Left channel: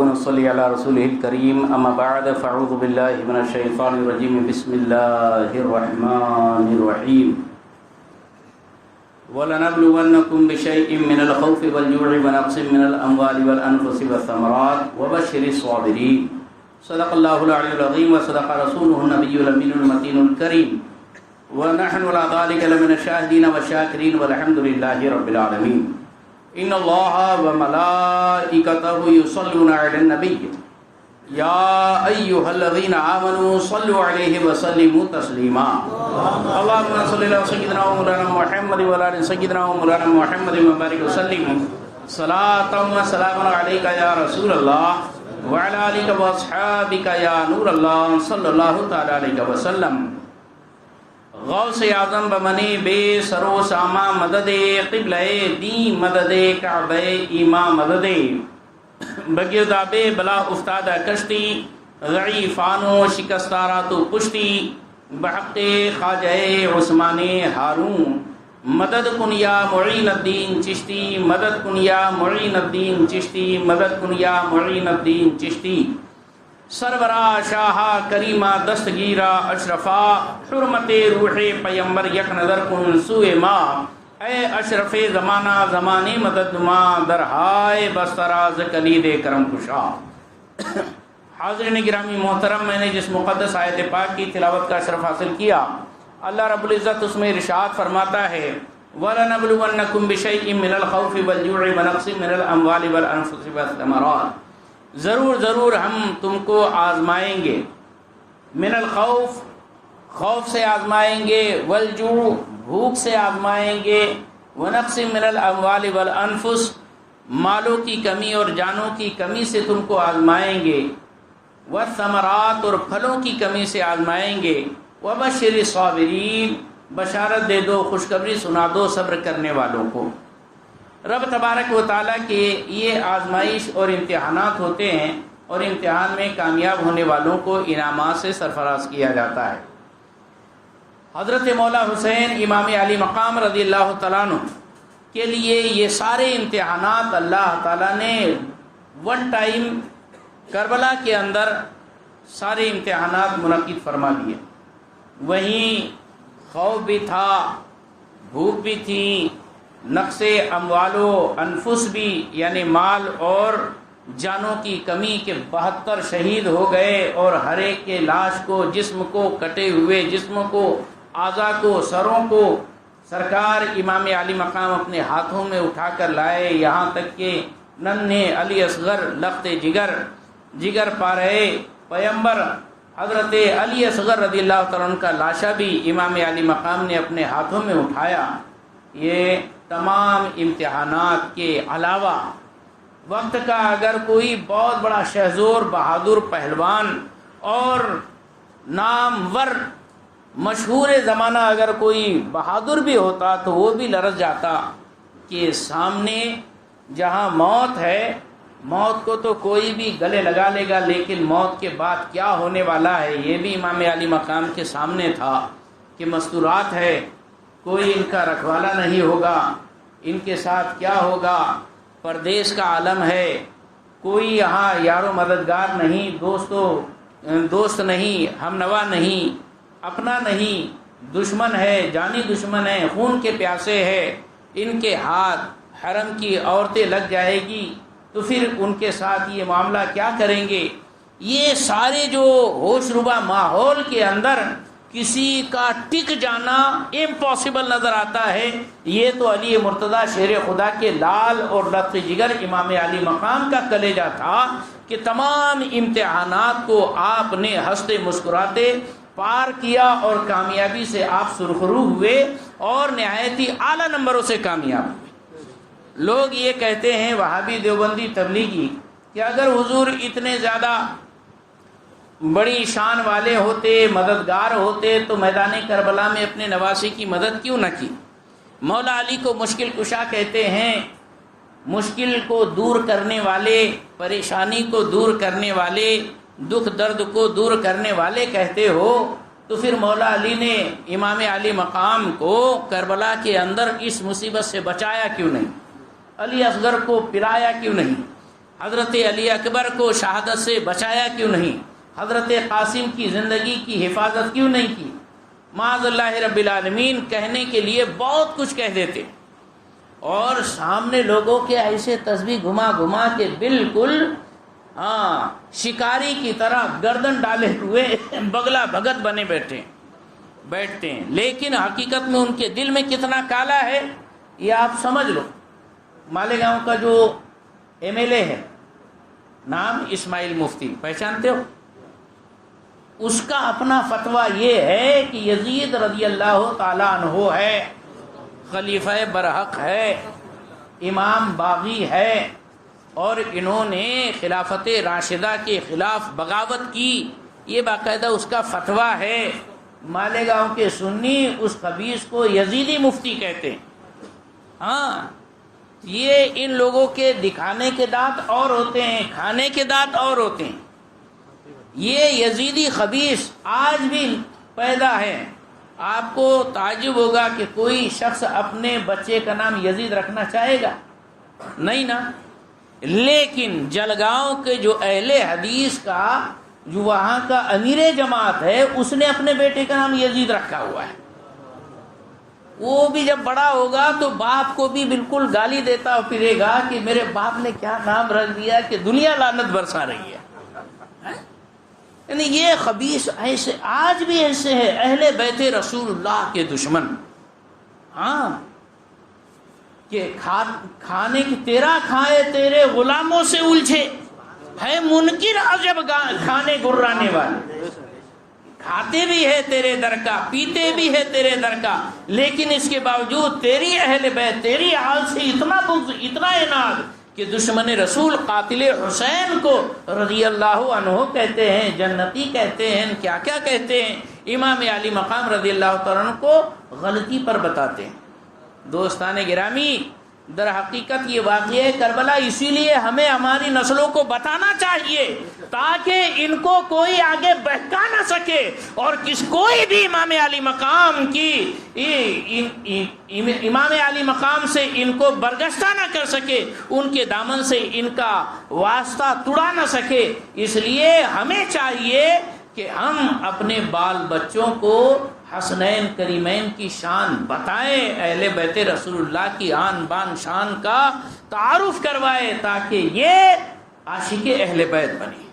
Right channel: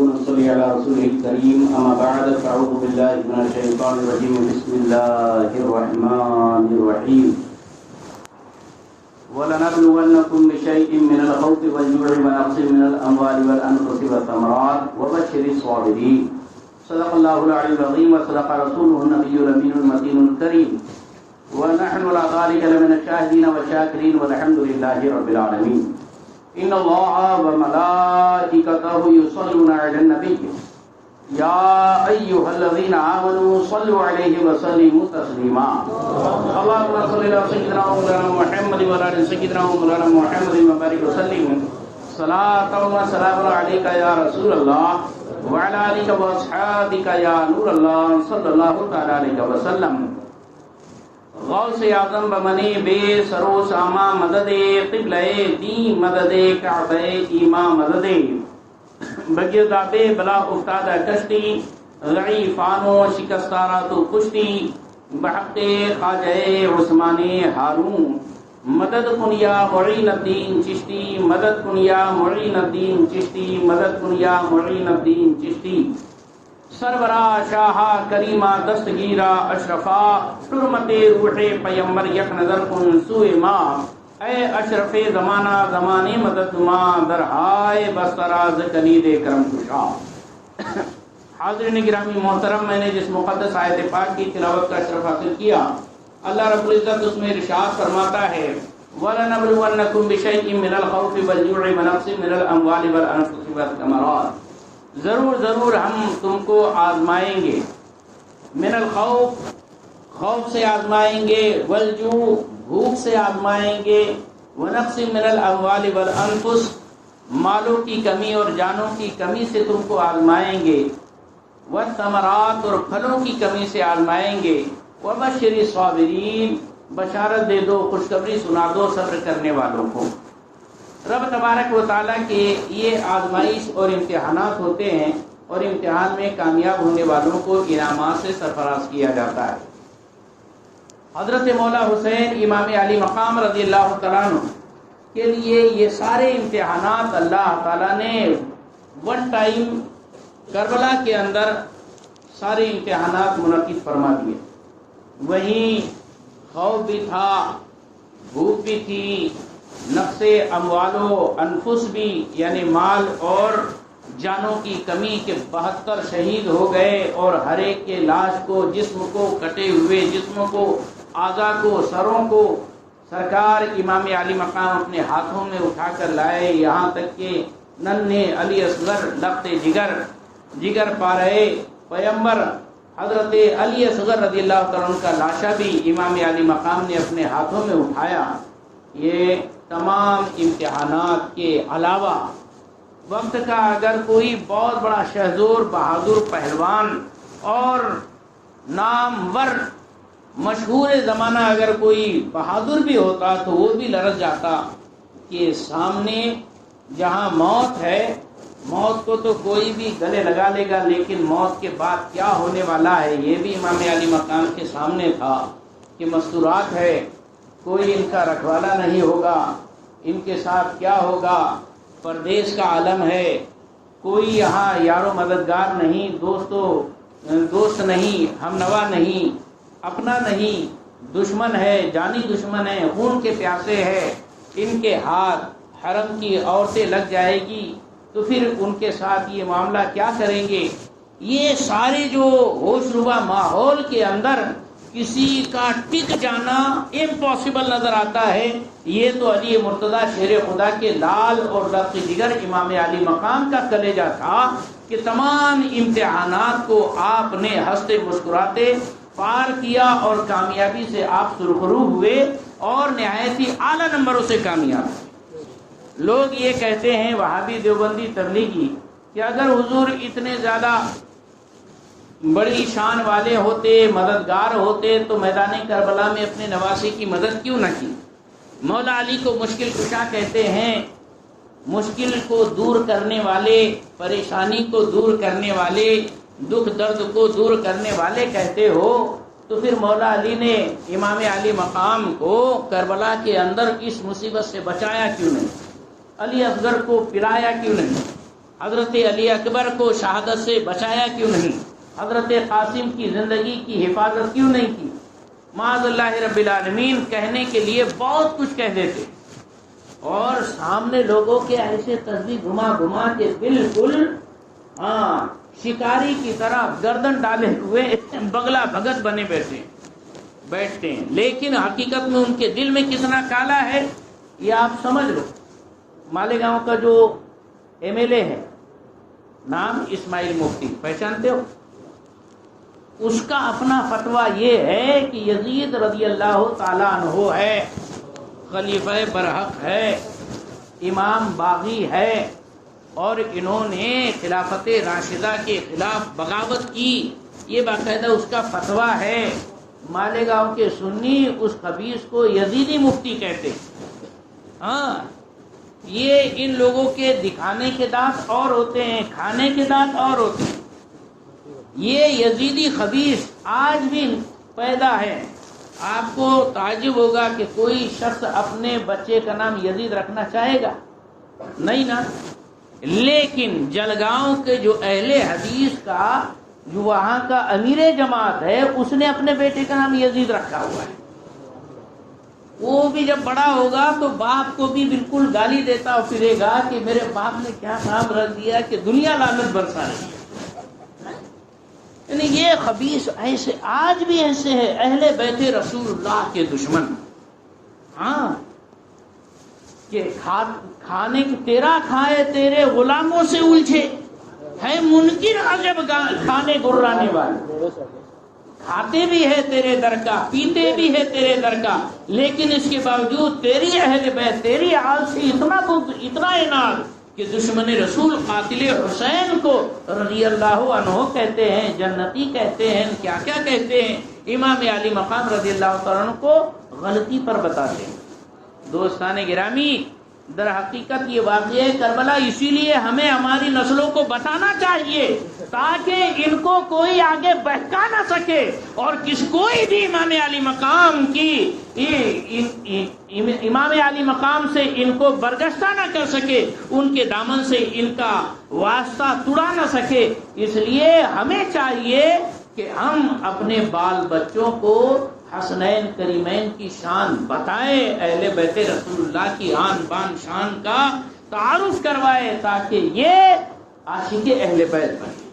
ونصلي على رسوله الكريم أما بعد فأعوذ بالله من الشيطان الرجيم بسم الله الرحمن الرحيم ولنبلونكم بشيء من الخوف والجوع ونقص من الأموال والأنفس والثمرات وبشر الصابرين صدق الله العلي العظيم وصدق رسوله النبي الأمين المتين الكريم ونحن على ذلك لمن الشاهدين والشاكرين والحمد لله رب العالمين إن الله وملائكته يصلون على النبي يا أيها الذين آمنوا صلوا عليه وسلموا تسليما اللهم صل على سيدنا ومولانا محمد وعلى آل سيدنا ومولانا محمد وبارك وسلم صلاة وسلام عليك يا رسول الله وعلى آلك وأصحابك يا نور الله صلى الله تعالى عليه وسلم غوث اعظم بمنی بے سرو ساما مدد قبلہ دین مدد کعبہ ایما مدد بگیرداب بلا افتادہ کشتی ضعیفانو شکستارا تو کشتی بحق خواجہ عثمان ہارون مدد کنیا معین الدین چشتی مدد کنیا معین الدین چشتی مدد کنیا معین الدین چشتی سربراہ شاہا کریمہ دستگیرہ اشرفا حرمت روح پیمبر یک نظر کن سوئے ماں اے اشرف زمانہ زمانی مدد نما درہائے بستراز کلید کرم کشا حاضرین گرامی محترم، میں نے جس مقدس آیت پاک کی تلاوت کا شرف حاصل کیا، اللہ رب العزت اس میں ارشاد فرماتا ہے وَلَنَبْلُوَنَّكُمْ بِشَيْءٍ مِّنَ الْخَوْفِ وَالْجُوعِ وَنَقْصٍ مِّنَ الْأَمْوَالِ وَالْأَنفُسِ وَالثَّمَرَاتِ، ضرور ہم تم کو آزمائیں گے، من الخوف خوف سے آزمائیں گے، والجوع بھوک سے آزمائیں گے، ونقص من الاموال والانفس مالوں کی کمی اور جانوں کی کمی سے تم کو آزمائیں گے، والثمرات اور پھلوں کی کمی سے آزمائیں گے، وبشر الصابرین بشارت دے دو، خوشخبری سنا دو صبر کرنے والوں کو۔ رب تبارک و تعالیٰ کے یہ آزمائش اور امتحانات ہوتے ہیں، اور امتحان میں کامیاب ہونے والوں کو انعامات سے سرفراز کیا جاتا ہے۔ حضرت مولا حسین امام علی مقام رضی اللہ تعالیٰ عنہ کے لیے یہ سارے امتحانات اللہ تعالیٰ نے ون ٹائم کربلا کے اندر سارے امتحانات منعقد فرما دیے۔ وہیں خوف بھی تھا، بھوک بھی تھی، نقص اموال و انفس بھی یعنی مال اور جانوں کی کمی کے 72 شہید ہو گئے، اور ہر ایک کے لاش کو، جسم کو، کٹے ہوئے جسموں کو، اعضاء کو، سروں کو سرکار امام علی مقام اپنے ہاتھوں میں اٹھا کر لائے، یہاں تک کہ ننھے علی اصغر لخت جگر پا رہے پیمبر حضرت علی اصغر رضی اللہ تعالیٰ عنہ کا لاشا بھی امام علی مقام نے اپنے ہاتھوں میں اٹھایا۔ یہ تمام امتحانات کے علاوہ وقت کا اگر کوئی بہت بڑا شہزور بہادر پہلوان اور نامور مشہور زمانہ اگر کوئی بہادر بھی ہوتا تو وہ بھی لرز جاتا کہ سامنے جہاں موت ہے، موت کو تو کوئی بھی گلے لگا لے گا، لیکن موت کے بعد کیا ہونے والا ہے یہ بھی امام علی مقام کے سامنے تھا کہ مستورات ہے، کوئی ان کا رکھوالا نہیں ہوگا، ان کے ساتھ کیا ہوگا، پردیس کا عالم ہے، کوئی یہاں یار و مددگار نہیں، دوست نہیں، ہم نوا نہیں، اپنا نہیں، دشمن ہے، جانی دشمن ہے، خون کے پیاسے ہے، ان کے ہاتھ حرم کی عورتیں لگ جائے گی تو پھر ان کے ساتھ یہ معاملہ کیا کریں گے۔ یہ سارے جو ہوش ربا ماحول کے اندر کسی کا ٹک جانا امپاسبل نظر آتا ہے، یہ تو علی مرتضیٰ شیر خدا کے لال اور لخت جگر امام علی مقام کا کلیجہ تھا کہ تمام امتحانات کو آپ نے ہنستے مسکراتے پار کیا، اور کامیابی سے آپ سرخرو ہوئے اور نہایت ہی اعلیٰ نمبروں سے کامیاب ہوئے۔ لوگ یہ کہتے ہیں وہابی دیوبندی تبلیغی کہ اگر حضور اتنے زیادہ بڑی شان والے ہوتے، مددگار ہوتے تو میدان کربلا میں اپنے نواسے کی مدد کیوں نہ کی۔ مولا علی کو مشکل کشا کہتے ہیں، مشکل کو دور کرنے والے، پریشانی کو دور کرنے والے، دکھ درد کو دور کرنے والے کہتے ہو، تو پھر مولا علی نے امام علی مقام کو کربلا کے اندر اس مصیبت سے بچایا کیوں نہیں؟ علی اصغر کو پلایا کیوں نہیں؟ حضرت علی اکبر کو شہادت سے بچایا کیوں نہیں؟ حضرت قاسم کی زندگی کی حفاظت کیوں نہیں کی؟ معاذ اللہ رب العالمین کہنے کے لیے بہت کچھ کہہ دیتے، اور سامنے لوگوں کے ایسے تسبیح گھما گھما کے بالکل شکاری کی طرح گردن ڈالے ہوئے بگلا بھگت بنے بیٹھتے ہیں، لیکن حقیقت میں ان کے دل میں کتنا کالا ہے یہ آپ سمجھ لو۔ مالیگاؤں کا جو MLA ہے، نام اسماعیل مفتی، پہچانتے ہو؟ اس کا اپنا فتویٰ یہ ہے کہ یزید رضی اللہ تعالیٰ عنہ ہے، خلیفہ برحق ہے، امام باغی ہے، اور انہوں نے خلافت راشدہ کے خلاف بغاوت کی، یہ باقاعدہ اس کا فتویٰ ہے۔ مالیگاؤں کے سنی اس خبیث کو یزیدی مفتی کہتے۔ یہ ان لوگوں کے دکھانے کے دانت اور ہوتے ہیں، کھانے کے دانت اور ہوتے ہیں۔ یہ یزیدی خبیث آج بھی پیدا ہے۔ آپ کو تعجب ہوگا کہ کوئی شخص اپنے بچے کا نام یزید رکھنا چاہے گا؟ نہیں نا۔ لیکن جلگاؤں کے جو اہل حدیث کا جو وہاں کا امیر جماعت ہے، اس نے اپنے بیٹے کا نام یزید رکھا ہوا ہے۔ وہ بھی جب بڑا ہوگا تو باپ کو بھی بالکل گالی دیتا پھرے گا کہ میرے باپ نے کیا کام رکھ دیا کہ دنیا لعنت برسا رہی ہے۔ یعنی یہ خبیث ایسے آج بھی ایسے ہے، اہل بیت رسول اللہ کے دشمن۔ کہ کھانے کی تیرا کھائے تیرے غلاموں سے الجھے، ہے منکر عجب کھانے گرانے والے۔ کھاتے بھی ہے تیرے در کا، پیتے بھی ہے تیرے در کا، لیکن اس کے باوجود تیری اہل بیت، تیری آل سے اتنا اناد کہ دشمن رسول قاتل حسین کو رضی اللہ عنہ کہتے ہیں، جنتی کہتے ہیں، کیا کیا کہتے ہیں۔ امام علی مقام رضی اللہ تعالیٰ عنہ کو غلطی پر بتاتے ہیں۔ دوستان گرامی، در حقیقت یہ واقعہ کربلا اسی لیے ہمیں ہماری نسلوں کو بتانا چاہیے تاکہ ان کو کوئی آگے بہکا نہ سکے، اور کوئی بھی امام علی مقام سے ان کو برگشتہ نہ کر سکے، ان کے دامن سے ان کا واسطہ توڑا نہ سکے۔ اس لیے ہمیں چاہیے کہ ہم اپنے بال بچوں کو حسنین کریمین کی شان بتائیں، اہل بیت رسول اللہ کی آن بان شان کا تعارف کروائے، تاکہ یہ عاشق اہل بیت بنے۔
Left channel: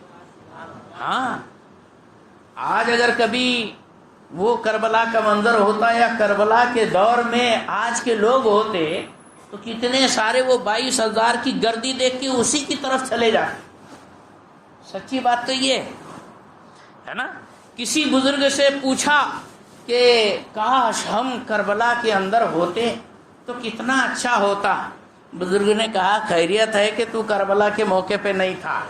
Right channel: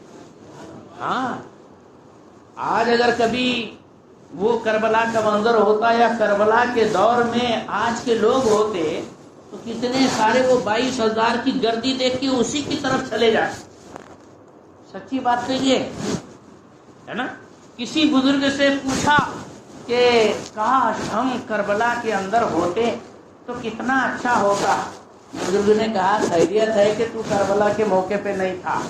آج اگر کبھی وہ کربلا کا منظر ہوتا یا کربلا کے دور میں آج کے لوگ ہوتے تو کتنے سارے وہ 22,000 کی گردی دیکھ کے اسی کی طرف چلے جاتے۔ سچی بات تو یہ ہے نا۔ کسی بزرگ سے پوچھا کہ کاش ہم کربلا کے اندر ہوتے تو کتنا اچھا ہوتا۔ بزرگ نے کہا خیریت ہے کہ تو کربلا کے موقع پہ نہیں تھا۔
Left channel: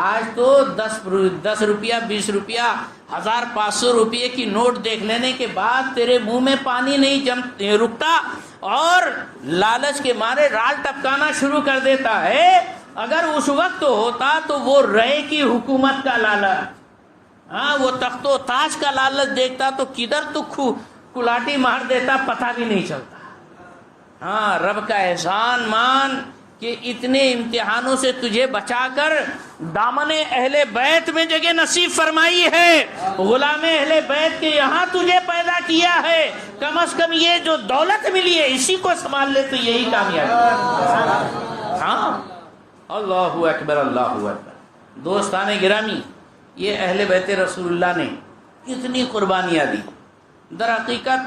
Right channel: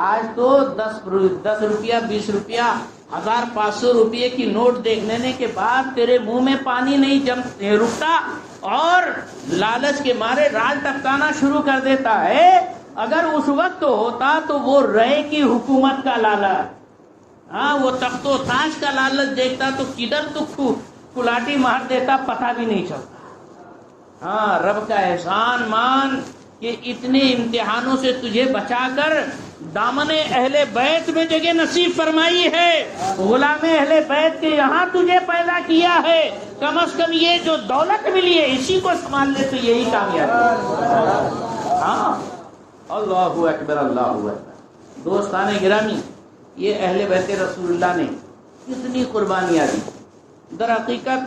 آج تو 10 روپیہ 20 روپیہ 1500 روپیے کی نوٹ دیکھ لینے کے بعد تیرے منہ میں پانی نہیں رکتا، اور لالچ کے مارے راج ٹپکانا شروع کر دیتا ہے۔ اگر اس وقت ہوتا تو وہ رائے کی حکومت کا لالچ، وہ تخت و تاج کا لالچ دیکھتا تو کدھر تو کلاٹی مار دیتا، پتہ بھی نہیں چلتا۔ رب کا احسان مان کہ اتنے امتحانوں سے تجھے بچا کر دامن اہل بیت میں جگہ نصیب فرمائی ہے، غلام اہل بیت کے یہاں تجھے پیدا کیا ہے۔ کم از کم یہ جو دولت ملی ہے اسی کو سنبھال لے تو یہی کامیابی۔ اللہ اکبر، اللہ اکبر۔ دوستان گرامی، یہ اہل بیت رسول اللہ نے کتنی قربانیاں دی۔ در حقیقت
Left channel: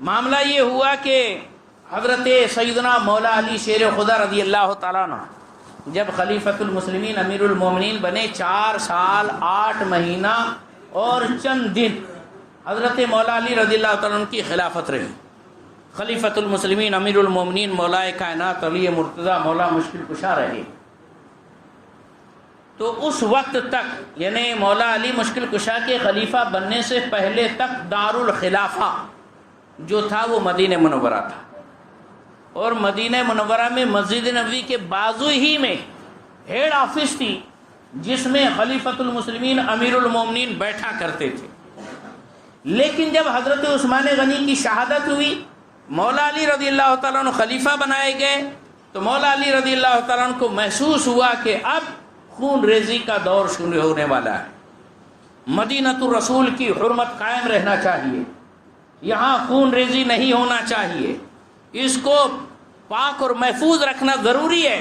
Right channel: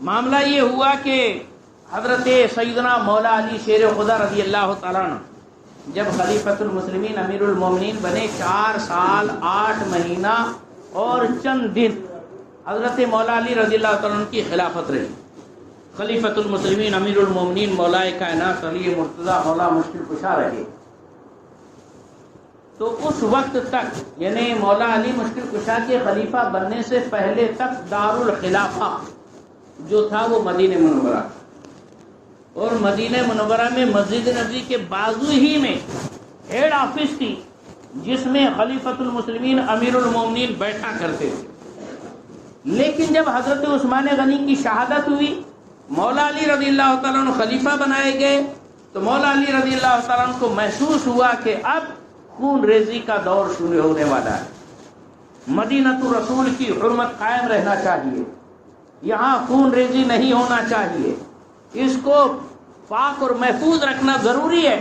معاملہ یہ ہوا کہ حضرت سیدنا مولا علی شیر خدا رضی اللہ تعالیٰ عنہ جب خلیفۃ المسلمین امیر المومنین بنے، 4 سال 8 مہینہ اور چند دن حضرت مولا علی رضی اللہ تعالیٰ عنہ کی خلافت رہی۔ خلیفۃ المسلمین امیر المومنین مولا کائنات علی مرتضیٰ مولا مشکل کشا رہے۔ تو اس وقت تک یعنی مولا علی مشکل کشا کے خلیفہ بننے سے پہلے تک دارالخلافہ جو تھا وہ مدینہ منورہ تھا، اور مدینہ منورہ میں مسجد نبوی کے بازو ہی میں ہیڈ آفس تھی جس میں خلیفۃ المسلمین امیر المومنین بیٹھا کرتے تھے۔ لیکن جب حضرت عثمان غنی کی شہادت ہوئی، مولا علی رضی اللہ تعالیٰ عنہ خلیفہ بنائے گئے، تو مولا علی رضی اللہ تعالیٰ عنہ کو محسوس ہوا کہ اب خون ریزی کا دور شروع ہونے والا ہے، مدینۃ الرسول کی حرمت قائم رہنا چاہیے، یہاں خون ریزی نہیں ہونا چاہیے، اس کو پاک اور محفوظ رکھنا ضروری ہے،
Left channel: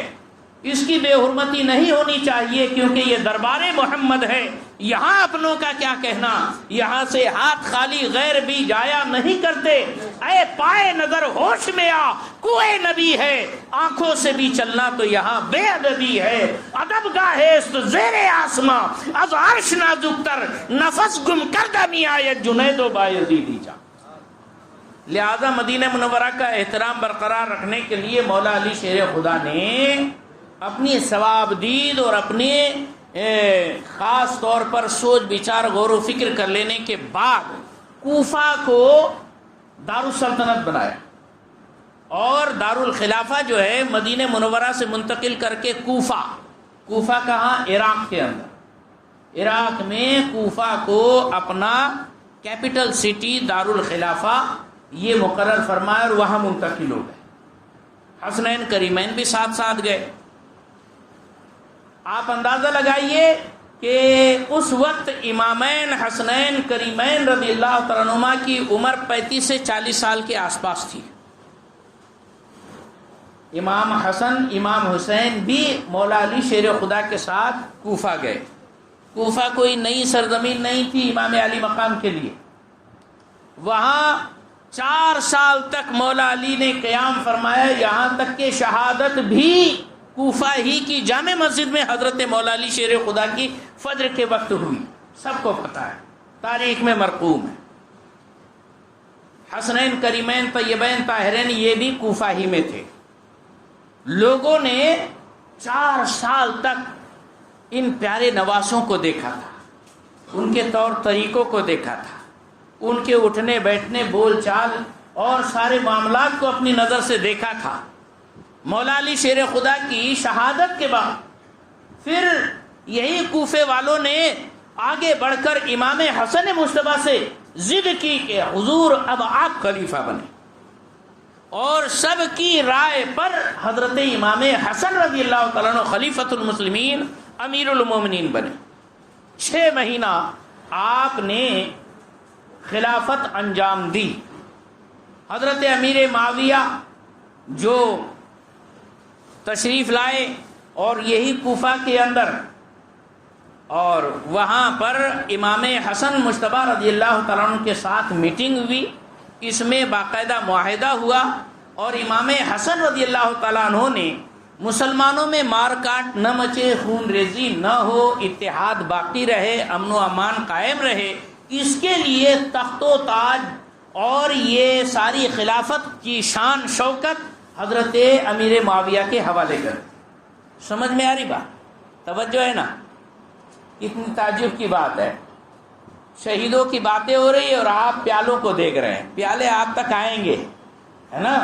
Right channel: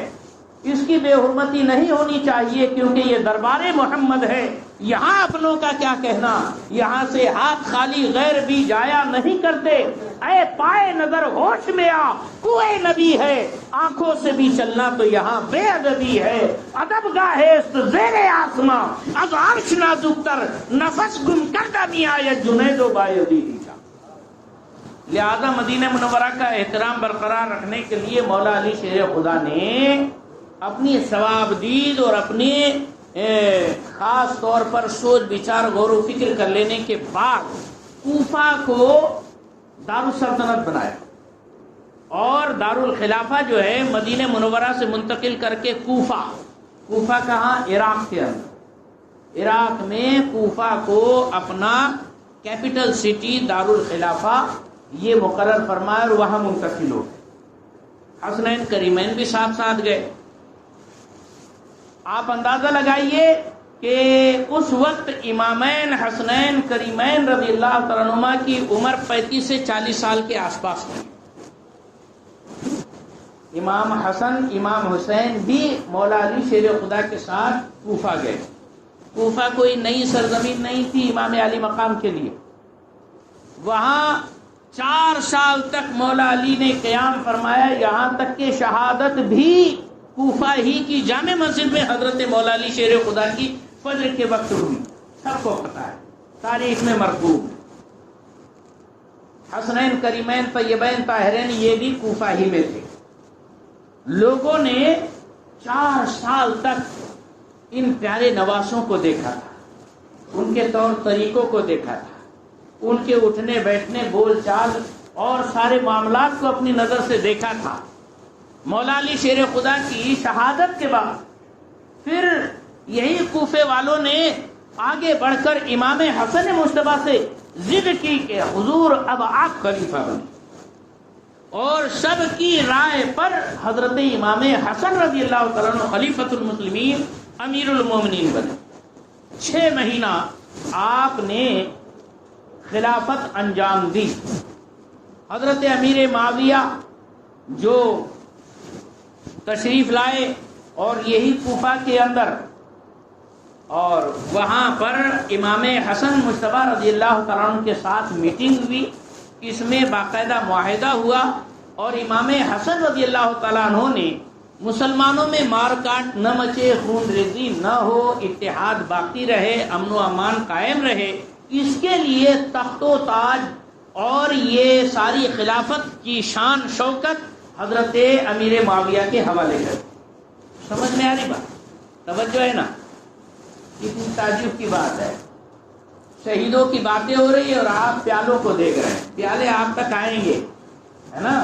اس کی بے حرمتی نہیں ہونی چاہیے کیونکہ یہ دربار محمد ہے، یہاں اپنوں کا کیا کہنا، یہاں سے ہاتھ خالی غیر بھی جایا نہیں کرتے، اے پائے نظر ہوش میں آ، کوئی نبی ہے، آنکھوں سے بھی چلنا تو یہاں بے ادبی ہے، ادب گاہ است زیر آسماں از عرش نازک تر، نفس گم کردہ می آید جنید و بایزیدی چا۔ لہذا مدینہ منورہ کا احترام برقرار رکھنے کے لیے مولا علی شیر خدا نے اپنی ثواب دید اور اپنی خاص طور پر سوچ بچار غور و فکر کر لینے کے بعد کوفہ کو دارالسلطنت بنایا اور دارالخلافہ جو ہے مدینہ منورہ سے منتقل کر کے کوفہ کہاں؟ عراق کے اندر، عراق میں کوفہ کو اپنا کیپٹل سٹی دارالخلافہ یہ مقرر فرمایا اور وہاں منتقل ہو گئے۔ حسنین کریمین بھی ساتھ ساتھ گئے۔ آپ اندازہ لگائیے کہ اس وقت امامین حسنین کریمین رضی اللہ تعالیٰ عنہما کی عمر 35 سے 40 سال کے آس پاس تھی۔ امام حسن امام حسین بھی مولا علی شیر خدا کے ساتھ کوفہ گئے۔ کوفہ کوئی نئی سرزمین نہیں تھی امام علی مقام کے لیے، وہاں 4 سال تک مولا علی نے قیام فرمایا، یہاں تک کہ شہادت بھی کوفہ ہی کی جامع مسجد میں حضرت مولا علی شیر خدا کی فجر کے وقت ہوئی، سب کو پتہ ہے، تاریخ میں مرقوم ہے۔ حسنین کریمین طیبین طاہرین یہ بھی کوفہ ہی میں تھے۔ لوگوں نے 4 سال تک ان پیارے نواسوں کو دیکھا تھا، ان کے طور طریقوں کو دیکھا تھا، ان کے اٹھنے بیٹھنے بول چال اور سارے معاملات کو اپنی نظر سے دیکھا تھا۔ مولا علی شیر خدا کی شہادت کے بعد پھر یہی کوفے والوں نے آگے بڑھ کر امام حسن مصطفیٰ سے ضد کی کہ حضور اب آپ خلیفہ بنے، اور سب کی رائے پر حضرت امام حسن رضی اللہ تعالیٰ عنہ خلیفۃ المسلمین امیر المومنین بنے۔ 6 مہینہ آپ نے خلافت انجام دی۔ حضرت امیر معاویہ جو تشریف لائے اور یہی کوفہ کے اندر، اور وہاں پر امام حسن مجتبیٰ رضی اللہ تعالیٰ عنہ کے ساتھ میٹنگ ہوئی، اس میں باقاعدہ معاہدہ ہوا اور امام حسن رضی اللہ تعالیٰ عنہ نے مسلمانوں میں مار کاٹ نہ مچے، خون ریزی نہ ہو، اتحاد باقی رہے، امن و امان قائم رہے، اس کے لیے تخت و تاج اور یہ ساری خلافت کی شان شوکت حضرت امیر معاویہ کے حوالے کر۔ سمجھ میں آ رہی بات؟ توجہ ہے نا؟ کتنی تعجب کی بات ہے، شہیدوں کی باتیں ہو رہی اور آپ پیالوں کو دیکھ رہے ہیں، پیالے آپ تک آئیں گے، ہے نا؟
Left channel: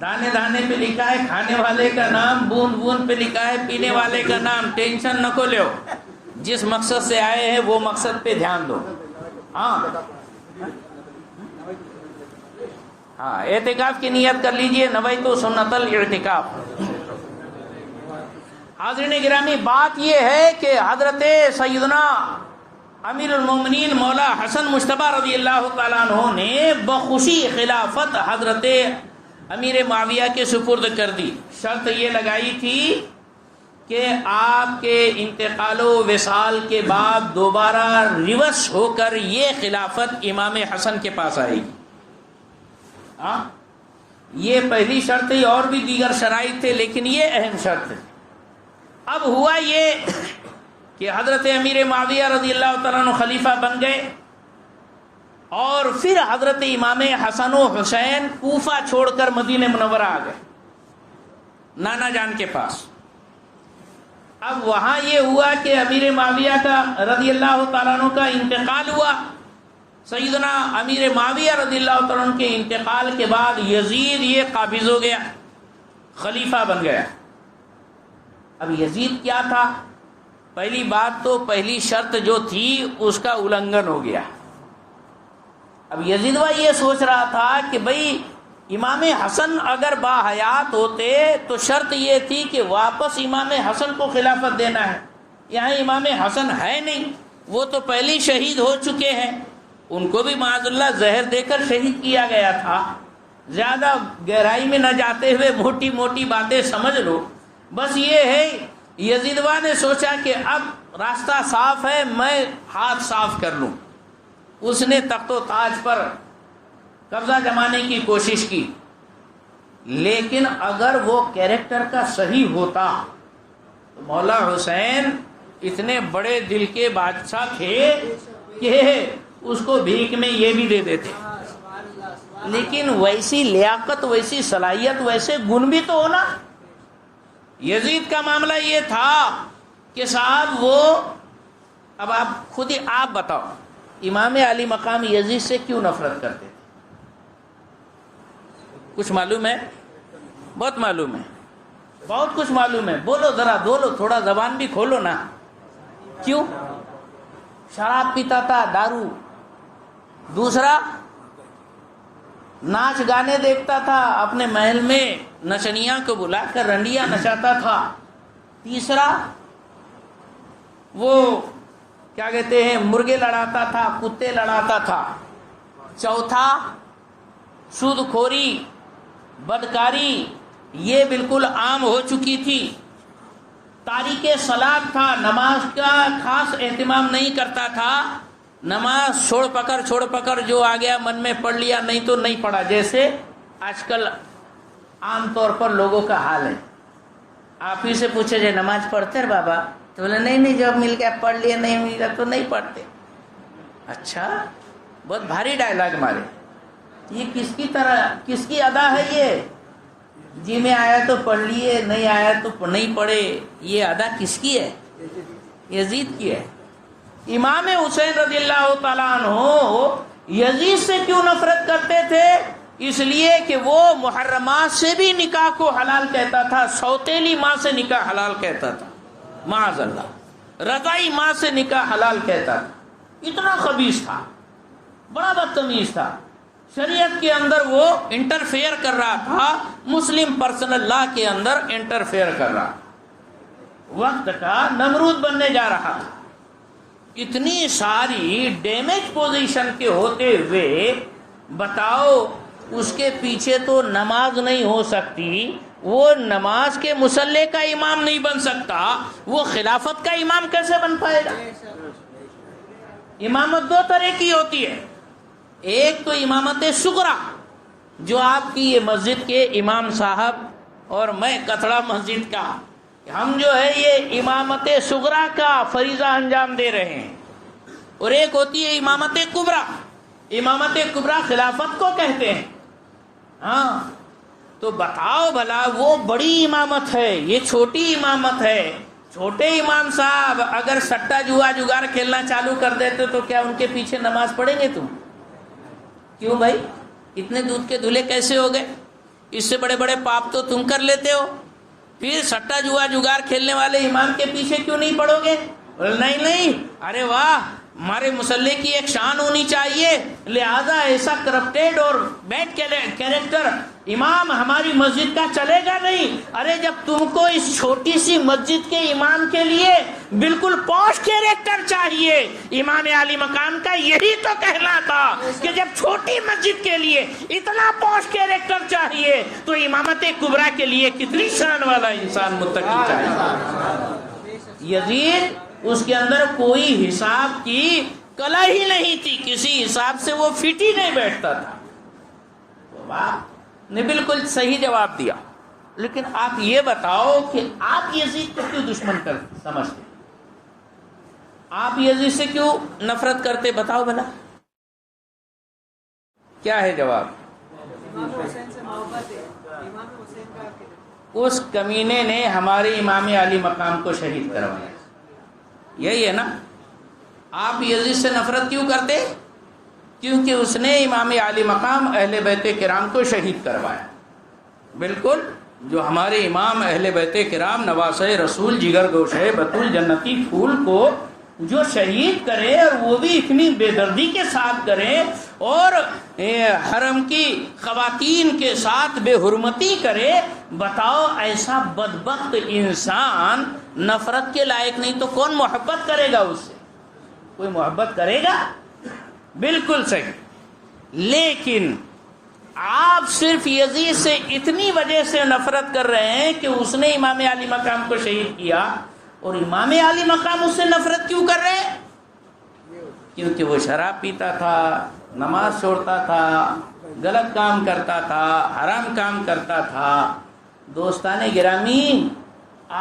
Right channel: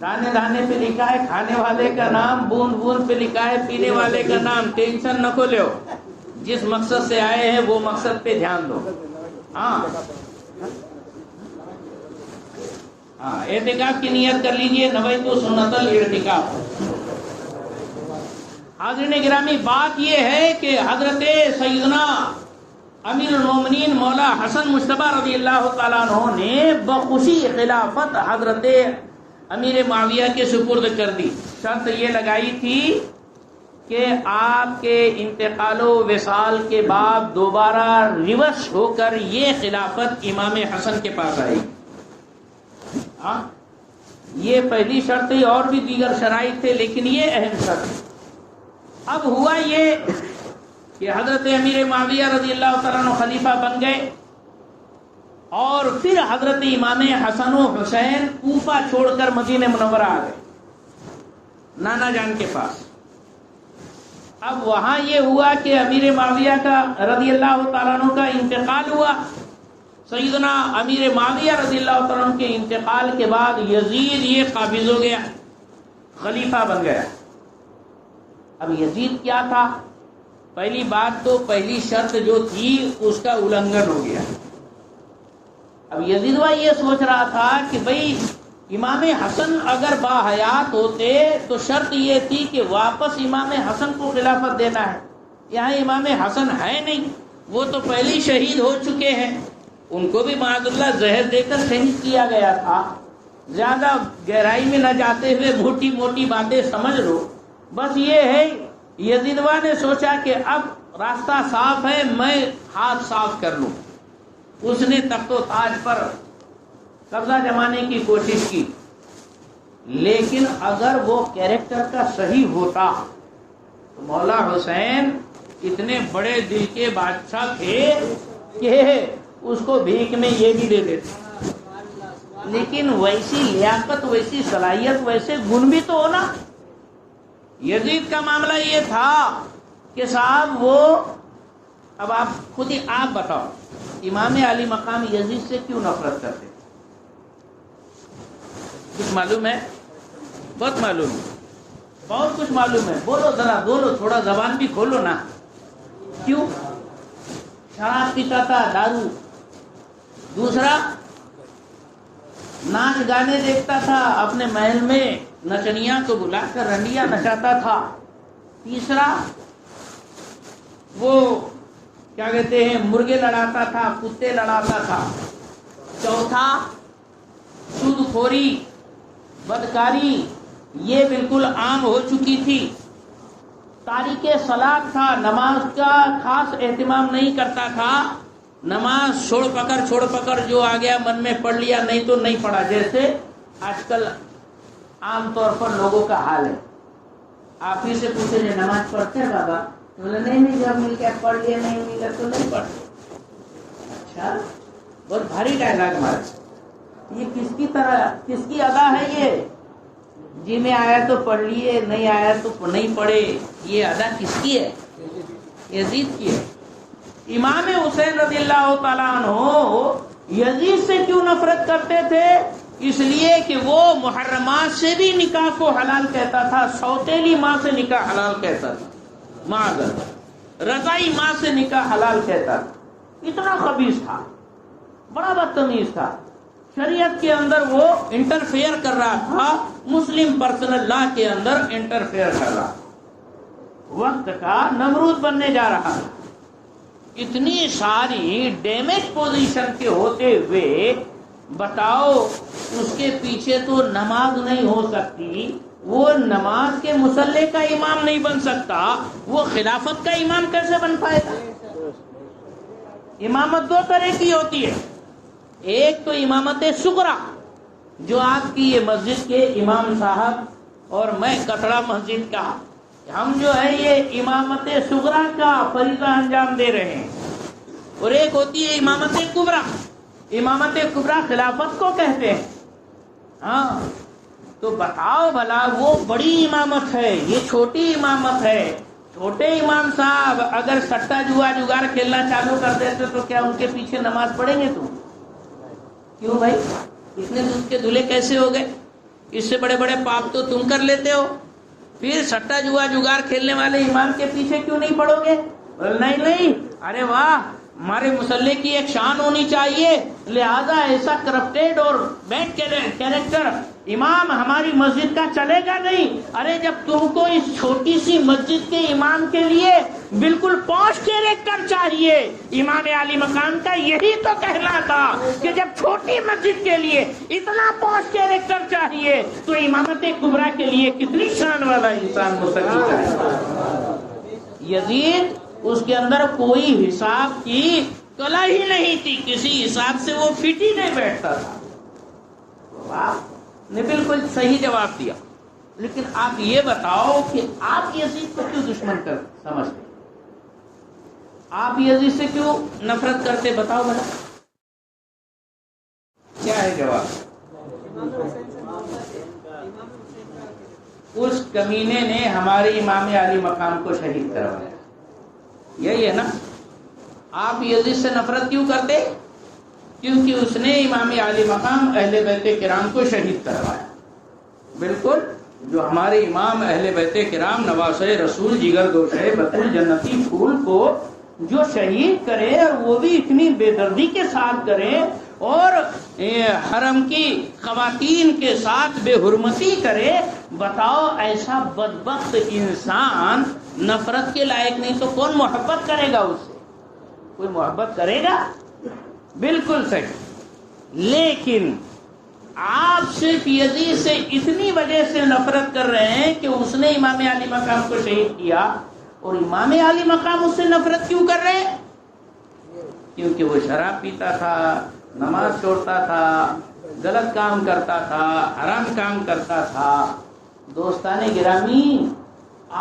دانے دانے پہ لکھا ہے کھانے والے کا نام، بوند بوند پہ لکھا ہے پینے والے کا نام۔ ٹینشن نہ کو لو، جس مقصد سے آئے ہیں وہ مقصد پہ دھیان دو۔ ہاں اعتکاف کی نیت کر لیجئے، نویت سنت الاعتکاف۔ حاضرین گرامی، بات یہ ہے کہ حضرت سیدنا امیر المومنین مولا حسن مجتبیٰ رضی اللہ تعالیٰ عنہ نے بخوشی خلافت حضرت امیر معاویہ کے سپرد کر دی۔ شرط یہ لگائی تھی کہ آپ کے انتقال و وصال کے بعد دوبارہ ریورس ہو کر یہ خلافت امام حسن کے پاس آئی۔ یہ پہلی شرط تھی، اور بھی دیگر شرائط تھے لیکن یہ اہم شرط ہے۔ اب ہوا یہ کہ حضرت امیر معاویہ رضی اللہ تعالیٰ عنہ خلیفہ بن گئے اور پھر حضرت امام حسن و حسین کوفہ چھوڑ کر مدینہ منورہ آ گئے نانا جان کے پاس۔ اب وہاں یہ ہوا کہ امیر معاویہ کا رضی اللہ تعالیٰ عنہ کا انتقال ہوا۔ سیدنا امیر معاویہ رضی اللہ تعالیٰ عنہ کے انتقال کے بعد یزید یہ قابض ہو گیا، خلیفہ بن گیا۔ اب یزید کیا تھا؟ پہلی بات تو پہلی شرط جو تھی اس کا النگھن ہو گیا۔ اب یزید یہ سوچ رہا تھا کہ بھئی امام حسن اگر باحیات ہوتے تو شرط یہ تھی کہ واپس امام حسن کو خلافت دینا ہے. یہاں امام حسن ہے نہیں، وہ تو پہلے شہید ہو چکے ہیں. ان کو بھی معاذ اللہ زہر دے کر شہید کیا گیا تھا. زیادہ گہرائی میں نہ جاتے ہوئے موٹی موٹی باتیں سمجھ لو. بس یہ ہے یزیدوا نے سوچا کہ اب راستہ صاف ہے، میں ہاتھ صاف کر لوں. اس نے تخت و تاج پر قبضہ جمانے کی کوشش کی. لیکن اگر وہ کیریکٹر کا صحیح ہوتا تو مولا حسین اتنے بڑے دل کے بادشاہ تھے کہ اس کو بھیک میں یہ بھی دے دیتے. لیکن ویسی لیاقت، ویسی صلاحیت، ویسے گن بھی تو ہونا. یزید کا معاملہ یہ تھا کہ صاحب وہ، اب آپ خود ہی آپ بتاؤ، امام علی مقام یزید سے کیوں نفرت کرتے؟ کچھ معلوم ہے؟ بہت معلوم ہے، بہت کچھ معلوم ہے. بولو ذرا، بولو، تھوڑا زبان بھی کھولو نا. کیوں؟ شراب پیتا تھا، دارو. دوسرا، ناچ گانے دیکھتا تھا، اپنے محل میں نچنیاں کو بلا کر رنڈیاں نچاتا تھا. تیسرا، وہ کیا کہتے ہیں، مرغے لڑاتا تھا، کتے لڑاتا تھا. چوتھا، سود خوری، بدکاری، یہ بالکل عام ہو چکی تھی. تاریک صلاۃ تھا، نماز کا خاص اہتمام نہیں کرتا تھا. نماز چھوڑ پکڑ جو آ گیا من میں پڑھ لیا، نہیں تو نہیں پڑھا، جیسے آج کل عام طور پر لوگوں کا حال ہے. آپ ہی سے پوچھے جائے نماز پڑھتے ہیں بابا، تو بولے نہیں جب مل گیا پڑھ لیا، نہیں مل گیا تو نہیں پڑھتے. اچھا، بہت بھاری ڈائلاگ مارے. یہ کس کی ادا ہے؟ یہ جی میں آیا تو پڑھ لیے، نہیں آیا تو نہیں پڑھے. یہ ادا کس کی ہے؟ یزید کی ہے. امام حسین رضی اللہ تعالیٰ عنہ یزید سے کیوں نفرت کرتے تھے؟ اس لیے کہ وہ محرمات سے بھی نکاح کو حلال کہتا تھا، سوتیلی ماں سے نکاح حلال کہتا تھا، معاذ اللہ، رضائی ماں سے نکاح حلال کہتا تھا. اتنا خبیث تھا، بڑا بدتمیز تھا. شریعت کے اندر وہ انٹرفیئر کر رہا تھا، مسلم پرسنل لا کے اندر انٹرفیئر کر رہا. وقت کا نمرود بننے جا رہا تھا. اتنی ساری ڈیمیج پوزیشن کے ہوتے ہوئے بتاؤ، اس کے پیچھے تو نماز نہیں ہو سکتی، وہ نماز کے مصلی کا امام نہیں بن سکتا، وہ خلافت کا امام کیسے بن پائے گا؟ امامت دو طرح کی ہوتی ہے. ایک تو امامت صغریٰ، جو آپ کی یہ مسجد کے امام صاحب اور میں کتڑا مسجد کا، ہم جو ہے یہ امامت صغریٰ کا فریضہ انجام دے رہے ہیں. اور ایک ہوتی ہے امامت کبریٰ. امامت کبریٰ خلافت کو کہتے ہیں. ہاں، تو بتاؤ بھلا، وہ بڑی امامت ہے، یہ چھوٹی امامت ہے. چھوٹے امام صاحب اگر سٹا جگار کھیلنا چالو کر دیتے تو کیا ان کے پیچھے نماز پڑھیں گے تم؟ کیوں بھائی؟ اتنے دودھ کے دھلے کیسے ہو گئے؟ اس سے بڑے بڑے پاپ تو تم کر لیتے ہو، پھر سٹا جگار کھیلنے والے امام کے پیچھے کیوں نہیں پڑو گے؟ نہیں، ارے واہ، ہمارے مسلح کی ایک شان ہونی چاہیے، لہذا ایسا کرپٹیڈ اور بیڈ کیریکٹر امام ہماری مسجد کا چلے گا نہیں. ارے جب تم کو اس چھوٹی سی مسجد کے امام کے لیے بالکل پوش کیریکٹر چاہیے، امام علی مقام کا یہی تو کہنا تھا کہ جب چھوٹی مسجد کے لیے اتنا پوش کیریکٹر چاہیے تو امامت کبریٰ کے لیے کتنی شان والا انسان مرتکب کرے گا. یزید، اس کے اندر کوئی حساب کی کلا ہی نہیں تھی، کسی حساب سے وہ فٹ ہی نہیں بیٹھتا تھا. آپ نے بالکل صحیح جواب دیا. لیکن آپ یہ بتاؤ کہ آپ یزید کو کیوں دشمن سمجھتے؟ آپ یزید سے کیوں نفرت کرتے؟ بتاؤ بھلا کیا ہے جواب؟ امام حسین سے محبت ہے. امام حسین کا اس کمینے نے ہمارے امام علی مقام کو شہید کروایا. یہی ہے نا؟ آپ یزید سے نفرت کیوں کرتے؟ کیونکہ اس نے امام علی مقام اہل بیت کرام کو شہید کروایا. بالکل، جو ہمارے امام اہل بیت کرام نواسۂ رسول، جگر دوش ہے، بطول جنتی پھول کو جو شہید کرے، اور وہ بھی اتنی بے دردی کے ساتھ کرے، اور حرم کی خواتین کے ساتھ بے حرمتی کرے، بتاؤ ایسا بدبخت انسان نفرت کے لائق نہیں تو کون محبت کرے گا اس سے؟ کوئی محبت کرے گا؟ بالکل صحیح۔ لیکن آپ صرف یزید سے اتنی وجہ سے نفرت کر رہے ہیں کہ اس نے امام علی مقام کو شہید کیا، اور امام علی مقام اس سے نفرت کیوں کر رہے ہیں؟ کیونکہ وہ شراب پیتا تھا، نماز چھوڑتا تھا، غلط کام کرتا تھا، حرام کام کرتا تھا۔ دوستان گرامی،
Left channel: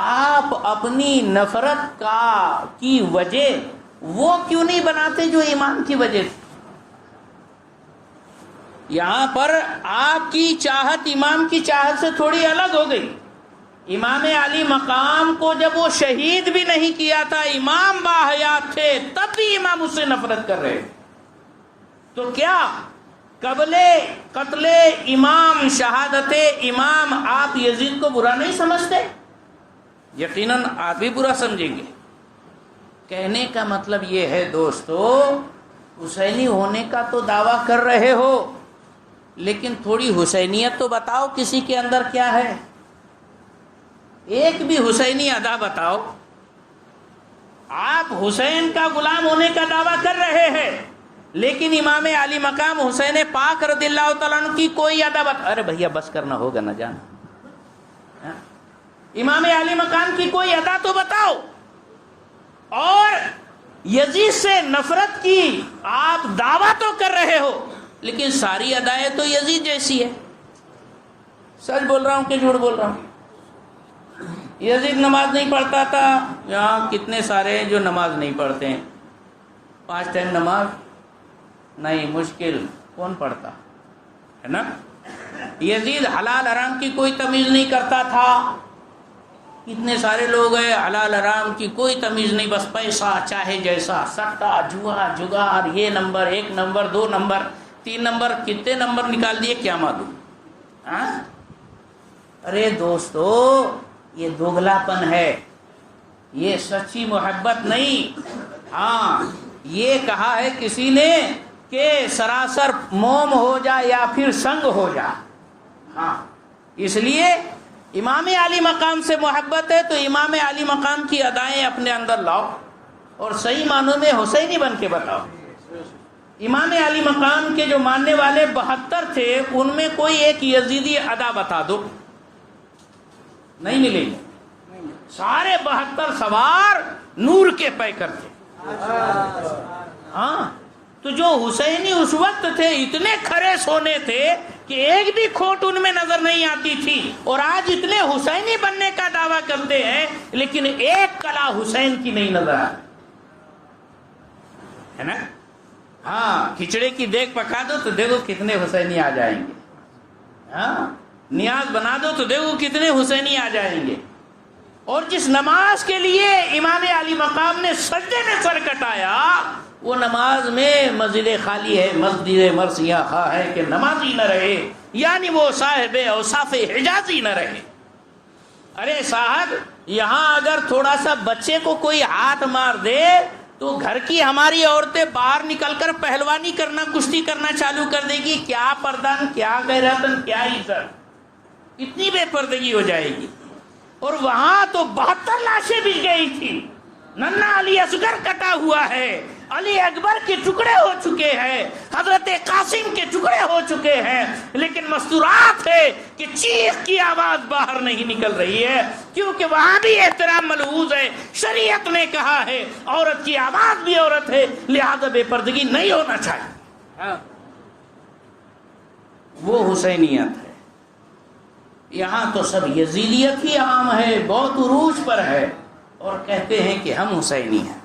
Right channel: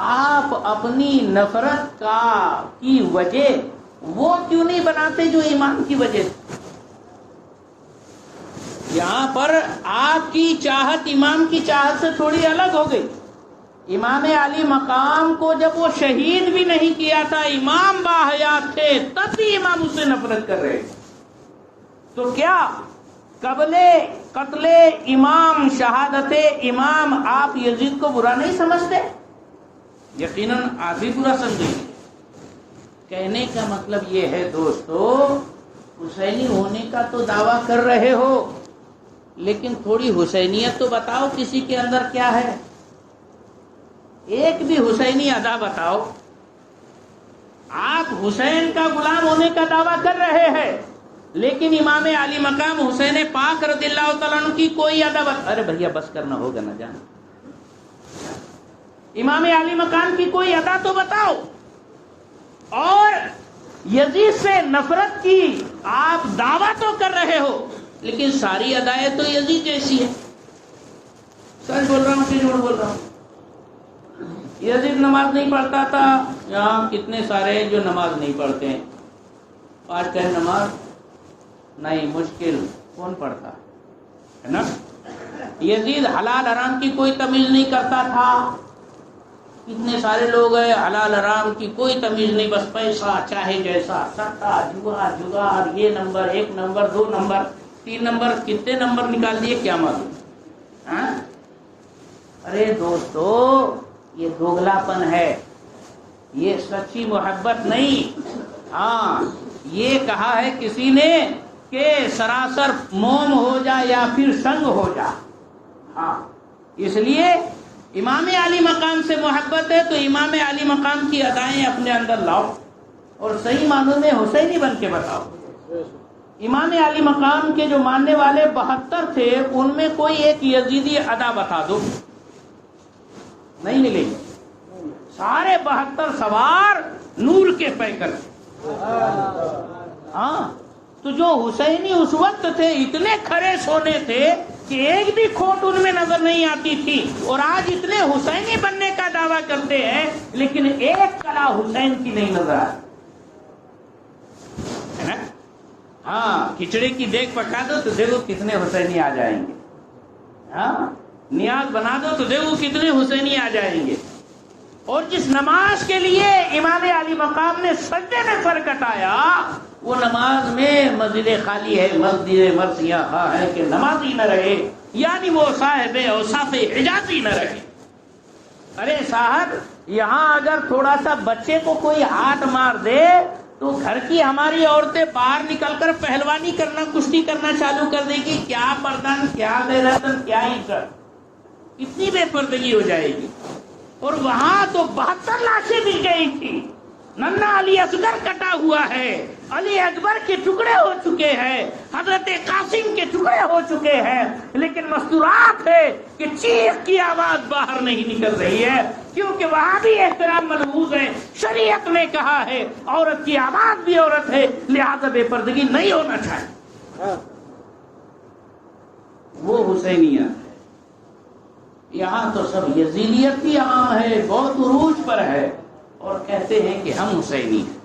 آپ اپنی نفرت کی وجہ وہ کیوں نہیں بناتے جو امام کی وجہ تھی؟ یہاں پر آپ کی چاہت امام کی چاہت سے تھوڑی الگ ہو گئی۔ امام علی مقام کو جب وہ شہید بھی نہیں کیا تھا، امام باحیات تھے، تب بھی امام اس سے نفرت کر رہے تھے۔ تو کیا قبل قتل امام، شہادت امام، آپ یزید کو برا نہیں سمجھتے؟ یقیناً آپ بھی برا سمجھیں گے۔ کہنے کا مطلب یہ ہے دوستو، حسینی ہونے کا تو دعویٰ کر رہے ہو، لیکن تھوڑی حسینیت تو بتاؤ کسی کے اندر کیا ہے؟ ایک بھی حسینی ادا بتاؤ۔ آپ حسین کا غلام ہونے کا دعویٰ کر رہے ہیں، لیکن امام علی مقام حسین پاک رضی اللہ تعالیٰ عنہ کی کوئی ادا ارے بھیا بس کرنا ہوگا نہ جانا، امام علی مقام کی کوئی ادا تو بتاؤ۔ اور یزید سے نفرت کی آپ دعویٰ تو کر رہے ہو، لیکن ساری ادائیں تو یزید جیسی ہے۔ سچ بول رہا ہوں کہ جھوٹ بول رہا ہوں؟ یزید نماز نہیں پڑھتا تھا، یہاں کتنے سارے جو نماز نہیں پڑھتے ہیں، 5 ٹائم نماز نہیں، مشکل کون پڑھتا ہے نا؟ یزید حلال حرام کی کوئی تمیز نہیں کرتا تھا، کتنے سارے لوگ ہیں حلال حرام کی کوئی تمیز نہیں، بس پیسہ چاہے جیسا، سٹا جوا جگار، یہ نمبر 1 نمبر 2 نمبر 3 نمبر، کتنے نمبر نکال دیے کیا معلوم؟ ارے دوستو، یہ دوگلا پن ہے، یہ سچی محبت نہیں۔ ہاں، یہ کہا ہے کسی نے کہ سراسر موم ہو جا یا پھر سنگ ہو جا۔ ہاں، اس لیے امام علی مقام سے محبت ہے تو امام علی مقام کی ادائیں اپنے اندر لاؤ اور صحیح معنوں میں حسینی بن کے بتاؤ۔ امام علی مقام کے جو ماننے والے 72 تھے، ان میں کوئی ایک یزیدی ادا بتا دو، نہیں ملے گی۔ سارے 72 سوار نور کے پیکر تھے۔ ہاں، تو جو حسینی اس وقت تھے اتنے کھڑے سونے تھے کہ ایک بھی کھوٹ ان میں نظر نہیں آتی تھی، اور آج اتنے حسینی بننے کا دعویٰ کرتے ہیں لیکن ایک کلا حسین کی نہیں نظر آتی ہے نا؟ ہاں، کھچڑی کی دیکھ پکا دو تو دیکھو کتنے حسینی آ جائیں گے، ہاں، نیاز بنا دو تو دیکھو کتنے حسینی آ جائیں گے۔ اور جس نماز کے لیے امام علی مقام نے سجدے میں سر کٹایا، وہ نماز میں مسجد خالی ہے، مسجد مرثیہ خواہ ہے کہ نمازی نہ رہے، یعنی وہ صاحب اوصاف حجازی نہ رہے۔ ارے صاحب، یہاں اگر تھوڑا سا بچے کو کوئی ہاتھ مار دے تو گھر کی ہماری عورتیں باہر نکل کر پہلوانی کرنا، کشتی کرنا چالو کر دے گی۔ کیا پردن، کیا غیرتن، کیا عزت، اتنی بے پردگی ہو جائے گی۔ اور وہاں تو 72 لاشیں بھی گئی تھی، ننھا علی اصغر کٹا ہوا ہے، علی اکبر کے ٹکڑے ہو چکے ہیں، حضرت قاسم کے ٹکڑے ہو چکے ہیں، لیکن مستورات ہے کہ چیخ کی آواز باہر نہیں نکل رہی ہے، کیونکہ وہاں بھی احترام ملحوظ ہے۔ شریعت نے کہا ہے عورت کی آواز بھی عورت ہے، لہذا بے پردگی نہیں ہونا چاہیے۔ وہ حسینیت ہے۔ یہاں تو سب یزیدیت ہی عام ہے، بہت عروج پر ہے، اور کہتے ہیں کہ ہم حسینی ہیں۔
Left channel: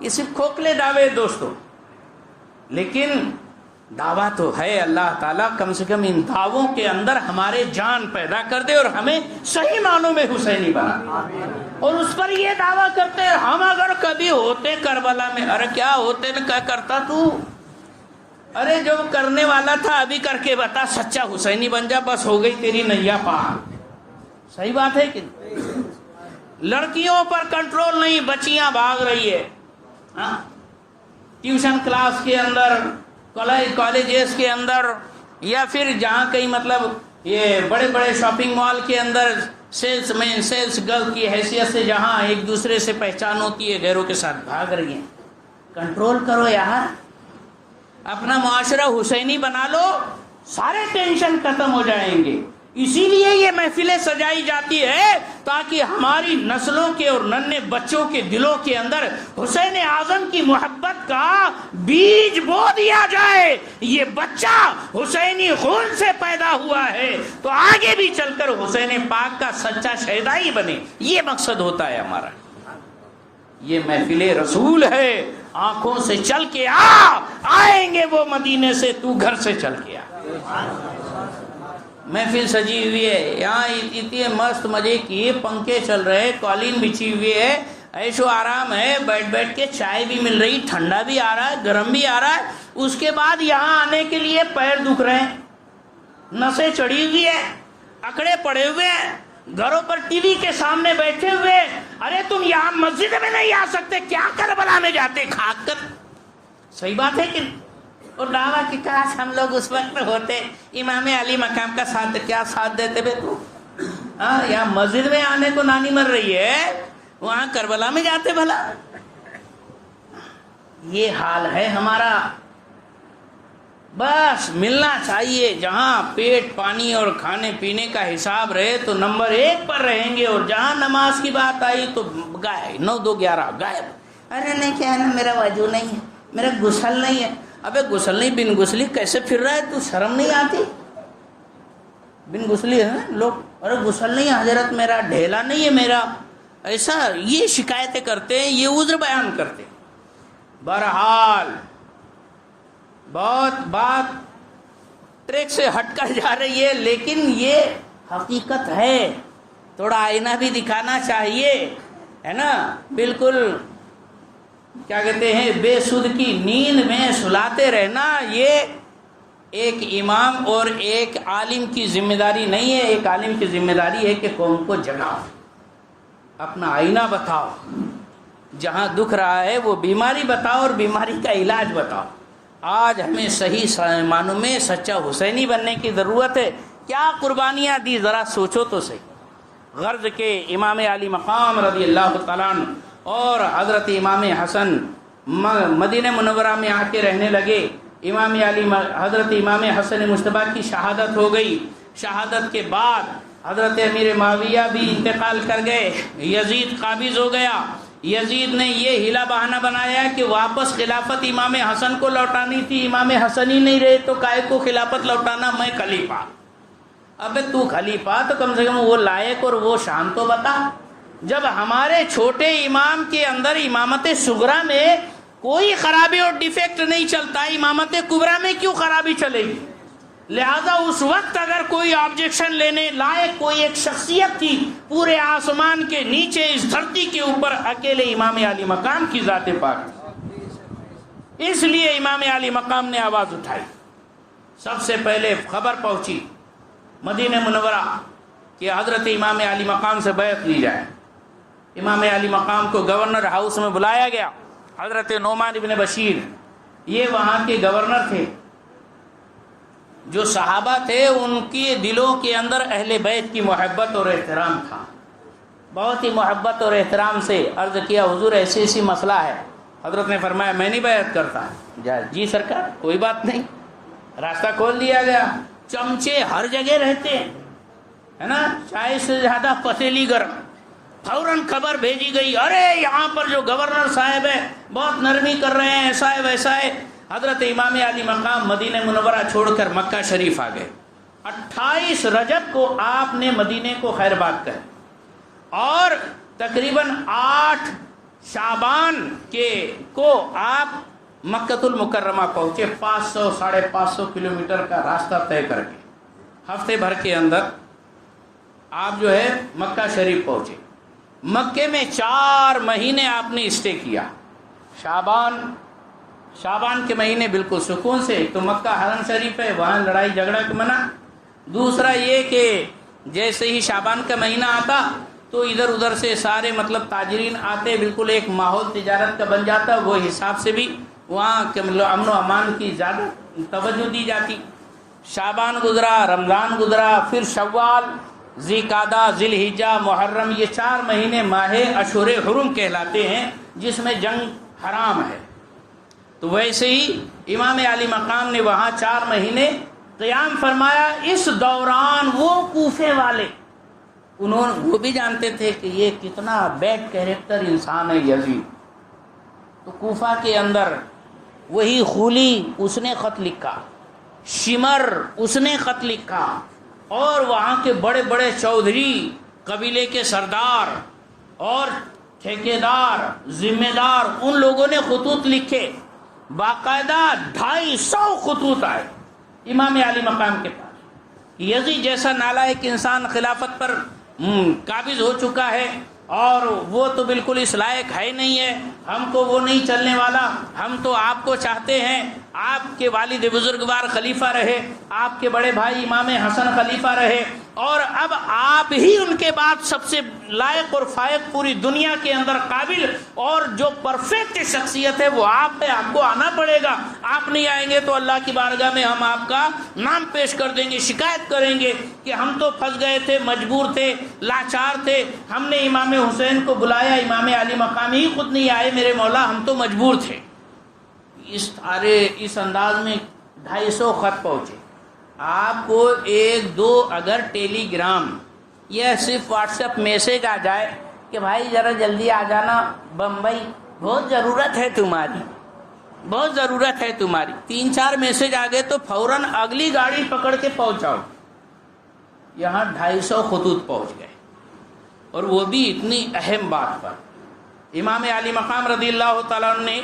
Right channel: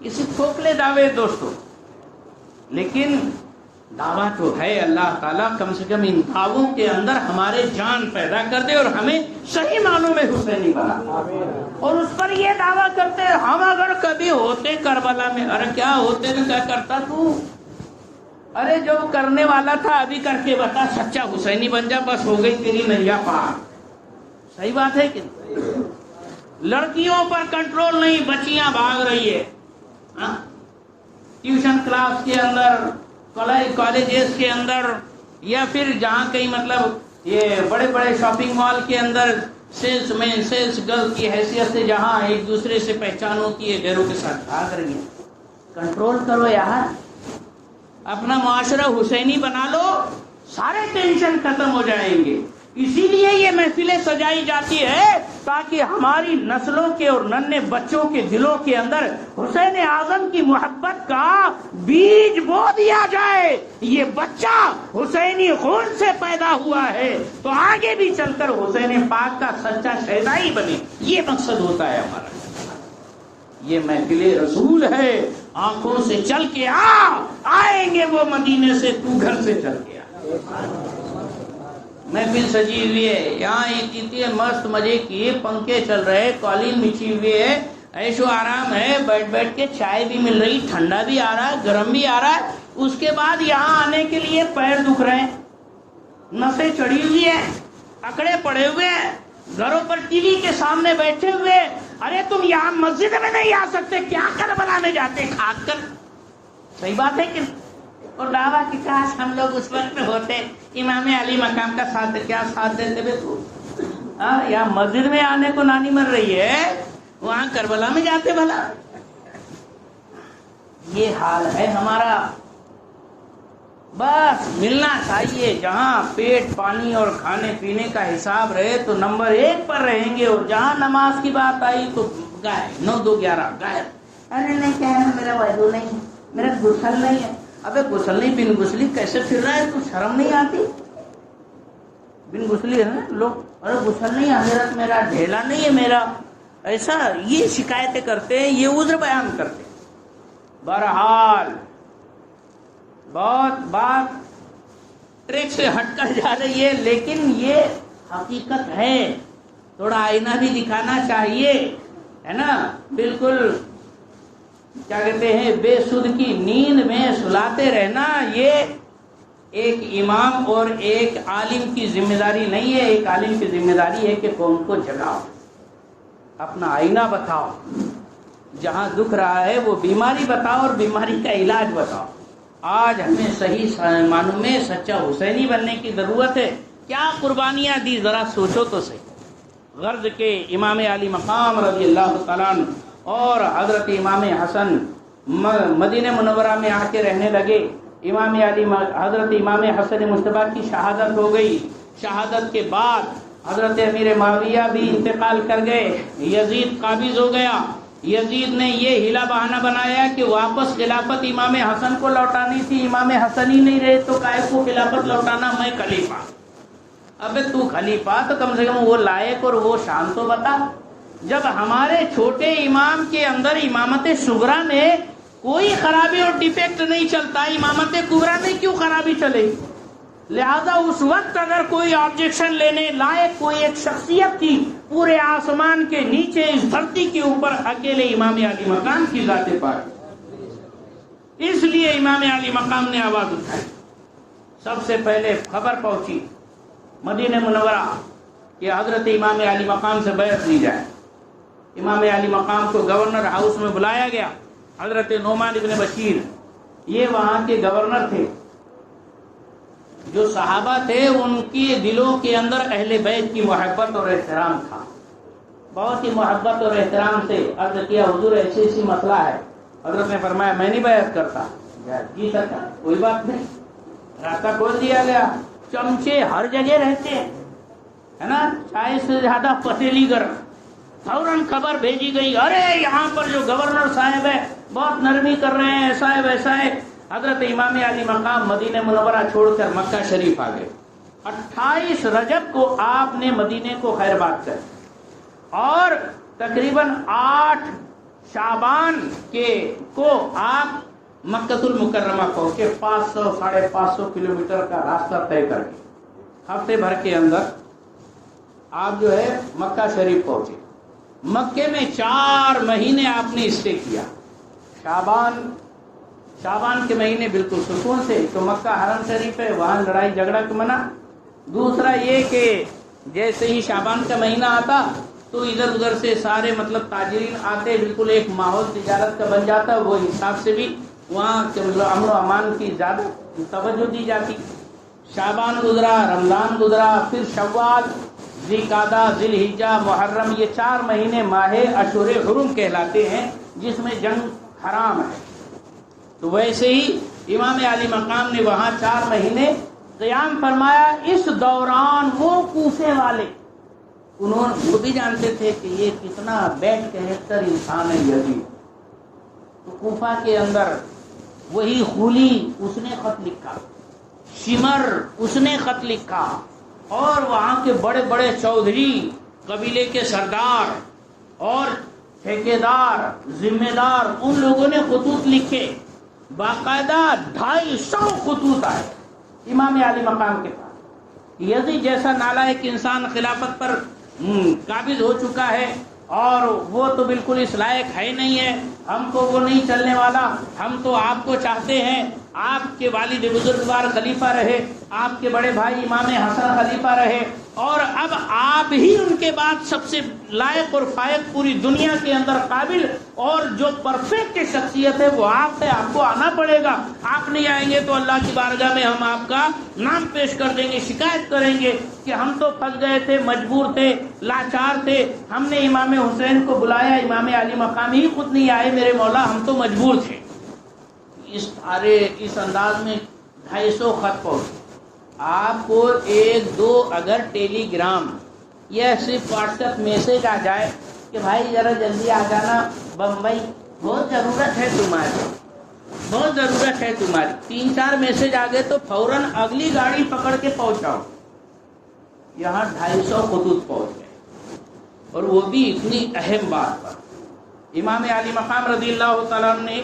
یہ صرف کھوکھلے دعوے دوستو، لیکن دعویٰ تو ہے اللہ تعالیٰ کم سے کم ان دعووں کے اندر ہمارے جان پیدا کر دے اور ہمیں صحیح معنوں میں حسینی بنا دے۔ اور اس پر یہ دعویٰ کرتے ہیں ہم اگر کبھی ہوتے کربلا میں، ارے کیا ہوتے نا، کیا کرتا تو؟ ارے جو کرنے والا تھا ابھی کر کے بتا، سچا حسینی بن جا، بس ہو گئی تیری نیا پار۔ صحیح بات ہے کہ لڑکیوں پر کنٹرول نہیں، بچیاں بھاگ رہی ہے، ٹیوشن کلاس کے اندر کالجز کے اندر یا پھر جہاں کہیں مطلب یہ بڑے بڑے شاپنگ مال کے اندر سیلس مین سیلس گرل کی حیثیت سے جہاں ایک دوسرے سے پہچان ہوتی ہے غیروں کے ساتھ بھاگ رہی ہیں. کنٹرول کرو یار, اپنا معاشرہ حسینی بنا لو, سارے ٹینشن ختم ہو جائیں گے. اسی لیے یہ محفلیں سجائی جاتی ہے تاکہ ہماری نسلوں کے اور ننھے بچوں کے دلوں کے اندر حسین اعظم کی محبت کا بیج بو دیا جائے. یہ بچہ حسینی خون سے پیدا ہوا ہے تو آگے بھی چل کر حسین پاک کا سچا شہدا ہی بنے. یہ مقصد ہوتا ہے ہمارا. یہ محفل رسول ہے, آنکھوں سے چل کے آئیں گے وہ مدینے سے, تو گھر سے چل کے آ. محفل سجی ہوئی ہے, یہاں اتنے مست مزے کی پنکھے چل رہے, قالین بچھی ہوئی ہے, عیش و آرام ہے, بیٹھ بیٹھ کے چائے بھی مل رہی, ٹھنڈا بھی آ رہا ہے, گرم بھی آ رہا ہے. اس کے بعد یہاں آنے کے لیے پیر دکھ رہے ہیں, نسیں چڑھی ہوئی ہے, اکڑے پڑے ہوئے ہیں, گھروں پر ٹی وی کے سامنے بیٹھے ہوئے. ارے تم یہاں مسجد میں نہیں آ سکتے, کیا کربلا میں جاتے کھاد کر. صحیح بات ہے کہ اور دعویٰ کہ کاش ہم لوگ اس وقت میں ہوتے, امام علی مقام کا ساتھ کیا ساتھ دیتے بے تو. یہاں مسجد میں آنے کو نانی مر رہی ہے, وہاں کربلا میں جاتے بھلا. یہ حال ہے ہمارا. بس ملنا چاہیے, جہاں پیٹ پانی اور کھانے پینے کا حساب رہے تو نمبر 1 پر رہیں گے, اور جہاں نماز کی بات آئی تو گائے 9 2 11 گائے. ارے نہیں کیا ہے, میرا وضو نہیں ہے, میرا غسل نہیں ہے. ابے غسل نہیں, بن غسلی کیسے پھر رہا ہے, تو شرم نہیں آتی؟ بن غسلی ہے لوگ, ارے غسل نہیں حضرت, میرا ڈھیلا نہیں ہے میرا, ایسا یہ شکایتیں کرتے ہیں, یہ عذر بیان کرتے. بہرحال بہت بات ٹریک سے ہٹ کر جا رہی ہے, لیکن یہ حقیقت ہے. تھوڑا آئینہ بھی دکھانا چاہیے, ہے نا. بالکل کیا کہتے ہیں, بے سود کی نیند میں سلاتے رہنا یہ ایک امام اور ایک عالم کی ذمہ داری نہیں ہے. ایک عالم کی ذمہ داری ہے کہ قوم کو جگاؤ, اپنا آئینہ بتاؤ, جہاں دکھ رہا ہے وہ بیماری بتاؤ اور بیماری کا علاج بتاؤ. آج ہمیں صحیح معنوں میں سچا حسینی بننے کی ضرورت ہے. کیا قربانیاں دی ذرا سوچو تو صحیح. غرض کے امام علی مقام رضی اللہ تعالیٰ عنہ اور حضرت امام حسن مدینہ منورہ میں آ کے رہنے لگے. امام علی حضرت امام حسن مجتبیٰ کی شہادت ہو گئی. شہادت کے بعد حضرت امیر معاویہ بھی انتقال کر گئے, یزید قابض ہو گیا. یزید نے یہ ہیلا بہانہ بنایا کہ واپس خلافت امام حسن کو لوٹانی تھی. امام حسن ہی نہیں رہے تو کائے کو خلافت لوٹانا, میں خلیفہ. ابے تو خلیفہ تو کم سے کم وہ لائق اور وہ شان تو بتا. جب ہمارے چھوٹے امام کے اندر امامت صغرا میں کوئی خرابی اور ڈیفیکٹ نہیں چلتا, امامت کبریٰ میں کیوں خرابی چلے گی؟ لہذا اس وقت اگر کوئی آبجیکشن لینے لائق کوئی ایک شخصیت تھی پورے آسمان کے نیچے اس دھرتی کے اوپر, اکیلے امام علی مقام کی ذات پاک. اس لیے امام علی مقام نے آواز اٹھائی. سب سے پہلے خبر پہنچی مدینہ منورہ کہ حضرت امام علی مقام سے بیعت لی جائے. امام علی مقام کو گورنر ہاؤس میں بلایا گیا. حضرت نعمان ابن بشیر یہ وہاں کے گورنر تھے. جو صحابہ تھے ان کے دلوں کے اندر اہل بیت کی محبت اور احترام تھا. بہت ہی محبت اور احترام سے عرض کیا, حضور ایسی ایسی مسئلہ ہے. حضرت نے فرمایا میں نہیں بیعت کرتا. جی سرکار کوئی بات نہیں. راستہ کھول دیا گیا. چمچے ہر جگہ رہتے ہیں, ہے نا, چائے سے زیادہ پتیلی گرم. فوراً خبر بھیجی گئی, ارے یہاں پر جو گورنر صاحب ہے بہت نرمی کر رہے ہیں, ایسا ہے ویسا ہے. حضرت امام علی مقام مدینہ منورہ چھوڑ کر مکہ شریف آ گئے. 28 رجب کو آپ نے مدینے کو خیر بات کر, اور تقریباً 8 شعبان کو آپ مکہ المکرمہ پہنچے. 500 550 کلومیٹر کا راستہ طے کر کے ہفتے بھر کے اندر آپ جو ہے مکہ شریف پہنچے. مکے میں 4 مہینے آپ نے اسٹے کیا. شعبان کے مہینے بالکل سکون سے. تو مکہ حرم شریف ہے, وہاں لڑائی جھگڑا کا منع. دوسرا یہ کہ جیسے ہی شعبان کا مہینہ آتا تو ادھر ادھر سے سارے مطلب تاجرین آتے, بالکل ایک ماحول تجارت کا بن جاتا. وہ حساب سے بھی وہاں کے امن و امان کی زیادہ توجہ دی جاتی. شعبان گزرا، رمضان گزرا، پھر شوال، ذی-قعدہ، ذی الحجہ، محرم، یہ 4 مہینے ماہ اشہر حرم کہلاتے ہیں جس میں جنگ حرام ہے. تو ویسے ہی امام علی مقام نے وہاں 4 مہینے قیام فرمایا. اس دوران وہ کوفے والے وہ بھی جانتے تھے کہ یہ کتنا بیڈ کیریکٹر انسان ہے یزید. تو کوفہ کے اندر وہی خولی اس نے خط لکھا، شمر اس نے خط لکھا، اور وہاں کے بڑے بڑے چودھری، قبیلے کے سردار اور ٹھیکیدار، ذمہ دار، ان لوگوں نے خطوط لکھے. باقاعدہ 250 خطوط آئے امام علی مقام کے پاس. یزید جیسا نالائق انسان خلافت پر قابض ہو چکا ہے، اور وہ تو بالکل اس لائق ہے نہیں ہے، ہم کو وہ نہیں چلنے والا، ہم تو آپ کو چاہتے ہیں، آپ کے والد بزرگوار خلیفہ رہے، آپ کے بڑے بھائی امام حسن خلیفہ رہے، اور اب آپ ہی ان کے بعد سب سے لائق اور فائق پوری دنیا کے اندر قابل اور جو پرفیکٹ شخصیت ہے وہ آپ ہے، آپ کو آنا پڑے گا. آپ نہیں آئیں گے تو اللہ کی بارگاہ میں ہم آپ کا نام پیش کر دیں گے، شکایت کریں گے کہ ہم تو پھنس گئے تھے، مجبور تھے، لاچار تھے، ہم نے امام حسین کو بلایا، امام علی مقام ہی خود نہیں آئے، میرے مولا ہم تو مجبور تھے. اس انداز میں 250 خط پہنچے. آپ کو 1-2 اگر ٹیلی گرام یا صرف واٹس ایپ میسج آ جائے کہ بھائی ذرا جلدی آ جانا بمبئی، بہت ضرورت ہے تمہاری، بہت ضرورت ہے تمہاری، 3-4 میسج آ گئے تو فوراً اگلی گاڑی پکڑ کے پہنچاؤ. یہاں 250 خطوط پہنچ گئے، اور وہ بھی اتنی اہم بات پر. امام علی مقام رضی اللہ تعالیٰ عنہ نے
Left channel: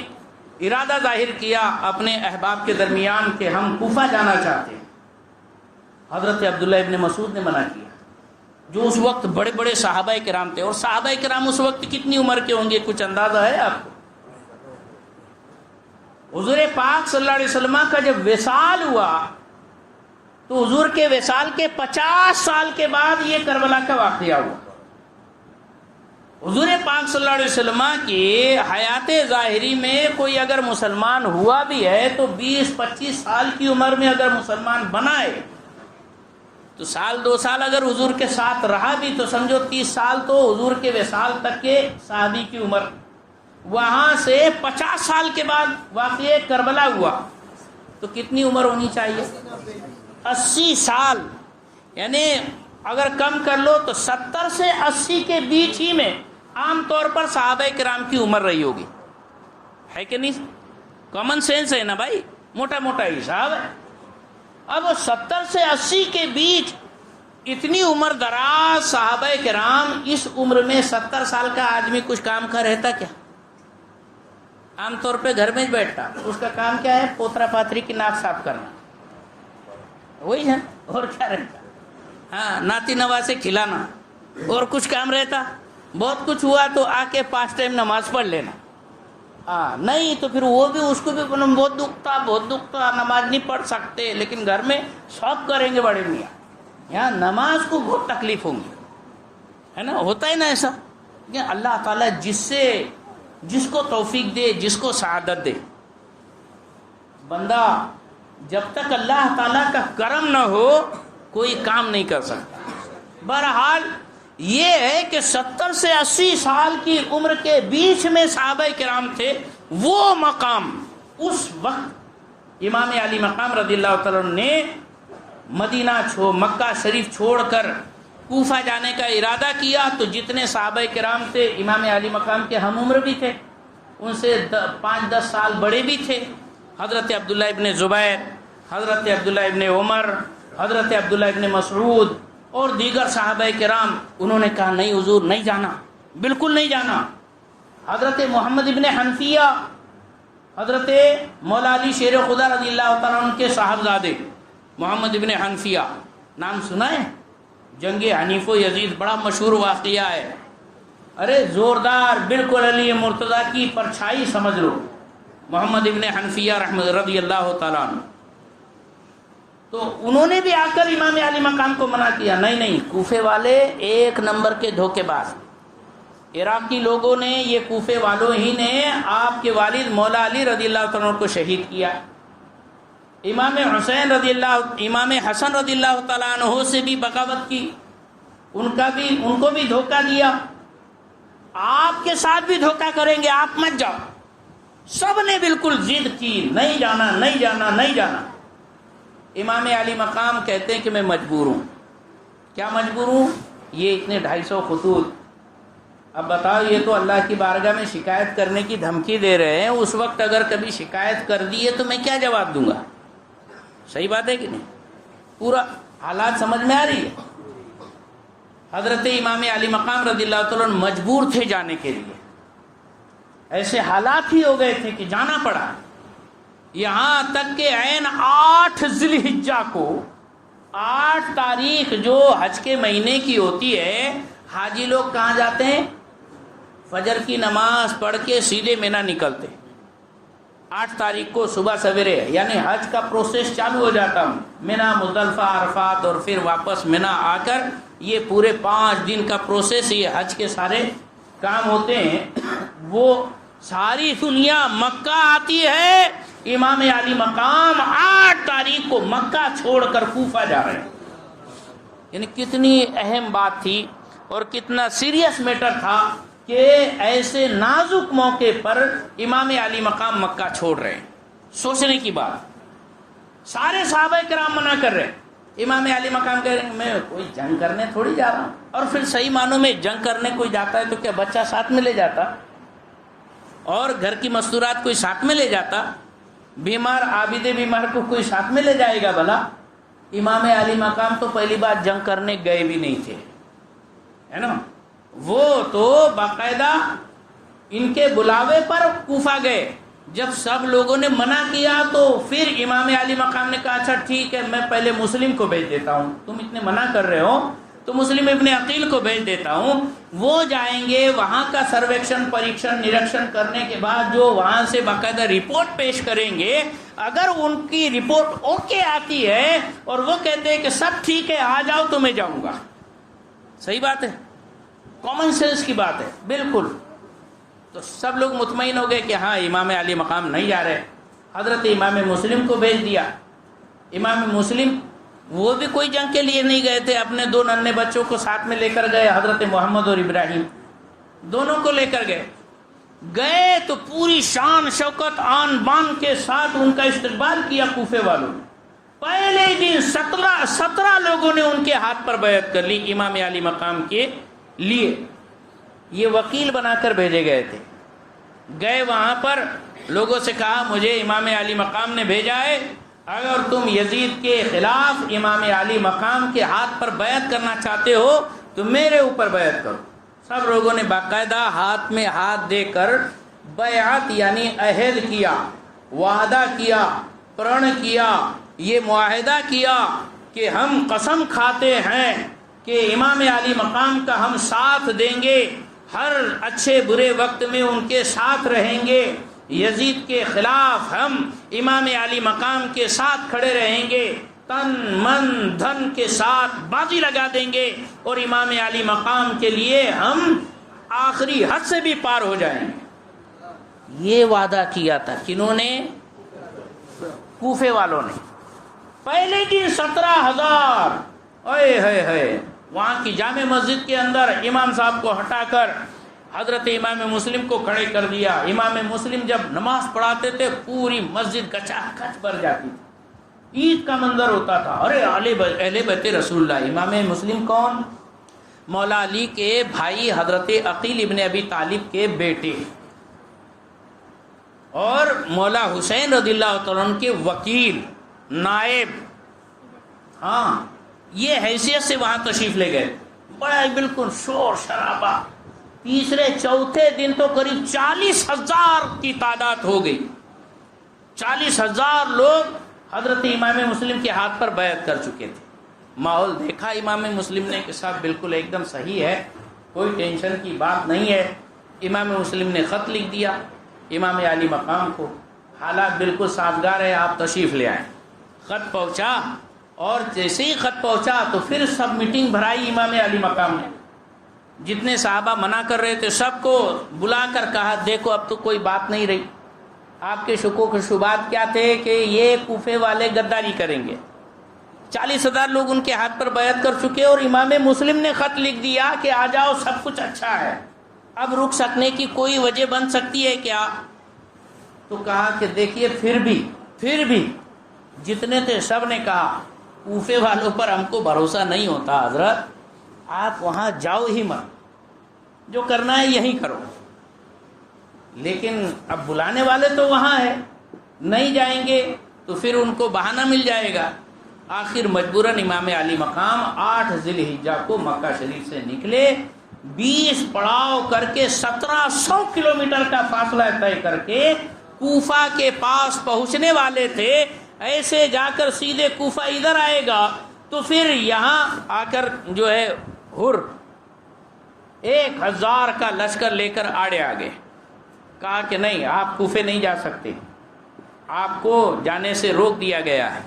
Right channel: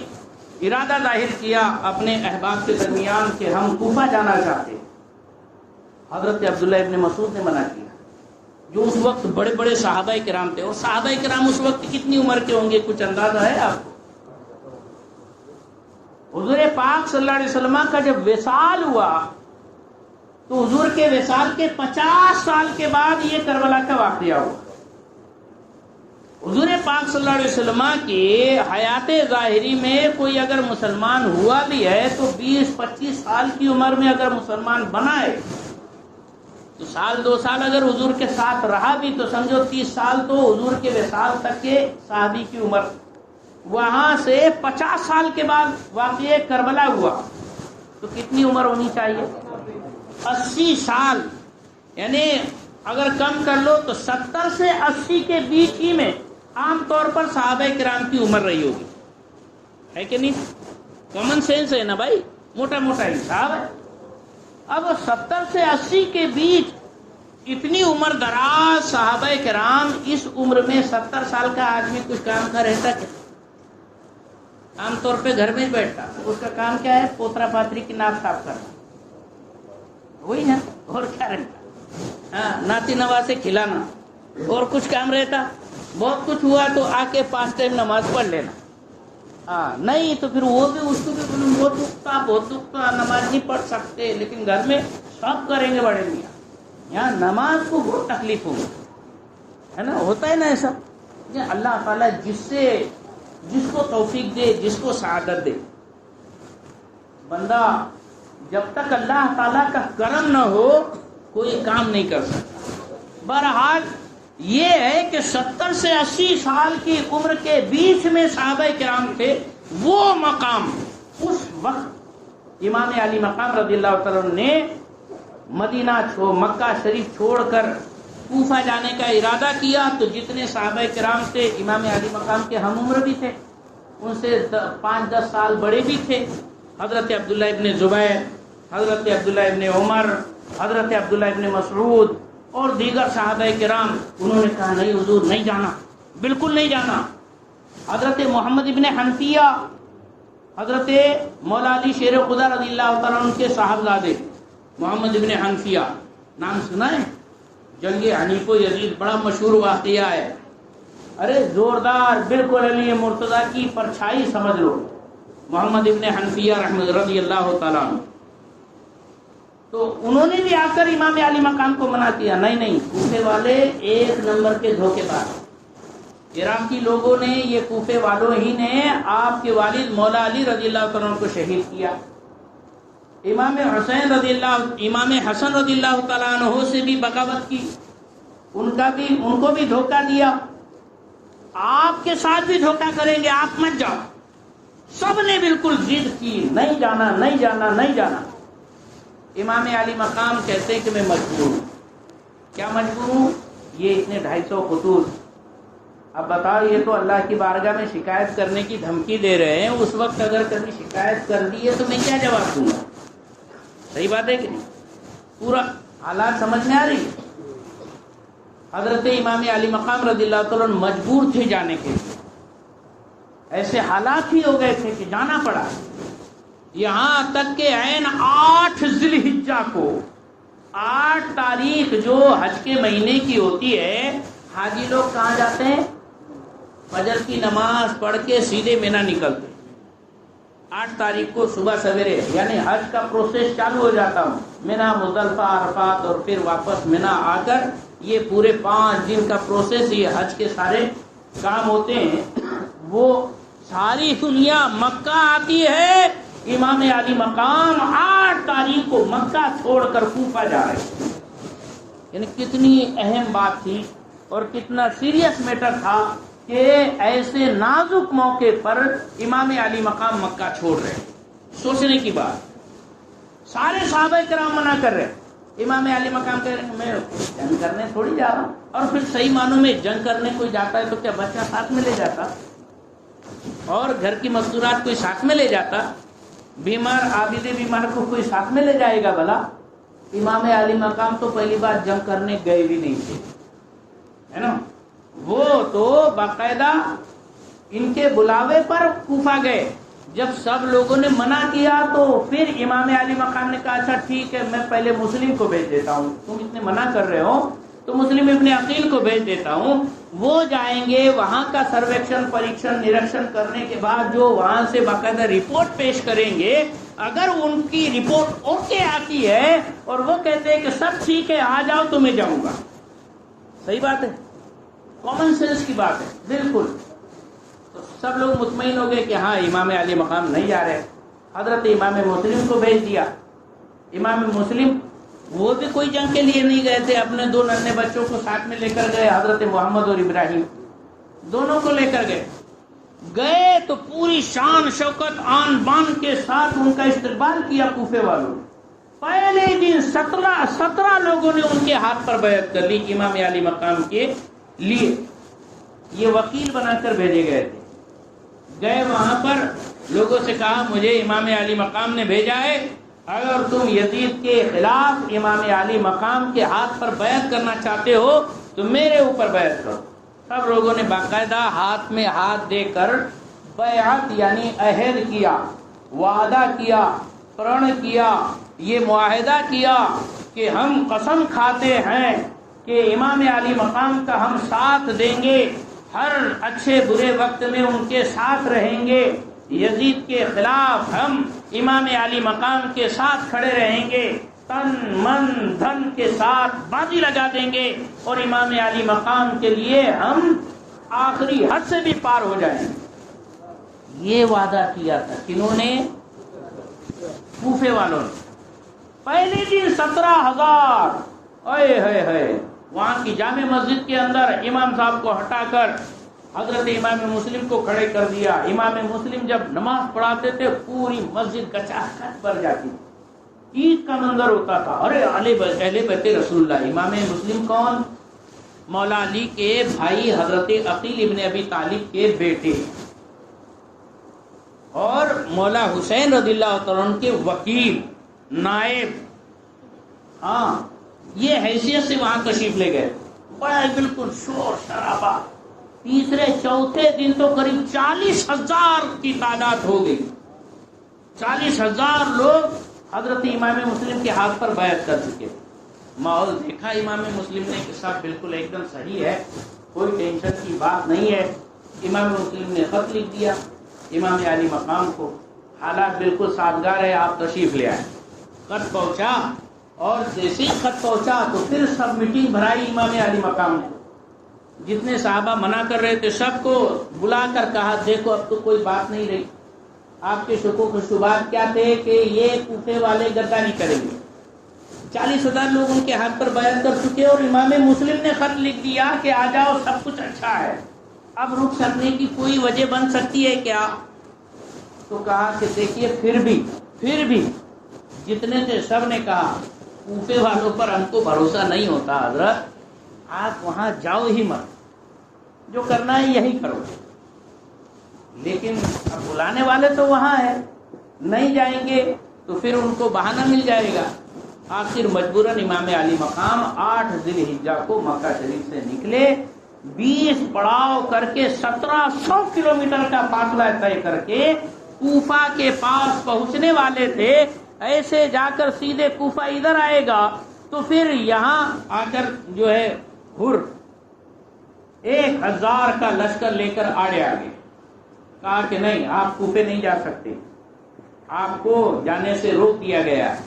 ارادہ ظاہر کیا اپنے احباب کے درمیان کہ ہم کوفہ جانا چاہتے ہیں. حضرت عبداللہ ابن مسعود نے منع کیا، جو اس وقت بڑے بڑے صحابہ کرام تھے. اور صحابہ کرام اس وقت کتنی عمر کے ہوں گے، کچھ اندازہ ہے آپ کو؟ حضور پاک صلی اللہ علیہ وسلم کا جب وصال ہوا تو حضور کے وصال کے 50 سال کے بعد یہ کربلا کا واقعہ ہوا. حضور پاک صلی اللہ علیہ وسلم کی حیات ظاہری میں کوئی اگر مسلمان ہوا بھی ہے تو 20-25 سال کی عمر میں اگر مسلمان بنا ہے تو 1-2 سال اگر حضور کے ساتھ رہا بھی تو سمجھو 30 سال تو حضور کے وصال تک کے صحابی کی عمر. وہاں سے 50 سال کے بعد واقعہ کربلا ہوا تو کتنی عمر ہونی چاہیے؟ 80 سال. یعنی اگر کم کر لو تو 70 سے 80 کے بیچ ہی میں عام طور پر صحابہ کرام کی عمر رہی ہوگی، ہے کہ نہیں؟ کامن سینس ہے نا بھائی، موٹا موٹا حساب ہے. اب 70 سے 80 کے بیچ اتنی عمر دراز صحابہ کرام، اس عمر میں 70 سال کا آدمی کچھ کام کا رہتا کیا؟ عام طور پہ گھر میں بیٹھتا، اس کا کام کیا ہے؟ پوترا پاتری کی ناک صاف کرنا، وہی ہے، اور کیا رہتا؟ ہاں، ناتی نواسے کھلانا، اور کچھ کام رہتا؟ بہت کچھ ہوا تو آ کے 5 ٹائم نماز پڑھ لینا. ہاں نہیں تو پھر وہ بھی اس کو بھی بہت دکھتا، نماز نہیں پڑھ سکتے، لیکن گھر میں سب کریں گے بڑے میاں. یہاں نماز کو بہت تکلیف ہوگی، ہے نا؟ ہوتا ہے نا ایسا کہ اللہ تعالیٰ جس کو توفیق دے، جس کو سعادت دے، بندہ جب تک اللہ تعالیٰ کا کرم نہ ہو کوئی کام نہیں کر سکتا. بہرحال یہ ہے کہ 70 سے 80 سال کی عمر کے بیچ میں صحابہ کرام تھے. وہ مقام اس وقت امام علی مقام رضی اللہ تعالیٰ نے مدینہ مکہ شریف چھوڑ کر کوفہ جانے کا ارادہ کیا تو جتنے صحابہ کرام تھے امام علی مقام کے ہم عمر بھی تھے، ان سے 5-10 سال بڑے بھی تھے. حضرت عبداللہ ابن زبیر، حضرت عبداللہ ابن عمر، حضرت عبداللہ ابن مسعود اور دیگر صحابہ کرام. انہوں نے کہا نہیں حضور، نہیں جانا، بالکل نہیں جانا. حضرت محمد ابن حنفیہ، حضرت مولا علی شیر خدا رضی اللہ تعالیٰ عنہ کے صاحبزادے محمد ابن حنفیہ، نام سنا ہے؟ جنگ حنیف و یزید بڑا مشہور واقعہ ہے. ارے زوردار، بالکل علی مرتضیٰ کی پرچھائی سمجھ لو، محمد ابن حنفیہ رحمۃ رضی اللہ تعالیٰ عنہ. تو انہوں نے بھی آ کر امام علی مقام کو منع کیا. نہیں، کوفے والے 1 نمبر کے دھوکے باز، عراقی لوگوں نے، یہ کوفے والوں ہی نے آپ کے والد مولا علی رضی اللہ تعالیٰ عنہ کو شہید کیا. امام حسین رضی اللہ، امام حسن رضی اللہ تعالیٰ عنہ سے بھی بغاوت کی، ان کو بھی دھوکہ دیا. آپ کے ساتھ بھی دھوکہ کریں گے، آپ مت جاؤ. سب نے بالکل ضد کی، نہیں جانا نہیں جانا نہیں جانا. امام علی مقام کہتے ہیں کہ میں مجبور ہوں. کیا مجبور ہوں؟ یہ اتنے 250 خطوط. اب بتاؤ، یہ تو اللہ کی بارگاہ میں شکایت کرنے کی دھمکی دے رہے ہیں. اس وقت اگر کبھی شکایت کر دی ہے تو میں کیا جواب دوں گا؟ صحیح بات ہے کہ نہیں؟ پورا حالات سمجھ میں آ رہی ہے. حضرت امام علی مقام رضی اللہ تعالیٰ عنہ مجبور تھے جانے کے لیے. ایسے حالات ہی ہو گئے تھے کہ جانا پڑا. یہاں تک کہ عین 8 ذی الحجہ کو، 8 تاریخ جو حج کے مہینے کی ہوتی ہے، حاجی لوگ کہاں جاتے ہیں؟ فجر کی نماز پڑھ کے سیدھے مینا نکلتے. 8 تاریخ کو صبح سویرے، یعنی حج کا پروسیس چالو ہو جاتا ہوں. مینا، مزدلفہ، عرفات اور پھر واپس مینا آ کر یہ پورے 5 دن کا پروسیس، یہ حج کے سارے کام ہوتے ہیں. وہ ساری دنیا مکہ آتی ہے. امام علی مقام 8 تاریخ کو مکہ چھوڑ کر کوفہ جا رہے ہیں. یعنی کتنی اہم بات تھی اور کتنا سیریس میٹر تھا کہ ایسے نازک موقع پر امام علی مقام مکہ چھوڑ رہے ہیں. سوچنے کی بات. سارے صحابہ کرام منع کر رہے ہیں. امام علی مقام کہہ رہے ہیں میں جنگ کرنے تھوڑی جا رہا ہوں. اور پھر صحیح معنوں میں جنگ کرنے کوئی جاتا ہے تو کیا بچہ ساتھ میں لے جاتا؟ اور گھر کی مستورات کوئی ساتھ میں لے جاتا؟ بیمار عابد بیمار کو کوئی ساتھ میں لے جائے گا بھلا؟ امام علی مقام تو پہلی بار جنگ کرنے گئے بھی نہیں تھے، ہے نا. وہ تو باقاعدہ ان کے بلاوے پر کوفہ گئے. جب سب لوگوں نے منع کیا تو پھر امام علی مقام نے کہا اچھا ٹھیک ہے، میں پہلے مسلم کو بھیج دیتا ہوں. تم اتنے منع کر رہے ہو تو مسلم ابن عقیل کو بھیج دیتا ہوں. وہ جائیں گے، وہاں کا سرویکشن پریکشن نریکشن کرنے کے بعد جو وہاں سے باقاعدہ رپورٹ پیش کریں گے، اگر ان کی رپورٹ اوکے آتی ہے اور وہ کہتے ہیں کہ سب ٹھیک ہے آ جاؤ تو میں جاؤں گا. صحیح بات ہے، کامن سینس کی بات ہے بالکل. تو سب لوگ مطمئن ہو گئے کہ ہاں امام علی مقام نہیں جا رہے. حضرت امام مسلم کو بھیج دیا. امام مسلم وہ بھی کوئی جنگ کے لیے نہیں گئے تھے، اپنے 2 ننھے بچوں کو ساتھ میں لے کر گئے. حضرت محمد اور ابراہیم دونوں کو لے کر گئے تو پوری شان شوکت آن بان کے ساتھ ان کا استقبال کیا کوفے والوں. پہلے دن 17 لوگوں نے ان کے ہاتھ پر بیعت کر لی امام علی مقام کے لیے. یہ وکیل بنا کر بھیجے گئے تھے. گئے وہاں پر لوگوں سے کہا مجھے امام علی مقام نے بھیجا ہے، اگر تم یزید کے خلاف امام علی مقام کے ہاتھ پر بیعت کرنا چاہتے ہو تو میرے اوپر بیعت کرو. سب لوگوں نے باقاعدہ ہاتھ میں ہاتھ دے کر بیعت یعنی عہد کیا، وعدہ کیا، پرن کیا، یہ معاہدہ کیا کہ ہم قسم کھاتے ہیں کہ امام علی مقام کا ہم ساتھ دیں گے، ہر اچھے برے وقت میں ان کے ساتھ رہیں گے، یزید کے خلاف ہم امام علی مقام کے ساتھ کھڑے رہیں گے، تن من دھن کے ساتھ بازی لگا دیں گے اور امام علی مقام کے لیے ہم آخری حد سے بھی پار ہو جائیں گے. یہ وعدہ کیا تھا کنہوں نے؟ کوفے والوں نے. پہلے دن 17,000 وہاں کی جامع مسجد کے اندر امام صاحب کو ہٹا کر حضرت امام مسلم کو کھڑے کر دیا. امام مسلم جب نماز پڑھاتے تھے پوری مسجد کچا کچ بھر جاتی تھی. عید کا منظر ہوتا تھا. ارے اہل بیت رسول اللہ. امام مسلم کون؟ مولا علی کے بھائی حضرت عقیل ابن ابی طالب کے بیٹے اور مولا حسین رضی اللہ تعالیٰ عنہ کے وکیل نائب. ہاں یہ حیثیت سے وہاں تشریف لے گئے. بڑا بالکل شور شرابہ. تیسرے چوتھے دن تو قریب 40,000 کی تعداد ہو گئی. 40,000 لوگ حضرت امام مسلم کے ہاتھ پر بیعت کر چکے تھے. ماحول دیکھا امام مسلم نے کہ صاحب بالکل ایک دم صحیح ہے، کوئی ٹینشن کی بات نہیں ہے. امام مسلم نے خط لکھ دیا امام علی مقام کو، حالات بالکل سازگار ہے، آپ تشریف لے آئیں. خط پہنچا اور جیسے ہی خط پہنچا تو پھر سب میٹنگ بھرائی امام علی مقام نے. جتنے صحابہ منع کر رہے تھے سب کو بلا کر کہا دیکھو اب تو کوئی بات نہیں رہی. آپ کے شکوک و شبہات کیا تھے کہ یہ کوفے والے غداری کریں گے. 40,000 لوگ ان کے ہاتھ پر بیعت کر چکے اور امام مسلم نے خط لکھ دیا کہ آ جاؤ سب کچھ اچھا ہے, اب رک سکنے کی کوئی وجہ بن سکتی ہے کیا؟ تو کہا کہ دیکھیے پھر بھی جتنے تھے سب نے کہا کوفے والوں پر ہم کو بھروسہ نہیں ہوتا حضرت, آپ وہاں جاؤ ہی مت, جو کرنا ہے یہی کرو. لیکن اب بلانے والے تو وہاں ہے, نہیں جائیں گے تو پھر ان کو بہانہ مل جائے گا. آخر مجبوراً امام علی مقام 8 ذی الحجہ کو مکہ شریف سے نکلے, 20 پڑاؤ کر کے 1700 کلومیٹر کا فاصلہ طے کر کے کوفہ کے پاس پہنچنے والے تھے. ایسے جا کر سیدھے کوفہ ادھر آئے گا تو پھر یہاں آ کر جو ہے 1000 کا لشکر لے کر آڑے آگے. کہا کہ نہیں آپ کوفے نہیں جا سکتے, آپ کو جانے سے روک دیا گیا ہے.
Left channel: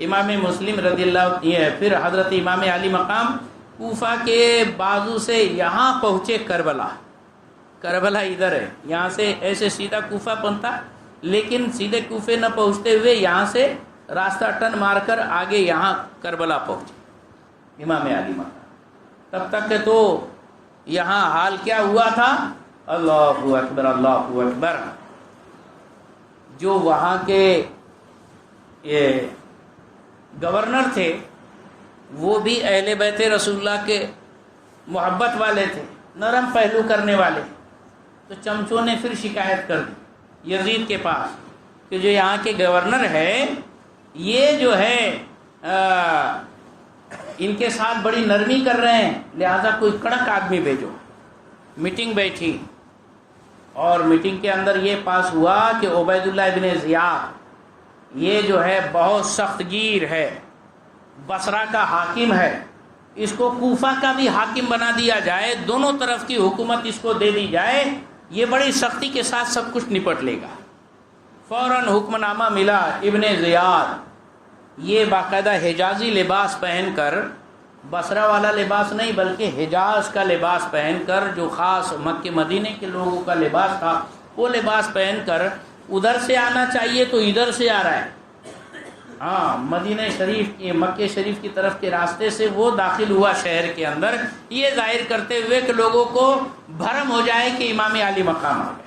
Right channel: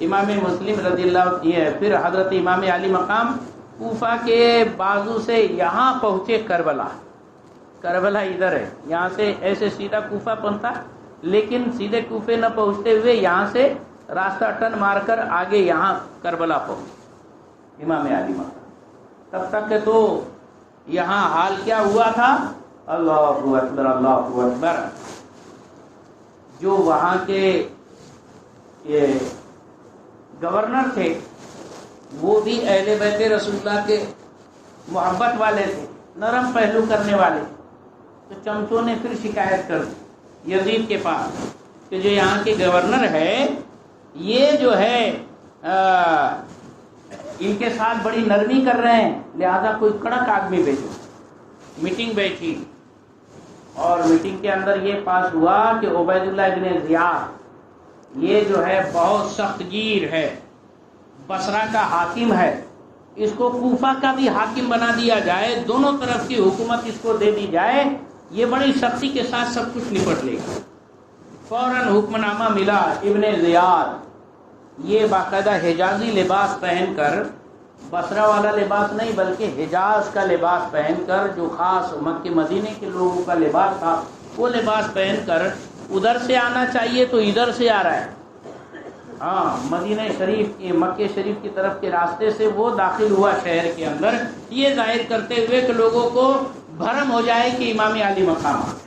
امام مسلم رضی اللہ یہ پھر حضرت امام علی مقام کوفہ کے بازو سے یہاں پہنچے کربلا ادھر ہے, یہاں سے ایسے سیدھا کوفہ پہنچتا, لیکن سیدھے کوفے نہ پہنچتے ہوئے یہاں سے راستہ ٹن مار کر آگے یہاں کربلا پہنچے امام علی مقام. تب تک کہ تو یہاں حال کیا ہوا تھا, اللہ اکبر اللہ اکبر. جو وہاں کے یہ گورنر تھے وہ بھی اہل بیت رسول اللہ کے محبت والے تھے, نرم پہلو کرنے والے. تو چمچوں نے پھر شکایت کر دی یزید کے پاس کہ جو یہاں کے گورنر ہے یہ جو ہے ان کے ساتھ بڑی نرمی کر رہے ہیں, لہذا کوئی کڑک آدمی بھیجو. میٹنگ بیٹھی اور میٹنگ کے اندر یہ پاس ہوا کہ عبید اللہ ابن زیاد یہ جو ہے بہت سخت گیر ہے, بصرہ کا حاکم ہے, اس کو کوفہ کا بھی حاکم بنا دیا جائے, دونوں طرف کی حکومت اس کو دے دی جائے, یہ بڑی سختی کے ساتھ سب کچھ نپٹ لے گا. فوراً حکم نامہ ملا ابن زیاد, یہ باقاعدہ حجازی لباس پہن کر, بصرہ والا لباس نہیں بلکہ حجاز کا لباس پہن کر, جو خاص مکہ مدینے کے لوگوں کا لباس تھا, وہ لباس پہن کر ادھر سے آنا چاہیے تو ادھر سے آ رہا ہے. ہاں مدینہ شریف مکہ شریف کی طرف کے راستے سے وہ داخل ہوا شہر کے اندر, یہ ظاہر کرتے ہوئے کہ لوگوں کو بھرم ہو جائے کہ امام علی مقام آ گئے.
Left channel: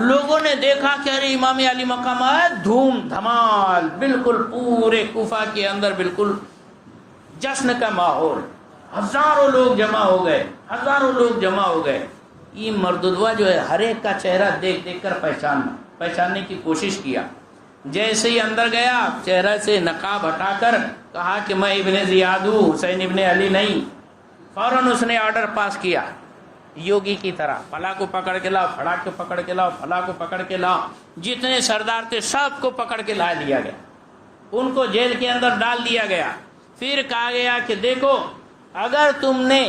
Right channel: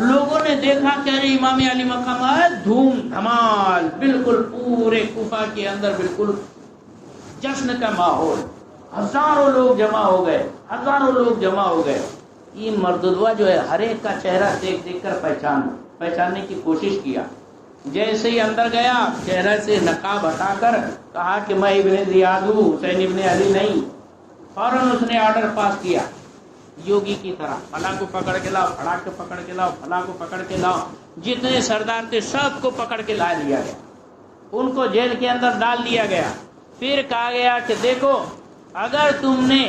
لوگوں نے دیکھا کہ ارے امام علی مقام آیا, دھوم دھمال, بالکل پورے کوفہ کے اندر بالکل جشن کا ماحول, ہزاروں لوگ جمع ہو گئے. یہ مرددوا جو ہے ہر ایک کا چہرہ دیکھ دیکھ کر پہچاننے کی کوشش کیا. جیسے ہی اندر گیا چہرہ سے نقاب ہٹا کر کہا کہ میں ابن زیاد ہوں, حسین ابن علی نہیں. فوراً اس نے آرڈر پاس کیا یوگی کی طرح, فلاں کو پکڑ کے لاؤ, پھڑا کے پکڑ کے لاؤ, فلاں کو پکڑ کے لاؤ. جتنے سردار تھے سب کو پکڑ کے لا لیا گیا, ان کو جیل کے اندر ڈال دیا گیا. پھر کہا گیا کہ دیکھو اگر تم نے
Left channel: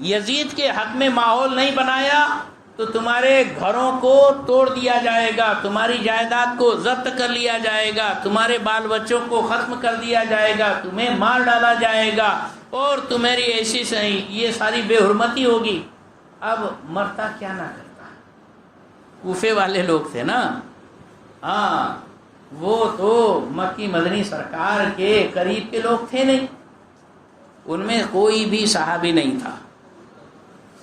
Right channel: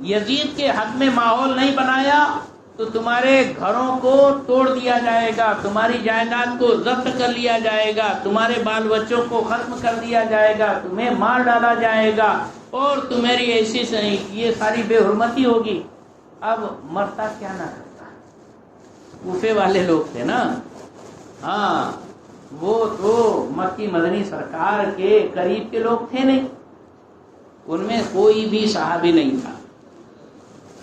یزید کے حق میں ماحول نہیں بنایا تو تمہارے گھروں کو توڑ دیا جائے گا, تمہاری جائیداد کو ضبط کر لیا جائے گا, تمہارے بال بچوں کو ختم کر دیا جائے گا, تمہیں مار ڈالا جائے گا, اور تمہاری ایسی یہ ساری بے حرمتی ہوگی. اب مرتا کیا نہ کرتا, کوفے والے لوگ تھے نا, ہاں وہ تو مکی مدنی سرکار کے قریب کے لوگ تھے نہیں, ان میں کوئی بھی صحابی نہیں تھا.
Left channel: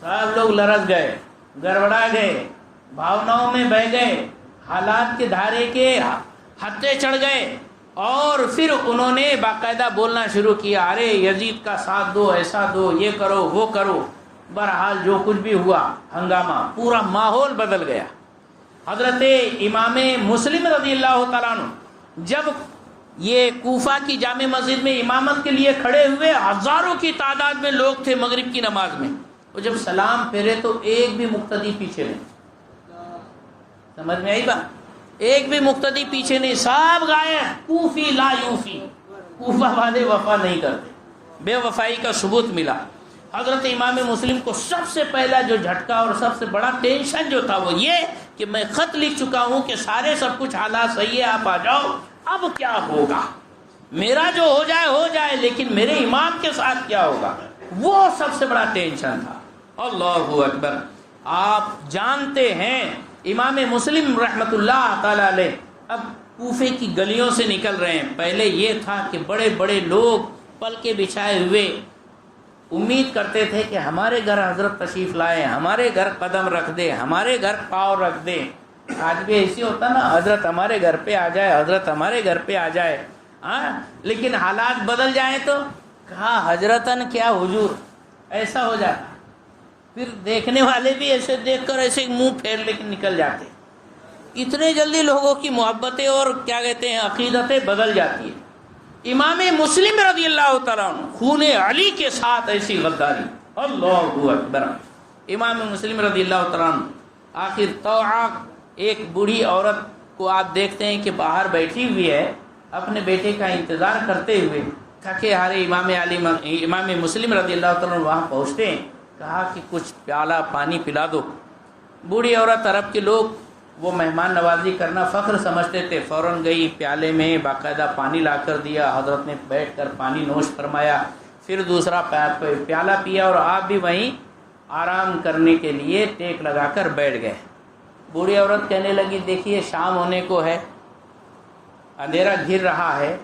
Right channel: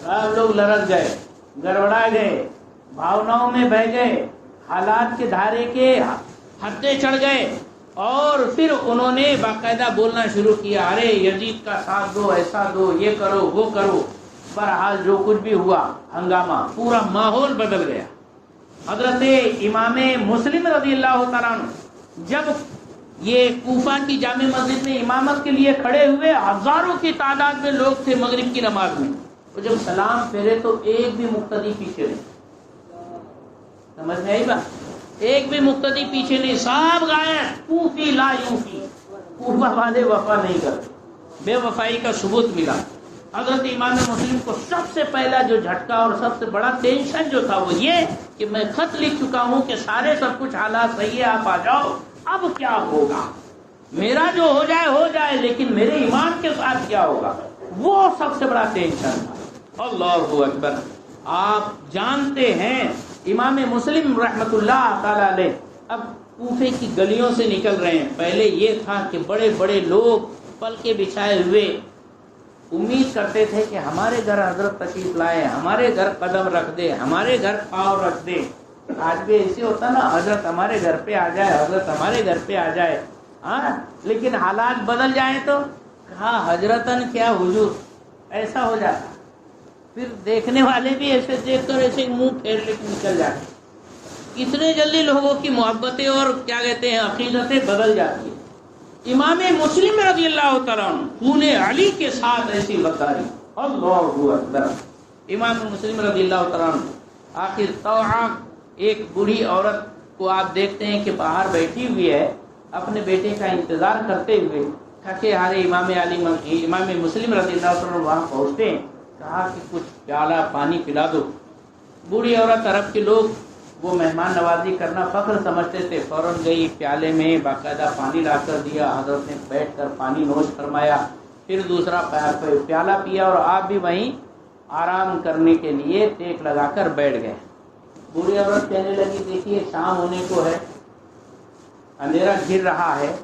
سب لوگ لرز گئے, گڑبڑا گئے, بھاوناؤں میں بہ گئے, حالات کے دھارے کے ہتھے چڑھ گئے, اور پھر انہوں نے باقاعدہ بولنا شروع کیا, ارے یزید کا ساتھ دو, ایسا دو, یہ کرو وہ کرو. بہرحال جو کچھ بھی ہوا ہنگامہ, پورا ماحول بدل گیا. حضرت امام مسلم رضی اللہ تعالیٰ عنہ جب یہ کوفہ کی جامع مسجد میں امامت کے لیے کھڑے ہوئے, ہزاروں کی تعداد میں لوگ تھے مغرب کی نماز میں, تو جب سلام پھیرے تو ایک بھی مقتدی پیچھے نہیں. سمجھ میں آئی بات؟ ایک بھی مقتدی پیچھے نہیں, سب غائب. کوفی لا یوفی, کوفہ والے وفا نہیں کرتے, بے وفائی کا ثبوت ملا. حضرت امام مسلم کو سب سے پہلا جو جھٹکا اور سب سے بڑا ٹینشن جو تھا وہ یہ کہ میں خط لکھ چکا ہوں کہ سارے سب کچھ حالات صحیح ہے, آپ آ جاؤ, اب کیا ہوگا, میرا جو ہو جائے, لیکن میرے امام کے ساتھ کیا ہوگا, وہ سب سے بڑا ٹینشن تھا. اللہ اکبر. آپ جانتے ہیں امام مسلم رحمۃ اللہ تعالی علیہ اب کوفے کی گلیوں سے نکل رہے ہیں. پہلے یہ تھا کہ بڑے بڑے لوگ پل کے بچھائے ہوئے امید کرتے تھے کہ ہمارے گھر حضرت تشریف لائے, ہمارے گھر قدم رکھ دے, ہمارے گھر پاؤں رکھ دے. آج بھی ایسی ہوتا نا, حضرت ہمارے گھر پہ آ جائے, حضرت ہمارے گھر پہ آ جائے. ہاں, لیکن حالات بدل جائیں تو کہاں حضرتن کیا حضور, ایسا ہو جاتا. پھر دیکھنے والے بھی ایسے دیکھ کر ایسے منہ پھیر لے کے نکل جاتے. اتنے جلدی لوگوں کی محبتیں اور کیا کہتے ہیں عقیدتیں بدل جاتی ہیں. امام مسلم رضی اللہ تعالیٰ عنہ خون علی کے ساتھ ایسی غداری. اللہ اکبر. امام مسلم رضی اللہ تعالیٰ عنہ آخر توعا ایک بوڑھی عورت کو آپ دیکھتے ہیں کہ باہر بیٹھی ہوئی ہے اپنے بیٹے کا انتظار کرتے ہوئے. تھکے ہارے امام مسلم رضی اللہ تعالیٰ عنہ وہاں پہنچتے ہیں. کہا کہ کچھ پیالہ پانی پلا دو. بوڑھی عورت, عرب کے لوگ وہ مہمان نوازی کرنا فخر سمجھتے تھے. فوراً گئی, پیالے میں باقاعدہ پانی لا کر دیا. حضرت نے بیٹھ کر پانی نوش فرمایا, پھر دوسرا پیالہ پیا اور آپ بھی وہیں آرام کرنے کے لیے ٹیک لگا کر بیٹھ گئے. بوڑھی عورت کہنے لگی دیکھیے شام ہونے کو ہے, اندھیرا گھر رہا ہے,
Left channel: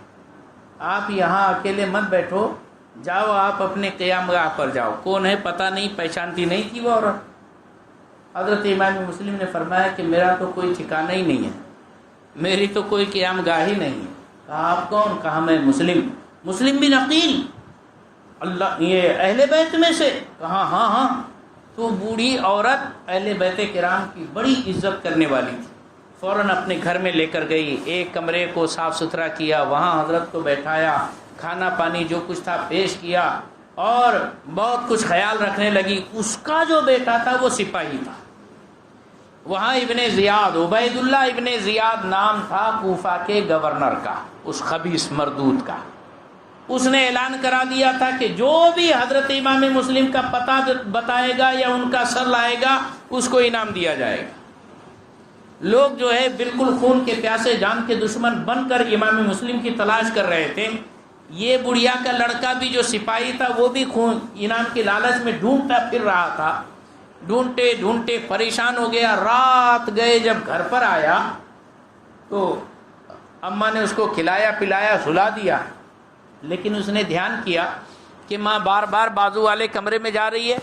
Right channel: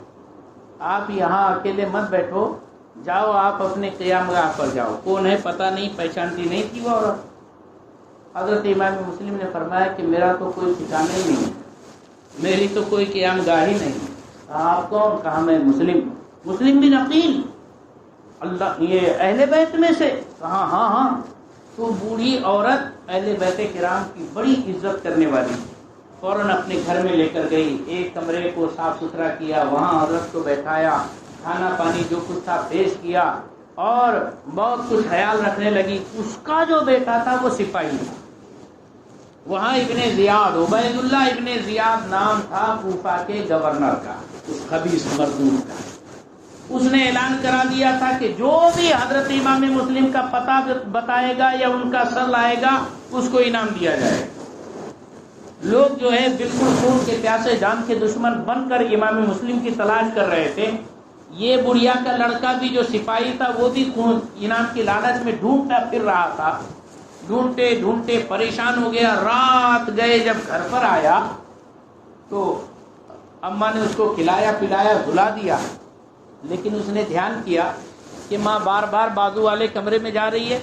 آپ یہاں اکیلے مت بیٹھو, جاؤ آپ اپنے قیام گاہ پر جاؤ. کون ہے پتہ نہیں, پہچانتی نہیں تھی وہ عورت. حضرت امام مسلم نے فرمایا کہ میرا تو کوئی ٹھکانہ ہی نہیں ہے, میری تو کوئی قیام گاہ ہی نہیں ہے. آپ کون؟ کہا میں مسلم بن عقیل, اللہ یہ اہل بیت میں سے. کہا ہاں ہاں. تو بوڑھی عورت اہل بیت کرام کی بڑی عزت کرنے والی. فوراً اپنے گھر میں لے کر گئی, ایک کمرے کو صاف ستھرا کیا, وہاں حضرت کو بیٹھایا, کھانا پانی جو کچھ تھا پیش کیا اور بہت کچھ خیال رکھنے لگی. اس کا جو بیٹا تھا وہ سپاہی تھا وہاں, ابن زیاد, عبید اللہ ابن زیاد نام تھا کوفہ کے گورنر کا, اس خبیث مردود کا. اس نے اعلان کرا دیا تھا کہ جو بھی حضرت امام مسلم کا پتہ بتائے گا یا ان کا سر لائے گا اس کو انعام دیا جائے گا. لوگ جو ہے بالکل خون کے پیاسے, جان کے دشمن بن کر امام مسلم کی تلاش کر رہے تھے. یہ بڑھیا کا لڑکا بھی جو سپاہی تھا وہ بھی خون انعام کے لالچ میں ڈھونڈتا پھر رہا تھا. ڈھونڈتے ڈھونڈتے پریشان ہو گیا. رات گئے, جب گھر پر آیا تو اماں نے اس کو کھلایا پلایا سلا دیا. لیکن اس نے دھیان کیا کہ ماں بار بار بازو والے کمرے میں جا رہی ہے.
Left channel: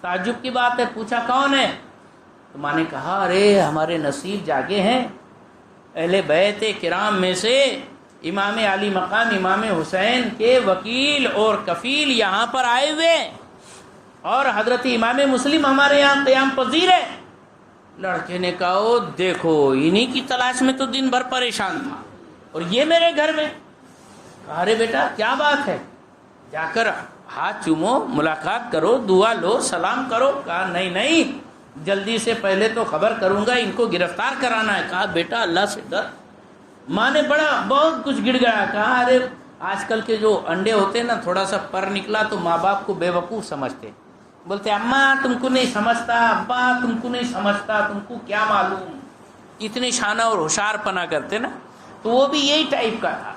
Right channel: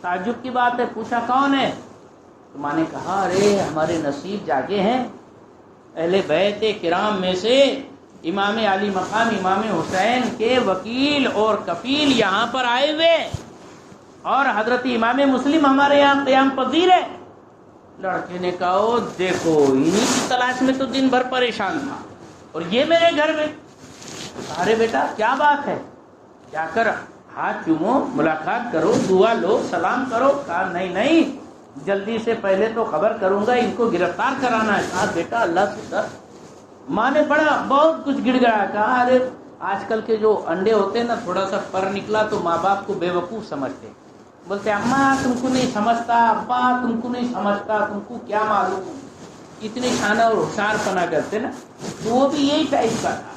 تعجب کی بات ہے, پوچھا کون ہے؟ تو ماں نے کہا ارے ہمارے نصیب جاگے ہیں, اہل بیت کرام میں سے امام علی مقام امام حسین کے وکیل اور کفیل یہاں پر آئے ہوئے, اور حضرت امام مسلم ہمارے یہاں قیام پذیر ہے. لڑکے نے کہا دیکھو انہی کی تلاش میں تو دن بھر پریشان تھا اور یہ میرے گھر میں. ارے بیٹا کیا بات ہے, جا کر ہاتھ چومو, ملاقات کرو, دعا لو, سلام کرو. کہا نہیں جلدی سے پہلے تو خبر کروں گا, ان کو گرفتار کرانا ہے. کہا بیٹا اللہ سے ڈر. ماں نے بہت کچھ گڑ گیا. کہا ارے آج کل کے جو انڈے ہوتے ہیں نا, تھوڑا سا پر نکلا تو ماں باپ کو بے وقوف سمجھتے. بولتے اماں تم کو نہیں سمجھتا, ابا تم کو نہیں سمجھتا, تم کو کیا معلوم. اتنی شانہ اور ہوشیار پنا کرتے نا. تو وہ بھی یہی ٹائپ کا تھا.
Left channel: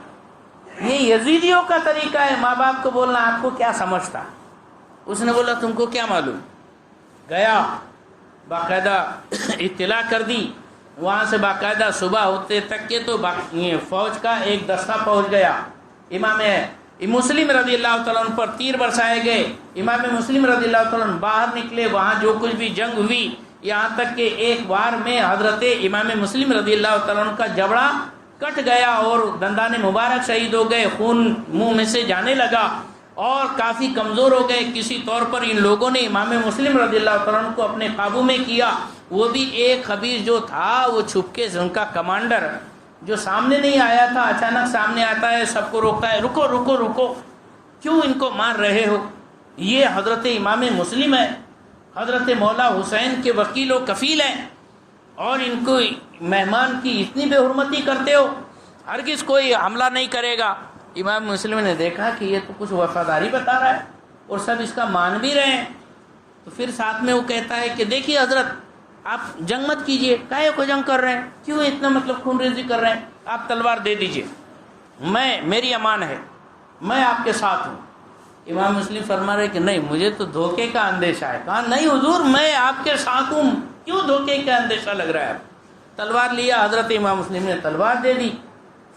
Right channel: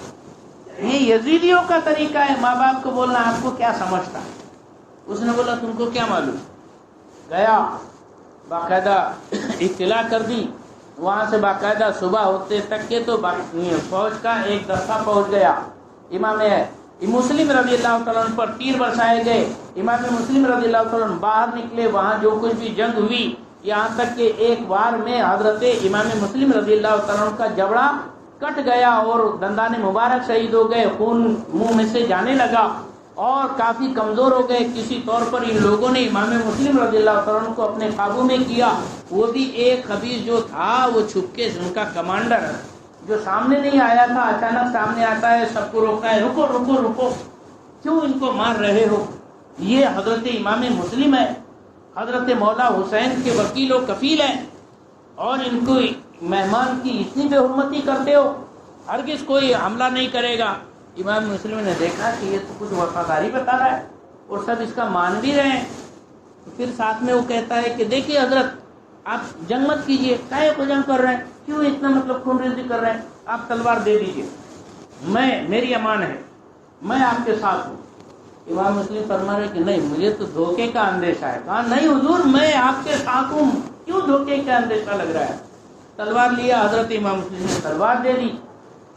یہ یزیدیوں کا طریقہ ہے ماں باپ کو بولنا آپ کو کیا سمجھتا. اس نے بولا تم کو کیا معلوم. گیا باقاعدہ اطلاع کر دی. وہاں سے باقاعدہ صبح ہوتے تک کے تو فوج کا ایک دستہ پہنچ گیا. امام مسلم رضی اللہ تعالیٰ عنہ پر تیر برسائے گئے. امام مسلم رضی اللہ تعالیٰ عنہ باہر نکلے, وہاں جو کچھ بھی جنگ ہوئی, یہاں تک کہ ایک وار میں حضرت امام مسلم رضی اللہ تعالیٰ عنہ کا جبڑا کٹ گیا اور دندان مبارک شہید ہو گئے, خون منہ میں سے جانے لگا اور کافی کمزور ہو گئے. کسی طور پر ان لوگوں نے امام مسلم رضی اللہ تعالیٰ عنہ کو اپنے قابو میں کیا. وہ بھی ایک خبیث جو تھا وہ چھپکے سے, ان کا کمانڈر جو سامنے نہیں آیا تھا, اچانک سامنے آتا ہے, سب کو روکتا ہے, رکو رکو رکو, کیوں ان کو مار رہے ہو؟ یہ حضرت امام مسلم ہے, حضرت مولا حسین کے وکیل و کفیل ہیں, اور ان کو مہمان کی اتنی بے حرمتی کرتے ہو, ہرگز کوئی حملہ نہیں کرے گا. امام مسلم نے دیکھا کہ یہ تو کچھ وفاداری بتا رہا ہے اور سب اس کا مان بھی رہے ہیں. تو پھر ساتھ میں وہ کہتا ہے کہ دیکھیے حضرت آپ جنگ مت کیجئے, کاہے کو جنگ کر رہے ہیں, کیوں اتنا خون ریزی کر رہے ہیں, آپ تلوار دے دیجئے, میری امان ہے, میں آپ کے ساتھ ہوں. امام مسلم فرما رہے کہ نہیں مجھے تو دھوکے کا اندیشہ ہے. کہا نہیں حضور میں آپ کے ساتھ ہوں, کیوں دھوکے کا اندیشہ لگ رہا ہے؟ تلوار لیا, حضرت امام مسلم نے تلوار دے دی.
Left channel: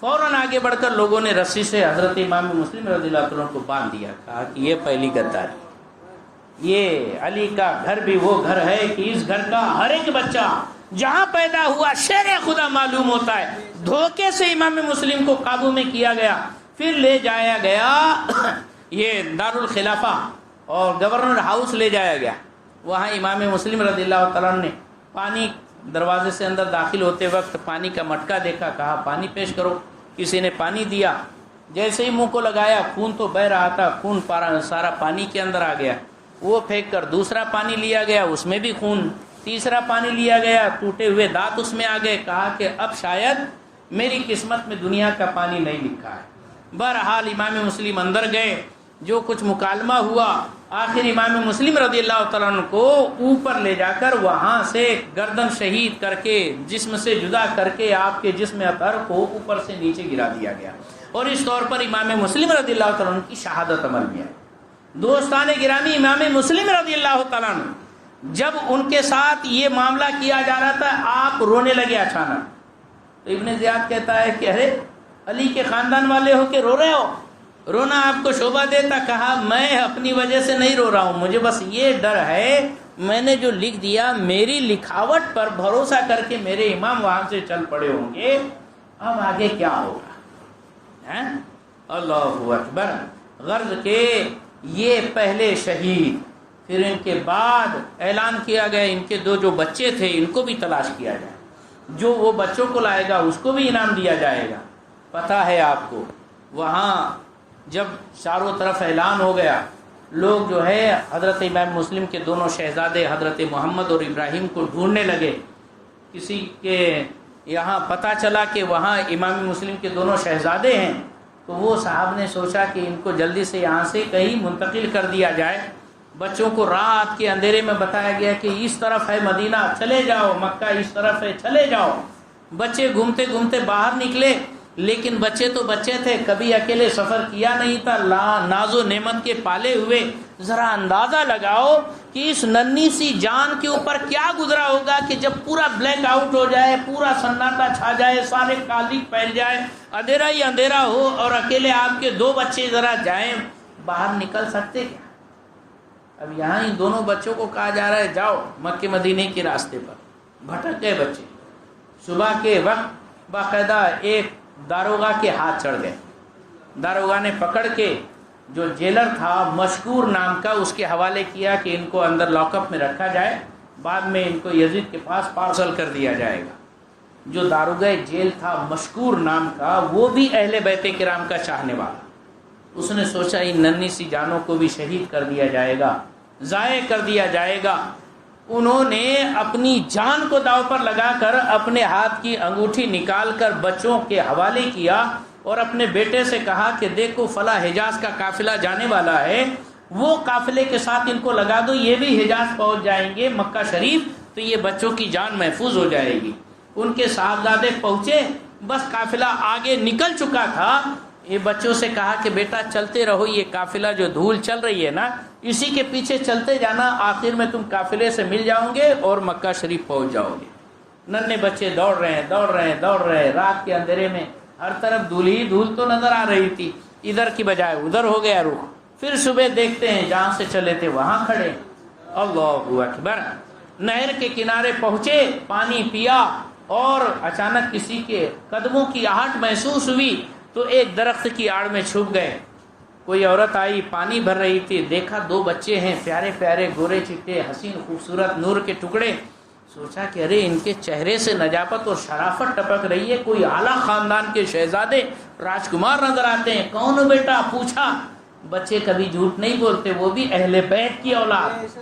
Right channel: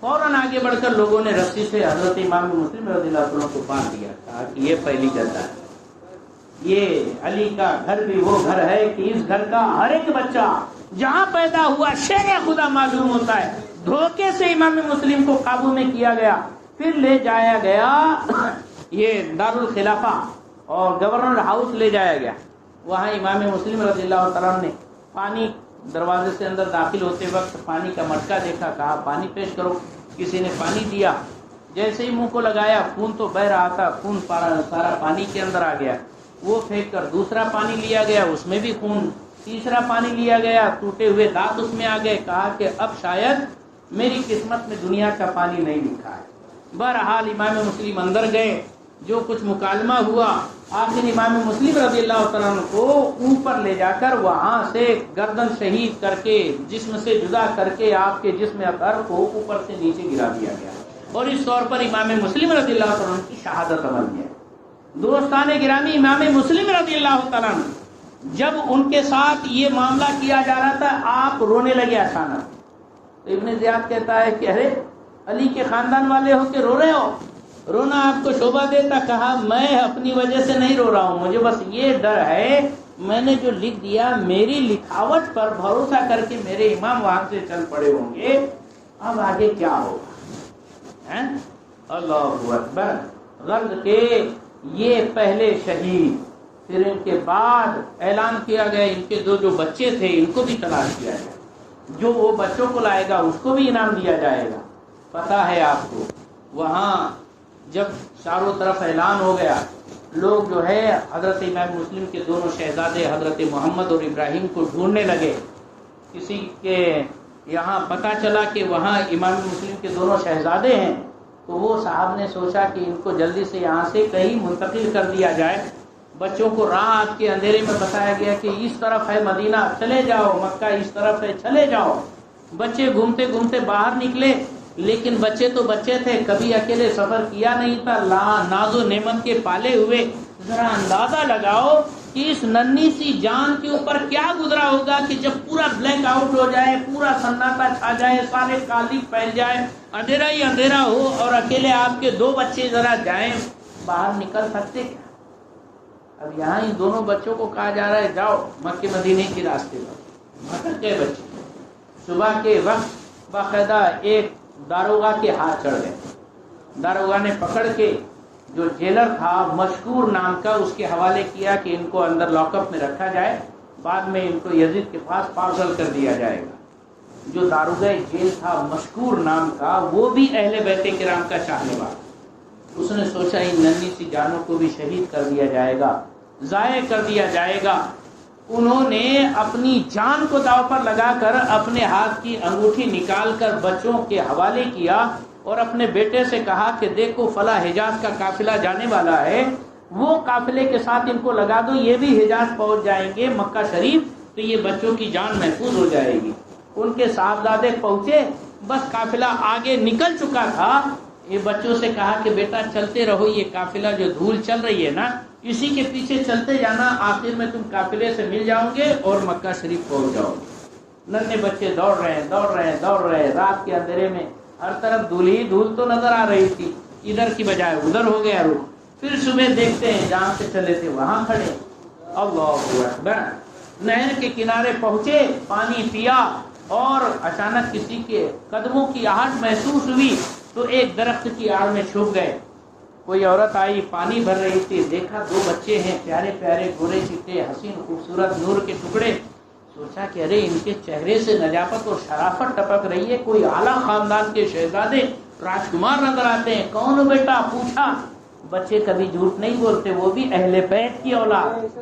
فوراً آگے بڑھ کر لوگوں نے رسی سے حضرت امام مسلم رضی اللہ عنہ کو باندھ دیا. کہا کہ یہ پہلی گدا ہے, یہ علی کا گھر بھی وہ گھر ہے کہ اس گھر کا ہر ایک بچہ جہاں پیدا ہوا شیر خدا معلوم ہوتا ہے. دھوکے سے امام مسلم کو قابو میں کیا گیا, پھر لے جایا گیا یہ دارالخلافہ اور گورنر ہاؤس لے جایا گیا. وہاں امام مسلم رضی اللہ تعالیٰ نے پانی, دروازے سے اندر داخل ہوتے وقت پانی کا مٹکا دیکھا, کہا پانی پیش کرو. کسی نے پانی دیا, جیسے ہی منہ کو لگایا خون تو بہ رہا تھا, خون سارا پانی کے اندر آ گیا. وہ پھینک کر دوسرا پانی لیا گیا, اس میں بھی خون. تیسرا پانی لیا گیا, ٹوٹے ہوئے دانت اس میں آ گئے. کہا کہ اب شاید میری قسمت میں دنیا کا پانی نہیں لکھا ہے. بہرحال امام مسلم اندر گئے, جو کچھ مکالمہ ہوا, آخر امام مسلم رضی اللہ تعالیٰ عنہ کو اوپر لے جا کر وہاں سے گردن شہید کر کے جسم سے جدا کر کے آپ کے جسم اطہر کو اوپر سے نیچے گرا دیا گیا, اور اس طور پر امام مسلم رضی اللہ تعالیٰ عنہ کی شہادت عمل میں ہے. دوستان گرامی, امام مسلم رضی اللہ تعالیٰ عنہ جب ان کے ساتھ یہ معاملہ کیا جا رہا تھا, آپ رونے لگے اچانک. تو ابن زیاد کہتا ہے کہ ارے علی کے خاندان والے ہو کے رو رہے ہو, رونا آپ کو شوبہ دیتا. کہا میں اپنی وجہ سے نہیں رو رہا ہوں, مجھے بس یہ ڈر ہے میں نے جو لکھ دیا میری لکھاوٹ پر بھروسہ کر کے میرے امام وہاں سے چل پڑے ہوں گے, اب آگے کیا ہوگا. اللہ اکبر. غرض کے یہ پہلے شہید, پھر ان کے بعد اعلان کیا گیا ان کے دو جو بچے تھے ان کو بھی تلاش کیا جائے, جو وہ بچوں کو لائے گا اس کو بھی انعام دیا جائے گا. پتہ ہے آپ کو وہاں جب چاروں طرف اعلان ہو گیا, لوگ جو ہے حضرت امام مسلم کے دونوں شہزادے حضرت محمد اور ابراہیم کو ڈھونڈنے لگے. کسی کے یہاں پتہ چلا کہ وہاں امام مسلم کے دونوں شہزادے ہیں, تو وہ صاحب نے سوچا کہ ان کو جلدی سے یہاں سے کہیں منتقل کر دیا جائے. بچوں کو رات کے اندھیرے میں بتایا گیا کہ اس طرف ہے مدینہ چلے جاؤ, مکہ اس طرف ہے چلے جاؤ. بچے گھومتے گھومتے باہر نکلے, لیکن بچے تو بچے تھے, کبھی اکیلے سفر کیا نہیں تھا, ناز و نعمت کے پالے ہوئے. ذرا اندازہ لگاؤ کہ اس ننھی سی جان کے اوپر کیا گزرا ہوگا کہ جب پورا بلینک آؤٹ ہو جائے, پورا سناٹا چھا جائے, سارے کالی پھیل جائے, اندھیرا ہی اندھیرا ہو, اور اکیلے آپ کے دو بچے ذرا جائیں, باہر نکل سکتے کیا؟ اب یہاں ہی دونوں بچوں کو کہا جا رہا ہے جاؤ مکہ مدینے کے راستے پر. بھٹک گئے بچے. صبح کے وقت باقاعدہ ایک داروغہ کے ہاتھ چڑھ گئے. داروغہ نے پکڑ کے جو جیلر تھا مشکور نام کا, اس کے حوالے کیا کہ ان کو اندر لاک اپ میں رکھا جائے, بعد میں ان کو یزید کے پاس پارسل کر دیا جائے گا. جو داروغہ جیل تھا مشکور نام کا, وہ بھی اہل بیت کرام کا چاہنے والا. اس نے سوچا ان ننھی سی جانوں کو بھی شہید کر دیا جائے گا, ضائع کر دیا جائے گا. انہوں نے اپنی جان کو داؤ پر لگا کر اپنے ہاتھ کی انگوٹھی نکال کر بچوں کے حوالے کیا, اور اپنے بیٹے سے کہا کہ دیکھو فلاں حجاز کا قافلہ جانے والا ہے, وہ قافلے کے ساتھ ان کو لگا دو, یہ بھی حجاز پہنچ جائیں گے مکہ شریف, تو یہ بچوں کی جان محفوظ ہو جائے گی. ان کے صاحبزادے پہنچے, بس قافلہ آگے نکل چکا تھا. یہ بچوں سے کہا کہ بیٹا چلتے رہو, یہ قافلہ جو دھول چل رہی ہے نا اسی کے پیچھے چلتے جانا, آخر میں تم قافلے سے مل جاؤ گے اور مکہ شریف پہنچ جاؤ گے. ننھے بچے دوڑ رہے ہیں, دوڑ رہے ہیں, دوڑ رہے ہیں. رات کے اندھیرے میں ہر طرف دھول ہی دھول تو نظر آ رہی تھی, ادھر کی بجائے ادھر ہو گیا رخ. پھر صبح دیکھتے ہیں جہاں سے چلے تھے وہاں کھڑے. اللہ اکبر. نہر کے کنارے پہنچے, پانی پیا, اور اچانک کسی کے قدموں کی آہٹ محسوس ہوئی تو ایک درخت کی آڑ میں چھپ گئے. کوئی عورت آئی, پانی بھر رہی تھی, دیکھا دو بچے ہیں پیارے پیارے گورے چٹے حسین خوبصورت نور کے ٹکڑے. سوچا کہ ارے ان کے چہرے سے نجاپت اور شرافت ٹپک رہی ہے, کوئی اعلیٰ خاندان کے شہزادے راجکمار نظر آتے ہیں. کون ہو بیٹا؟ پوچھا. بچے کبھی جھوٹ نہیں بولتے, وہ بھی اہل بیت کی اولاد,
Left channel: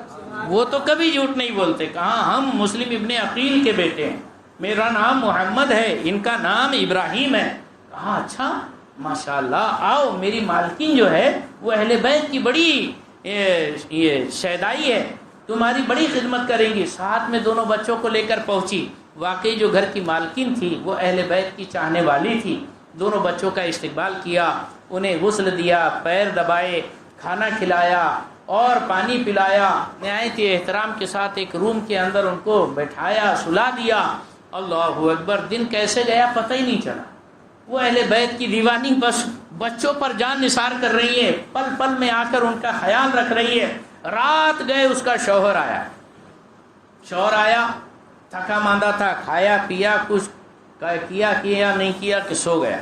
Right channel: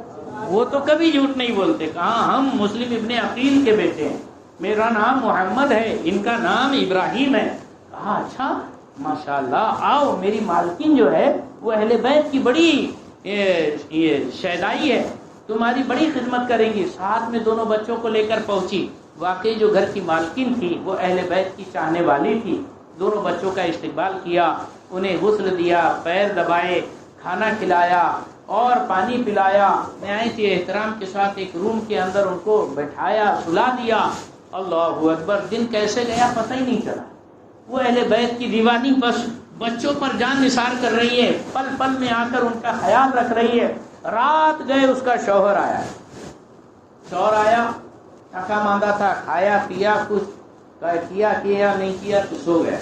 وہ تو کبھی جھوٹ نہیں بولتے. کہاں ہم مسلم ابن عقیل کے بیٹے ہیں, میرا نام محمد ہے, ان کا نام ابراہیم ہے. کہا اچھا ماشاءاللہ, آؤ میری مالکین جو ہے وہ اہل بیت کی بڑی یہ شیدائی ہے, تمہاری بڑی خدمت کریں گی. ساتھ میں دونوں بچوں کو لے کر پہنچی. واقعی جو گھر کی مالکین تھی وہ اہل بیت کی چاہنے والی تھی. دونوں بچوں کا استقبال کیا, انہیں غسل دیا, پیر دبائے, کھانا کھلایا اور پانی پلایا، نہایت احترام کے ساتھ ایک روم کے اندر ان کو بٹھایا، سلا دیا۔ اللہ اکبر، دن کیسے گیا پتہ ہی نہیں چلا۔ وہ اہل بیت کی دیوانی بس بچوں پر جان نثار کر رہی ہے، پل پل میں آ کر ان کا خیال رکھ رہی ہے۔ رات گئے، اس کا شوہر آیا، تھکا ماندہ تھا، کھایا پیا، کچھ کیا نہیں کیا کہ سو گیا۔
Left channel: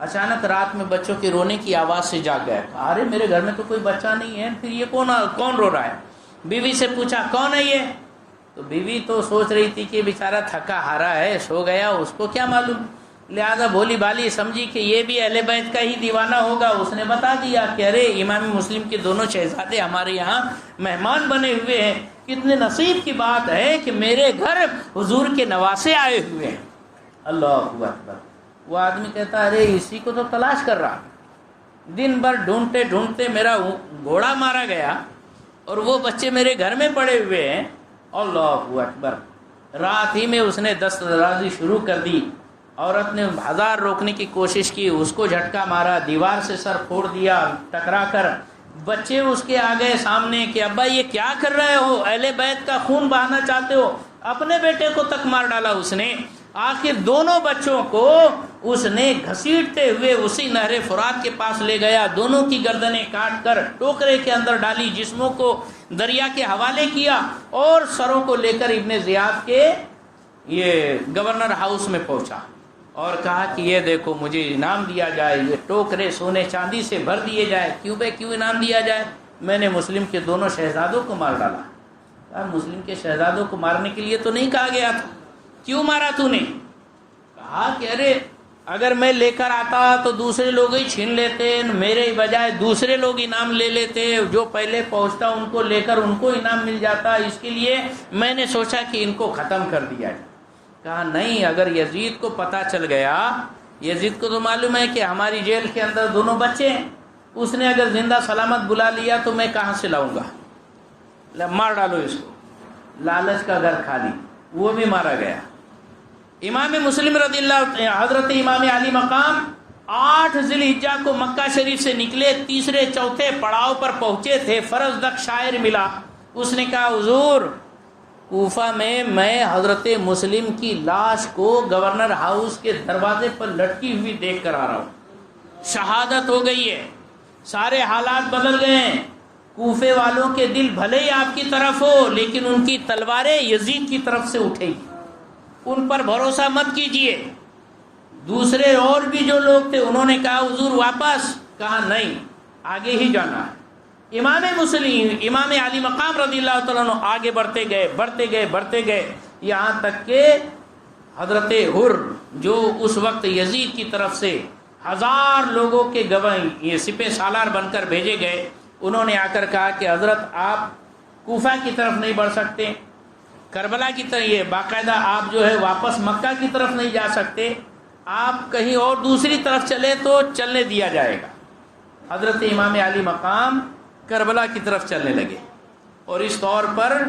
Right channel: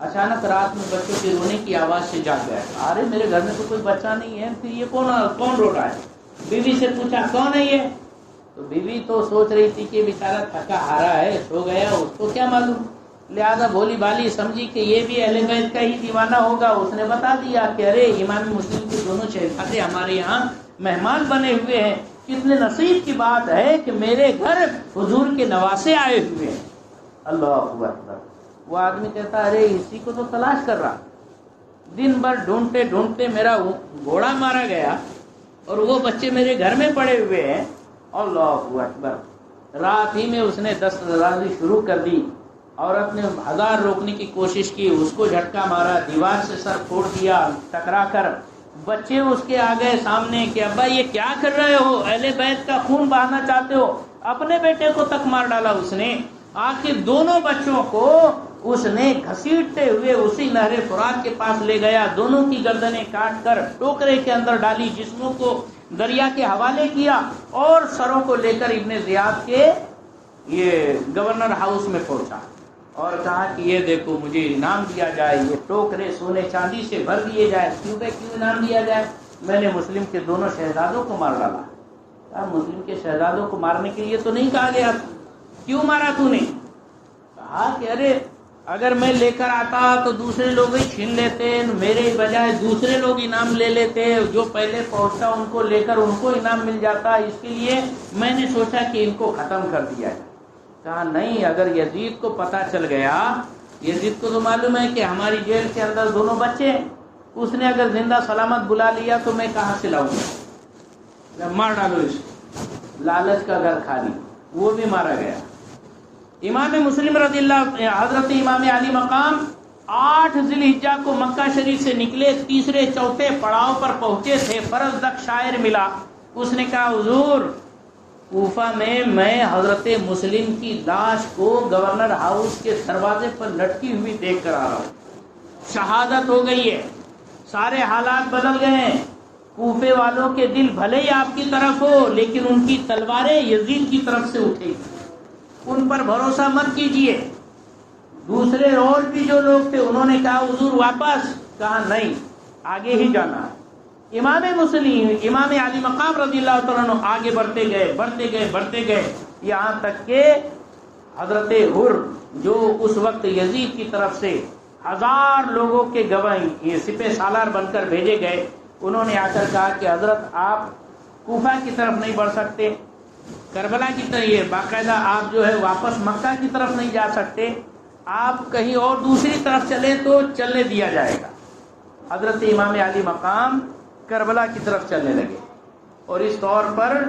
اچانک رات میں بچوں کے رونے کی آواز سے جاگ گیا، ارے میرے گھر میں تو کوئی بچہ نہیں ہے، پھر یہ کون رو رہا ہے؟ بیوی سے پوچھا کون ہے یہ؟ تو بیوی تو سوچ رہی تھی کہ بیچارہ تھکا ہارا ہے، سو گیا، اس کو کیا معلوم، لہذا بھولی بھالی سمجھی کہ یہ بھی اہل بیت کا ہی دیوانہ ہوگا۔ اس نے بتا دیا کہ ارے امام مسلم کے دونوں شہزادے ہمارے یہاں مہمان بنے ہوئے ہیں، کتنے نصیب کی بات ہے کہ میرے گھر حضور کے نواسے آئے ہوئے ہیں۔ اللہ اکبر۔ وہ آدمی کہتا ارے اسی کو تو تلاش کر رہا، دن بھر ڈھونڈتے ڈھونڈتے میرا گھوڑا مارا گیا اور وہ بچے میرے گھر میں پڑے ہوئے ہیں۔ اللہ اکبر۔ رات ہی میں اس نے دست درازی شروع کر دی۔ عورت نے ہزار روکنے کی کوشش کی، اس کو جھٹکا مارا، دیوار سے سر پھوڑ دیا ٹکرا کر۔ بچے اس کے آ گئے سامنے کہ ابا یہ کیا کر رہے ہو، اہل بیت کا خون بہانا چاہتے ہو؟ اپنے بیٹے کو تک مار ڈالا اس نے۔ آخر دونوں بچوں کو اس نے گھسیٹتے ہوئے اسی نہر فرات کے پاس لے گیا، دونوں کی گردنیں کاٹ کر ٹوکرے کے اندر ڈالی، جسموں کو دریا کے حوالے کیا اور سروں کو لے کر ابن زیاد کے یہ گورنر ہاؤس میں پہنچا اور کہا کہ یہ دیکھو مجھے انعام دیا جائے، یہ ٹوکرے سونے چاندی سے بھر دیے جائے۔ کیوں انعام دیا جائے؟ میں نے مسلم کے دونوں شہزادوں کو مار ڈالا۔ کہا مسلم کے شہزادوں کو مارنے کے لیے تو نہیں کہا گیا تھا، کیوں مارا تو نے؟ کہا کہ ارے اگر میں لے کر آتا تو دوسرے لوگ ہی چھین لیتے، میرے بجائے دوسرے لوگ انعام لے لیتے، جو پہلے پہنچتا ان کو لے کر ان کو انعام مل جاتا، اس کے لیے میں نے سوچا کہ ان کو ختم کر دیا ہے۔ کہا نہیں، اگر یزید کو پتہ چل گیا، یزید کو تو معلوم ہے کہ ہماری جیل کے اندر دونوں بچے ہیں، اس نے اگر زندہ سلامت بلا لیا تو میں کہاں سے لاؤں گا، مار ڈالو اس کو۔ لالچ کا گھر خالی، وہ بھی مارا گیا۔ امام مسلم رضی اللہ، حضرت امام علی مقام 8 ذی الحجہ کو مکہ شریف سے نکلے، تیسرے چوتھے پڑاؤ پر پہنچے تھے، فرزدق شاعر ملا، اس نے کہا حضور کوفہ میں حضرت مسلم کی لاش کو گورنر ہاؤس کے دروازے پر لٹکی ہوئی دیکھ کر آ رہا ہوں، شہادت ہو گئی ہے، سارے حالات بدل گئے ہیں، کوفے والوں کے دل بھلے ہی آپ کی طرف ہو لیکن ان کی تلواریں یزید کی طرف سے اٹھیں، ان پر بھروسہ مت کیجیے۔ دوسرے اور بھی جو لوگ تھے انہوں نے کہا حضور واپس، کہا نہیں آگے ہی جانا ہے۔ امام مسلم امام علی مقام رضی اللہ تعالیٰ عنہ آگے بڑھتے گئے یہاں تک کہ حضرت حر جو اس وقت یزید کی طرف سے 1000 لوگوں کے گواہ یہ سپہ سالار بن کر بھیجے گئے، انہوں نے آ کر کہا کہ حضرت آپ کوفہ کی طرف نہیں بڑھ سکتے، کربلا کی طرف، یہ باقاعدہ آپ جو ہے واپس مکہ کی طرف نہیں جا سکتے، آپ کہیں اور دوسری طرف چلے تو چلنے دیا جائے گا۔ حضرت امام علی مقام کربلا کی طرف چلنے لگے اور اس طور پر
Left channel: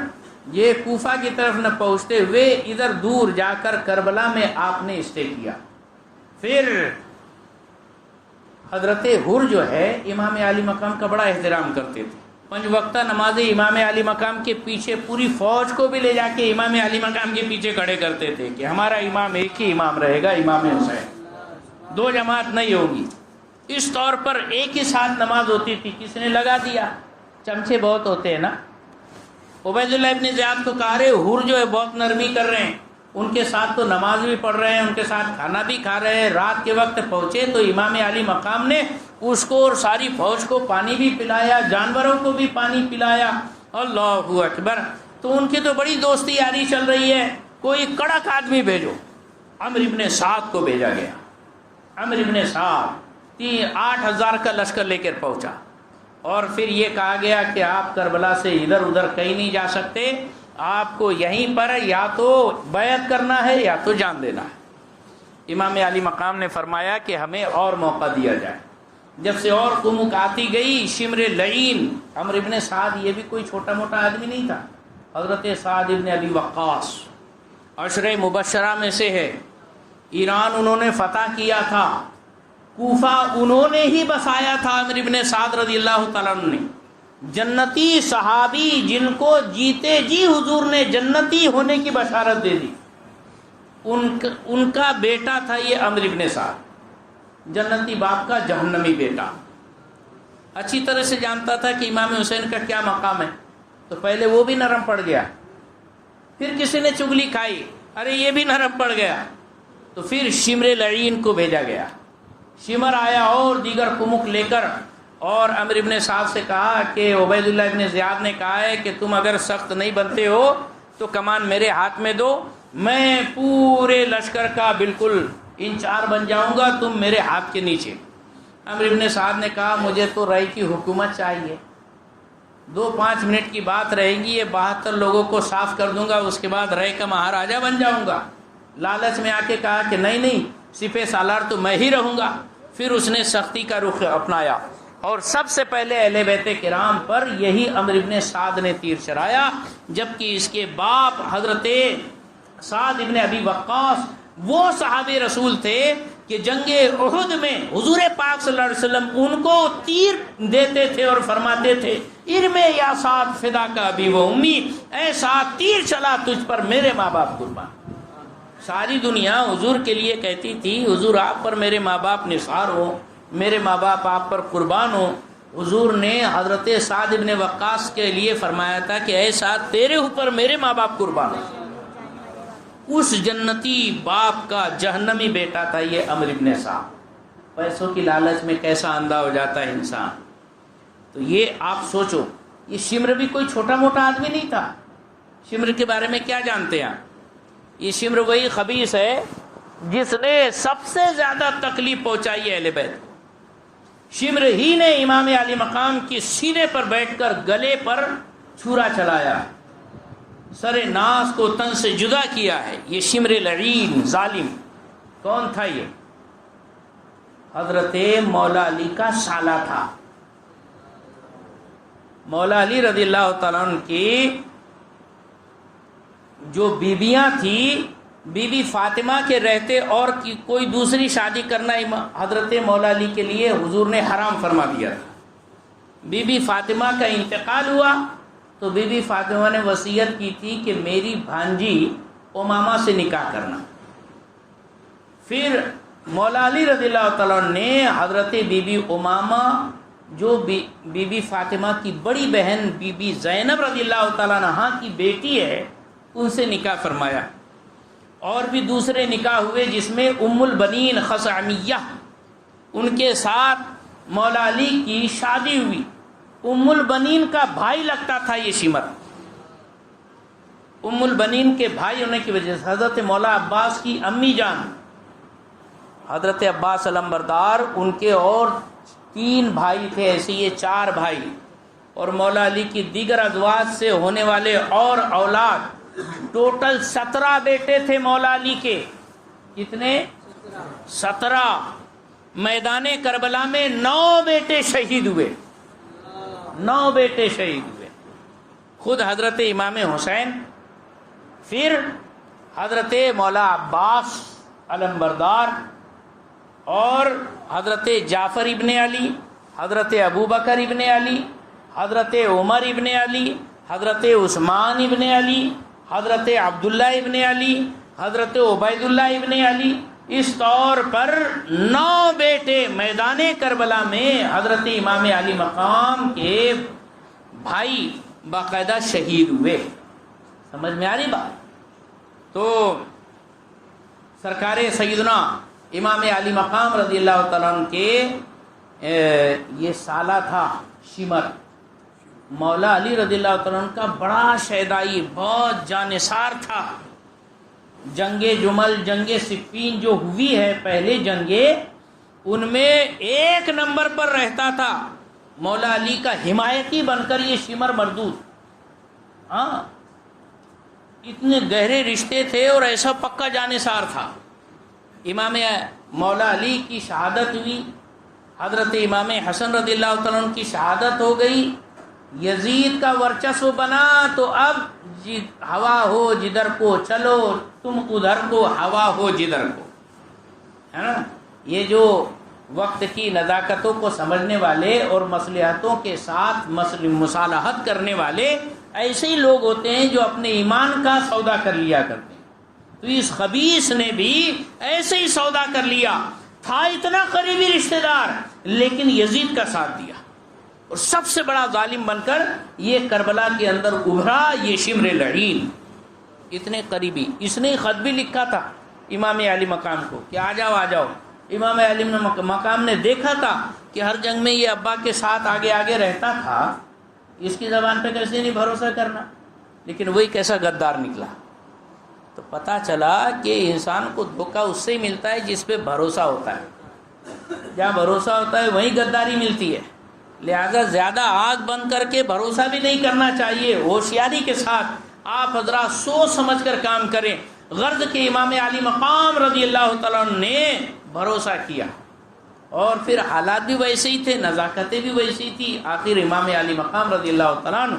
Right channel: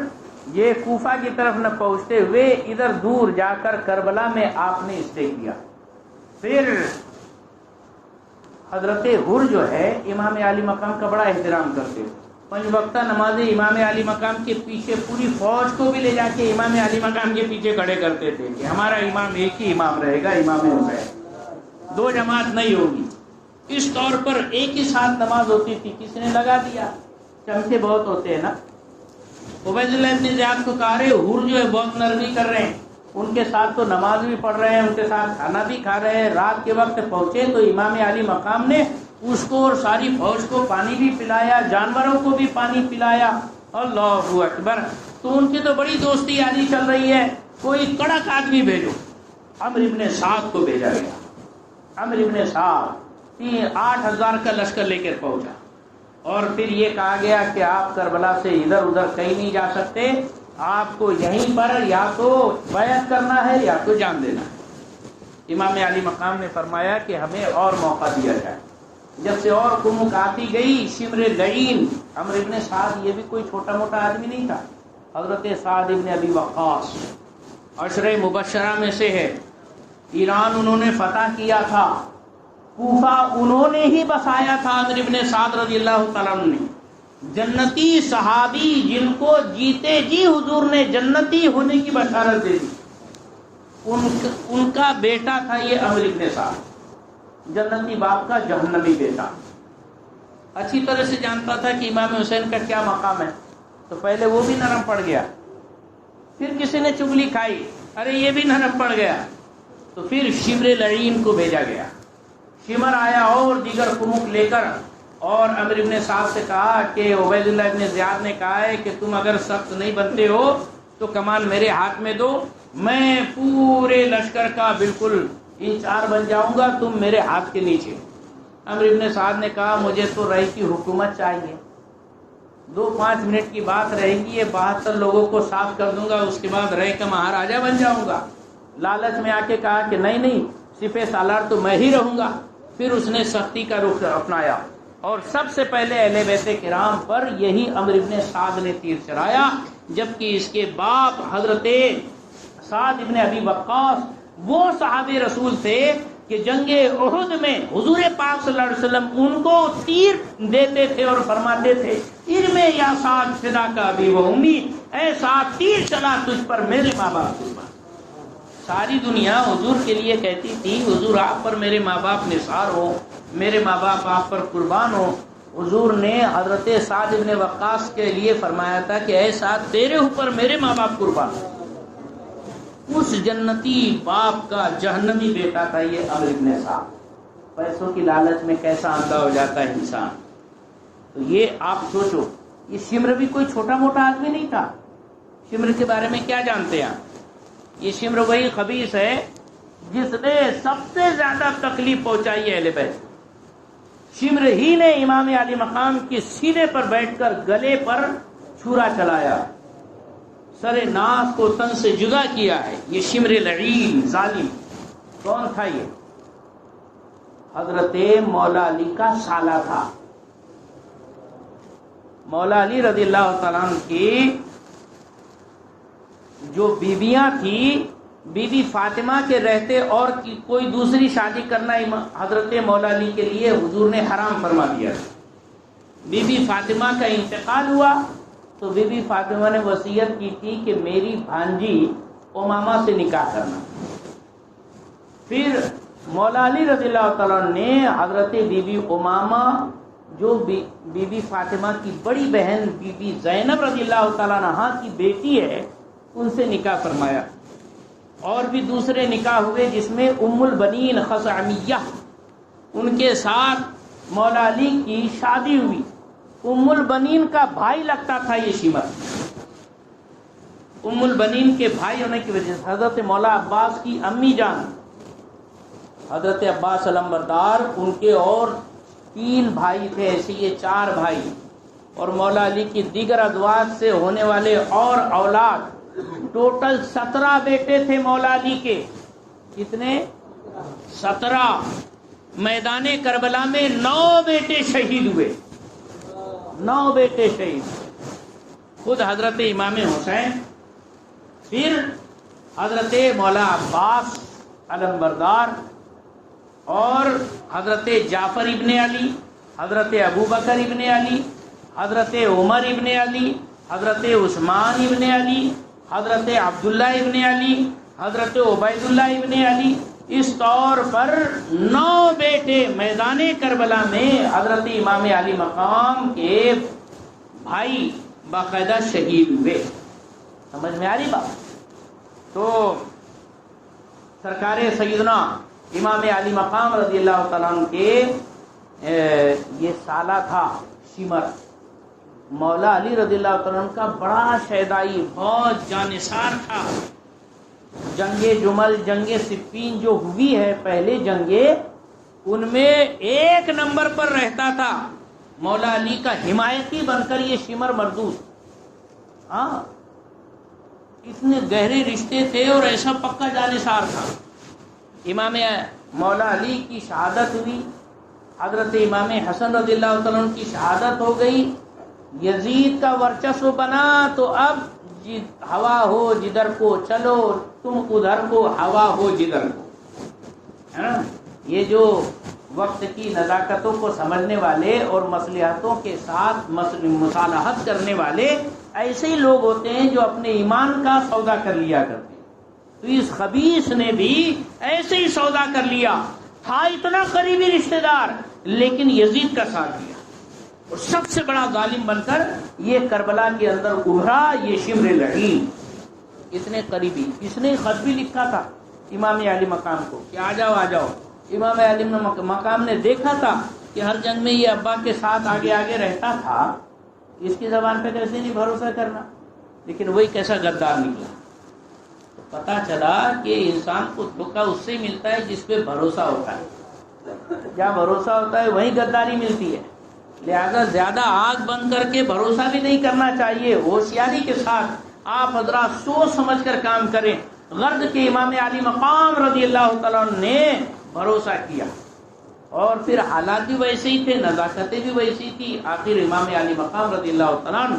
یہ کوفہ کی طرف نہ پہنچتے ہوئے ادھر دور جا کر کربلا میں آپ نے اسٹے کیا۔ پھر حضرت حر جو ہے امام علی مقام کا بڑا احترام کرتے تھے، 5 وقتہ نماز امام علی مقام کے پیچھے پوری فوج کو بھی لے جا کے امام علی مقام کے پیچھے کھڑے کرتے تھے کہ ہمارا امام ایک ہی امام رہے گا، امام حسین، 2 جماعت نہیں ہوگی۔ اس طور پر ایک ہی ساتھ نماز ہوتی تھی۔ کس نے لگا دیا؟ چمچے بہت ہوتے ہیں نا۔ عبید اللہ ابن زیاد کو کہا رہے حر جو ہے بہت نرمی کر رہے ہیں، ان کے ساتھ تو نماز بھی پڑھ رہے ہیں، ان کے ساتھ کھانا بھی کھا رہے ہیں۔ رات کے وقت پہنچے تو امام علی مقام نے اس کو اور ساری فوج کو پانی بھی پلایا، جانوروں کو بھی پانی پلایا۔ اللہ اکبر۔ تو ان کی تو بڑی دوستی یاری چل رہی ہے، کوئی کڑک آدمی بھیجو۔ عمرو ابن سعد کو بھیجا گیا۔ عمرو ابن سعد 8000 کا لشکر لے کر پہنچا اور پھر یہ کہا گیا کہ آپ کربلا سے ادھر ادھر کہیں نہیں جا سکتے، آپ کو یہیں پر یا تو بیعت کرنا ہے یا تو جان دینا ہے۔ امام علی مقام نے فرمایا کہ ہمیں اور موقع دیا جائے۔ جب سے اور کمک آتی گئی، شمر لعین، عمرو ابن سعد یہ بھی کوئی چھوٹا موٹا آدمی نہیں تھا، حضرت سعد ابن ابی وقاص 10 مبشرہ میں سے ہے۔ ایران انہوں نے فتح کیا تھا، کوفہ انہوں نے ہی بسایا تھا، عامر ابن سعد رضی اللہ تعالیٰ عنہ نے، جنتی صحابی جن کو جیتے جی حضور نے جنتی ہونے کی بشارت دے دی، ان کا بیٹا تھا یہ عامر ابن سعد، جنتی باپ کا جہنمی بیٹا۔ اچھی طرح سے جانتا تھا کہ امام حسین کا کیا مقام ہے، تو پہلے وہ بھی نرم پڑ گیا، پھر کسی نے چغلی کھائی، ارے یہ بھی نرم پڑ گیا، تو پھر شمر لعین کو بھیجا گیا۔ شمر آیا اور دیگر کمک لے کر، اور عمرو ابن سعد سے کہا کہ عبید اللہ ابن زیاد نے کہا ہے کہ تم اگر سخت نہیں بنتے ہو تو کمان میرے ہاتھ میں دو، میں پورے لشکر کا بالکل انچارج بن جاؤں گا، تم میرے ہاتھ کے نیچے۔ عمرو ابن سعد نے کہا مجھے تو رائے کی حکومت چاہیے، 2-5 منٹ کی بات رہیں گی، یہ 72 لوگوں کو صاف کر دوں گا، اس کے بعد رائے کا مہاراجا بن جاؤں گا۔ لالچ میں آ کے کہا کہ نہیں سپہ سالار تو میں ہی رہوں گا۔ پھر اس نے سختی کا رخ اپنایا، اور سب سے پہلے اہل بیت کرام پر یہی عمرو ابن سعد نے تیر چلایا، جبکہ اس کے باپ حضرت سعد ابن ابی وقاص وہ صحابی رسول تھے کہ جنگ احد میں حضور پاک صلی اللہ علیہ وسلم ان کو تیر دیتے تھے اور فرماتے تھے ارمے یا سعد فدا کا ابی و امی، اے سعد تیر چلا تجھ پر میرے ماں باپ قربان۔ ساری دنیا حضور کے لیے کہتی تھی حضور آپ پر میرے ماں باپ نثار ہو، میرے ماں باپ آپ پر قربان ہو۔ حضور نے حضرت سعد ابن وقاص کے لیے فرمایا تھا کہ اے سعد تیرے اوپر میرے ماں باپ قربان ہو۔ اس جنتی باپ کا جہنمی بیٹا تھا یہ عمرو ابن سعد۔ پیسوں کی لالچ میں کیسا اندھا ہو جاتا ہے انسان۔ تو یہ آپ سوچو، یہ شمر بھی کوئی چھوٹا موٹا آدمی نہیں تھا۔ شمر کے بارے میں کیا جانتے ہیں آپ؟ یہ شمر وہی خبیث ہے جس نے سب سے زیادہ تکلیف پہنچائی ہے اہل بیت۔ شمر ہی نے امام علی مقام کی سینے پر بیٹھ کر گلے پر چھرا چلایا ہے، سر ناس کو تن سے جدا کیا ہے۔ یہ شمر لعین ظالم کون تھا؟ یہ حضرت مولا علی کا سالہ تھا۔ مولا علی رضی اللہ تعالیٰ عنہ کی جو بیویاں تھیں، بی بی فاطمہ کے رہتے اور کوئی دوسری شادی کرنا حضرت مولا علی کے لیے حضور نے حرام فرما دیا۔ بی بی فاطمہ کا انتقال ہوا تو بی بی فاطمہ نے وصیت کی تھی کہ میری بھانجی امامہ سے نکاح کرنا۔ پھر مولا علی رضی اللہ تعالیٰ نے حضرت بی بی امامہ جو بی بی فاطمہ کی بڑی بہن بی بی زینب رضی اللہ تعالیٰ عنہا کی بیٹی ہے، ان سے نکاح فرمایا۔ اور بھی دوسرے نکاح ہوئے جس میں ام البنین خثعمیہ، ان کے ساتھ مولا علی کی شادی ہوئی۔ ام البنین کا بھائی لگتا تھا یہ شمر۔ ام البنین کے بھائی ہونے کی وجہ سے حضرت مولا عباس کی امی جان حضرت عباس علمبردار، ان کے اور 3 بھائی تھے، ایسے یہ 4 بھائی، اور مولا علی کی دیگر ازواج سے ہونے والے اور اولاد، ٹوٹل 17 بیٹے تھے مولا علی کے۔ کتنے؟ 17۔ میدان کربلا میں 9 بیٹے شہید ہوئے، 9 بیٹے شہید ہوئے، خود حضرت امام حسین، پھر حضرت مولا عباس علمبردار، اور حضرت جعفر ابن علی، حضرت ابوبکر ابن علی، حضرت عمر ابن علی، حضرت عثمان ابن علی، حضرت عبداللہ ابن علی، حضرت عبید اللہ ابن علی۔ اس طور پر 9 بیٹے میدان کربلا میں حضرت امام علی مقام کے بھائی باقاعدہ شہید ہوئے۔ سمجھ میں آ رہی بات؟ تو سرکار سیدنا امام علی مقام رضی اللہ تعالیٰ عنہ کے یہ سالہ تھا شمر۔ مولا علی رضی اللہ تعالیٰ عنہ کا بڑا شیدائی، بہت جانثار تھا۔ جنگ جمل، جنگ صفین جو ہوئی ہے پہلے جنگیں، ان میں 1 نمبر پر رہتا تھا مولا علی کا حمایتی بن کر یہ شمر مردود۔ ہاں، اتنے گہرے رشتے تھے اور ایسا پکا جانثار تھا۔ امام مولا علی کی شہادت ہوئی، حضرت امام حسن رضی اللہ تعالیٰ عنہ کی شہادت ہو گئی، یزید کا ورچسو بنا، تو اب ہوا ہو جدھر کو چلو، تم ادھر کو، ہوا ہو جدھر کو۔ یہ جو وقت کی نزاکتوں کو سمجھنے والے اور مصلحتوں کے ساتھ مصالحت کرنے والے ایسے ہی لوگ ہوتے ہیں جو اپنے ایمان کا سودا کر لیا کرتے ہیں. تو اس خبیث نے بھی ایسے ہی سودا کر لیا. تھا اتنا قریبی رشتہ دار لیکن یزید کا ساتھ دیا اور سب سے بڑا ظالم بن کر یہ کربلا کے اندر ابھرا. یہ شمر لعین اتنے قریبی. اس نے خط بھی لکھا تھا امام علی مقام کو کہ آ جاؤ آ جاؤ. امام علی مقام نے دیکھا تھا کہ ہر جنگ میں یہ ابا کے ساتھ آگے آگے رہتا تھا, اس کی زبان پہ کیسے نہیں بھروسہ کرنا, لیکن وہی کیسا غدار نکلا. تو پتہ چلا کہ انسان کو دھوکہ اس سے ہی ملتا ہے جس پہ بھروسہ ہوتا ہے. جہاں بھروسہ ہوتا ہے وہیں غداری ملتی ہے. لہذا زیادہ آگ بند کر کے بھروسہ بھی نہیں کرنا چاہیے. ہوشیاری کے ساتھ آپ حضرات سوچ سمجھ کر کام کریں. غرض کے امام علی مقام رضی اللہ تعالیٰ عنہ نے بھروسہ کیا اور پھر حالات بھی ویسے ہی تھے, نزاکتیں بھی ویسی ہی تھی. آخر امام علی مقام رضی اللہ تعالیٰ عنہ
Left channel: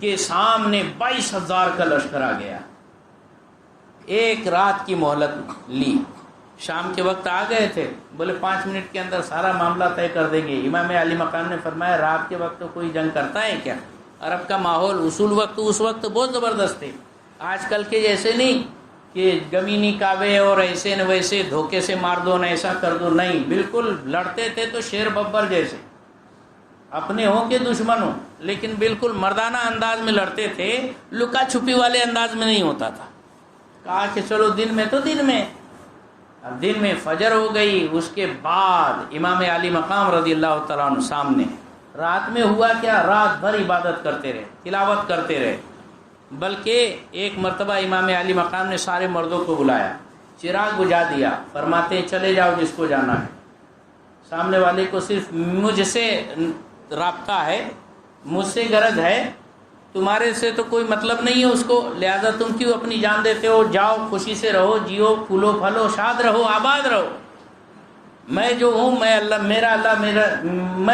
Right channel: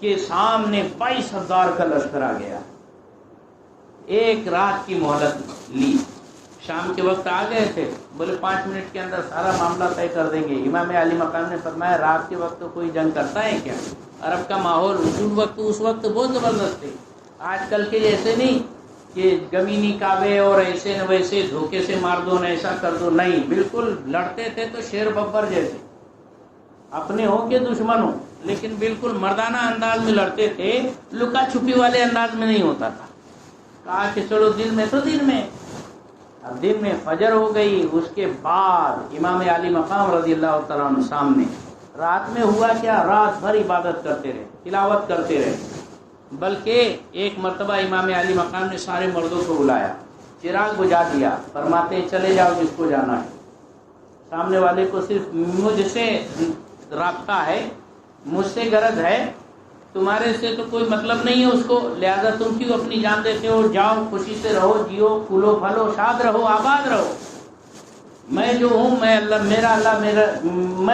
کے سامنے 22,000 کا لشکر آ گیا. ایک رات کی مہلت لی. شام کے وقت آ گئے تھے, بولے 5 منٹ کے اندر سارا معاملہ طے کر دیں گے. امام علی مقام نے فرمایا رات کے وقت کوئی جنگ کرتا ہے کیا؟ عرب کا ماحول اصول وقت اس وقت بہت زبردست تھے. آج کل کے جیسے نہیں کہ گمینی کعوے اور ایسے نہ ویسے دھوکے سے مار دو نہ ایسا کر دو. نہیں, بالکل لڑتے تھے تو شیر ببر جیسے, اپنے ہو کے دشمن ہو, لیکن بالکل مردانہ انداز میں لڑتے تھے. لکا چھپی والے انداز میں نہیں ہوتا تھا. کہا کہ چلو دن میں تو دن میں. اب دن میں فجر ہو گئی. اس کے بعد امام علی مقام رضی اللہ تعالیٰ عنہ سامنے. رات میں ہوا کیا, رات بھر عبادت کرتے رہے, تلاوت کرتے رہے. بلکہ ایک مرتبہ امام علی مقام نے سارے مردوں کو بلایا, چراغ بجھا دیا, فرماتے چلے جاؤ جس کو جانا ہے. سامنے والے کو صرف مجھ سے رابطہ ہے, مجھ سے غرض ہے, تمہارے سے تو کوئی مطلب نہیں ہے اس کو. لہذا تم کیوں اپنی جان دیتے ہو؟ جاؤ, خوشی سے رہو, جیو, پھولو پھلو, شاد رہو, آباد رہو. میں جو ہوں, میں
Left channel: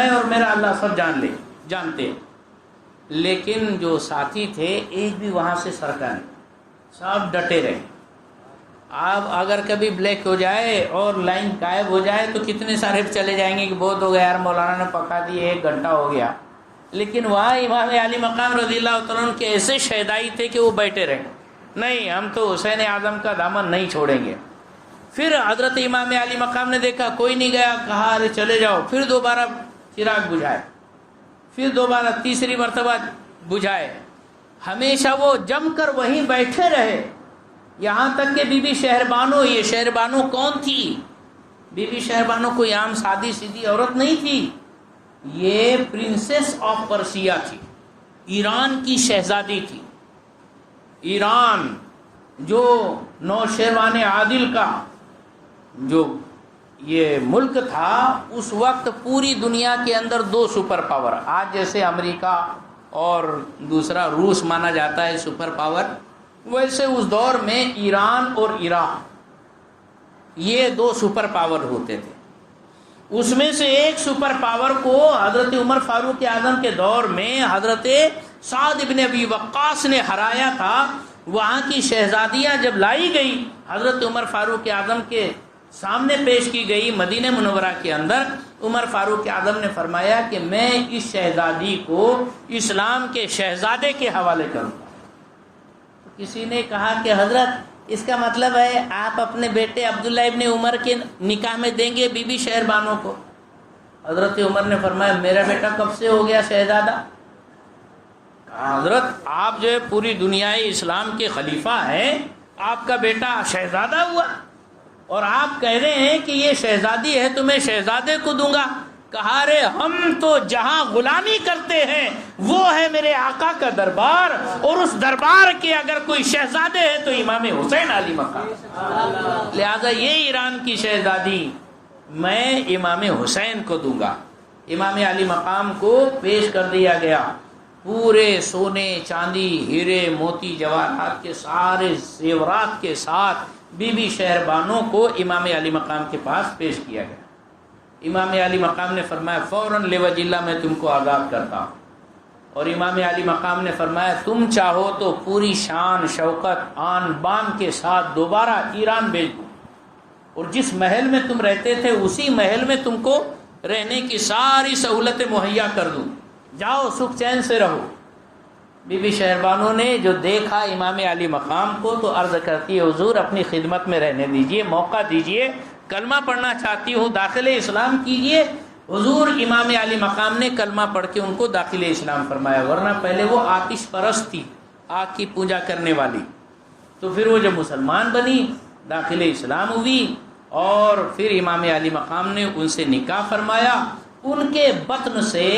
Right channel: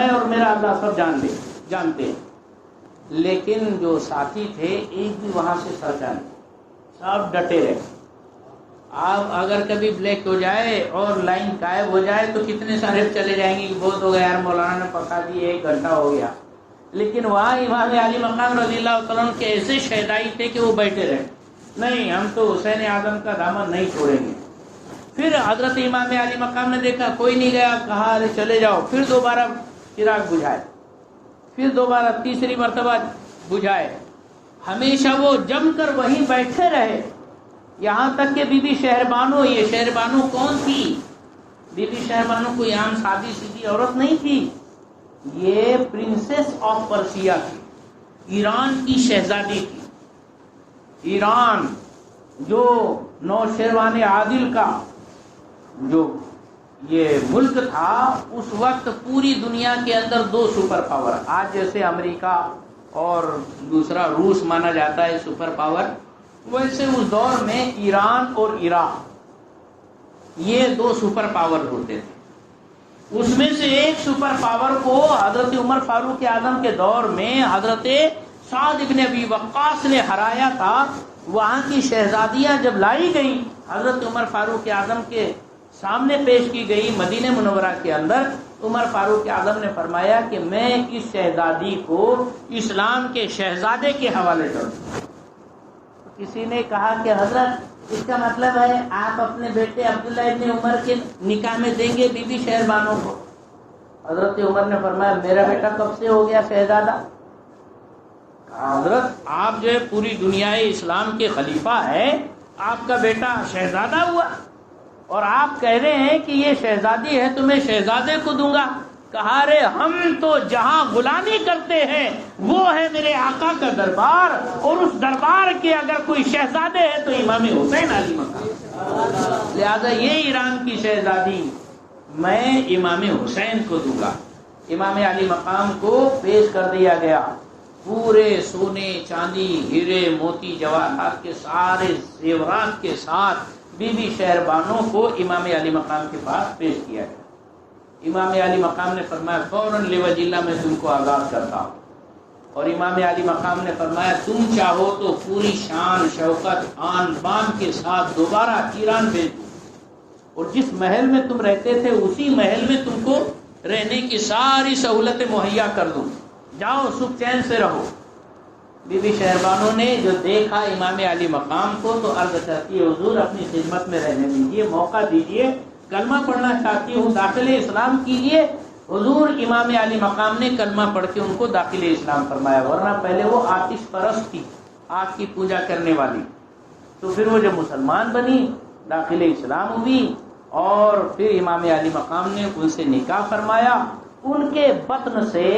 اور میرا اللہ سب جانتے ہیں. لیکن جو ساتھی تھے ایک بھی وہاں سے سرکا نہیں, سب ڈٹے رہے. آپ اگر کبھی بلیک ہو جائے اور لائن غائب ہو جائے تو کتنے سارے چلے جائیں گے کہ بہت ہو گیا یار, مولانا نے پکا دی, 1 گھنٹہ ہو گیا. لیکن وہاں امام علی مقام رضی اللہ تعالیٰ عنہ کے ایسے شہدائی تھے کہ وہ بیٹھے رہے. نہیں, ہم تو حسین اعظم کا دامن نہیں چھوڑیں گے. پھر حضرت امام علی مقام نے دیکھا کوئی نہیں گیا, کہا ارے چلے جاؤ. پھر دوبارہ چراغ بجھائے, پھر دوبارہ تیسری مرتبہ بجھائے. ہمیشہ وہ جم کر وہیں بیٹھے رہے, یہاں تک کہ بی بی شہربانو, یہ شہربانو کون تھی؟ بی بی شہربانو کوئی عام سادی سیدھی عورت نہیں تھی, یہ پرنسس آف پرسیا تھی, ایران کی شہزادی تھی. ایران جو نوشیروان عادل کا جو یہ ملک تھا, اس وقت پوری دنیا کے اندر 2 سپر پاور, آج جیسے امریکہ اور دوسرا روس مانا جاتا ہے سپر پاور, ویسے اس دور میں ایران اور عراق یہ 2 سپر پاور ہوتے تھے. اس میں سے ایک سپر پاور کو حضرت عمر فاروق اعظم کے دور میں حضرت سعد ابن ابی وقاص نے ہرایا تھا. وہاں کی شہزادیاں جب لائی گئی, حضرت عمر فاروق اعظم کے سامنے پیش کی گئی مدینہ منورہ کے اندر, عمر فاروق اعظم نے فرمایا کہ میں اس شہزادی کو اسلام کے شہزادے کے حوالے کروں. کسی نے کہا کہ حضرت اس کا مطلب ہے آپ اپنے بیٹے عبداللہ ابن عمر کے نکاح میں دیں گے بی بی شہربانو کو. حضرت عمر نے فرمایا میرا بیٹا کب سے ہو گیا شہزادہ؟ حضرت آپ جو ہے پوری دنیا اسلام کے خلیفہ ہے, آپ کا بیٹا شہزادہ ہوا اور آپ کہہ رہے ہیں کہ یہ شہزادی ہے تو میں شہزادے کو دوں گا. کہا رے ہم تو جہاں غلامی کرتے ہیں وہ ہے میرے آقا کا دربار, اور اس دربار کے اگر کوئی شہزادے ہے تو امام حسین علی مقام. لہذا یہ ایران کی شہزادی میں امام حسین کو دوں گا. امام علی مقام کو پیش کر دیا گیا, پورے سونے چاندی ہیرے موتی جواہرات کے سارے زیورات کے ساتھ بی بی شہربانو کو امام علی مقام کے پاس پیش کیا گیا. امام علی مقام نے فرمایا فوراً لوجہ اللہ میں تم کو آزاد کرتا ہوں. اور امام علی مقام نے فرمایا تم چاہو تو پوری شان شوکت آن بان کے ساتھ دوبارہ ایران بھیج دوں. اور جس محل میں تم رہتے تھے اسی محل میں تم کو رہنے کی ساری سہولتیں مہیا کر دوں، جاؤ سکھ چین سے رہو۔ بی بی شہربانو نے جو دیکھا امام علی مقام کو تو عرض کرتی ہے حضور اپنی خدمت میں رہنے دیجئے، موقع دیجئے، کلمہ پڑھنا چاہتی ہوں، داخل اسلام کیجئے۔ حضور امام علی مقام نے کلمہ پڑھ کے ان کو داخل اسلام فرمایا، ورنہ پہلے وہ آتش پرست تھی، آگ کی پوجا کرنے والی۔ تو پھر وہ جب مسلمان بنی، داخل اسلام ہوئی، اور پھر امام علی مقام نے ان سے نکاح فرمایا۔ ان کے بطن سے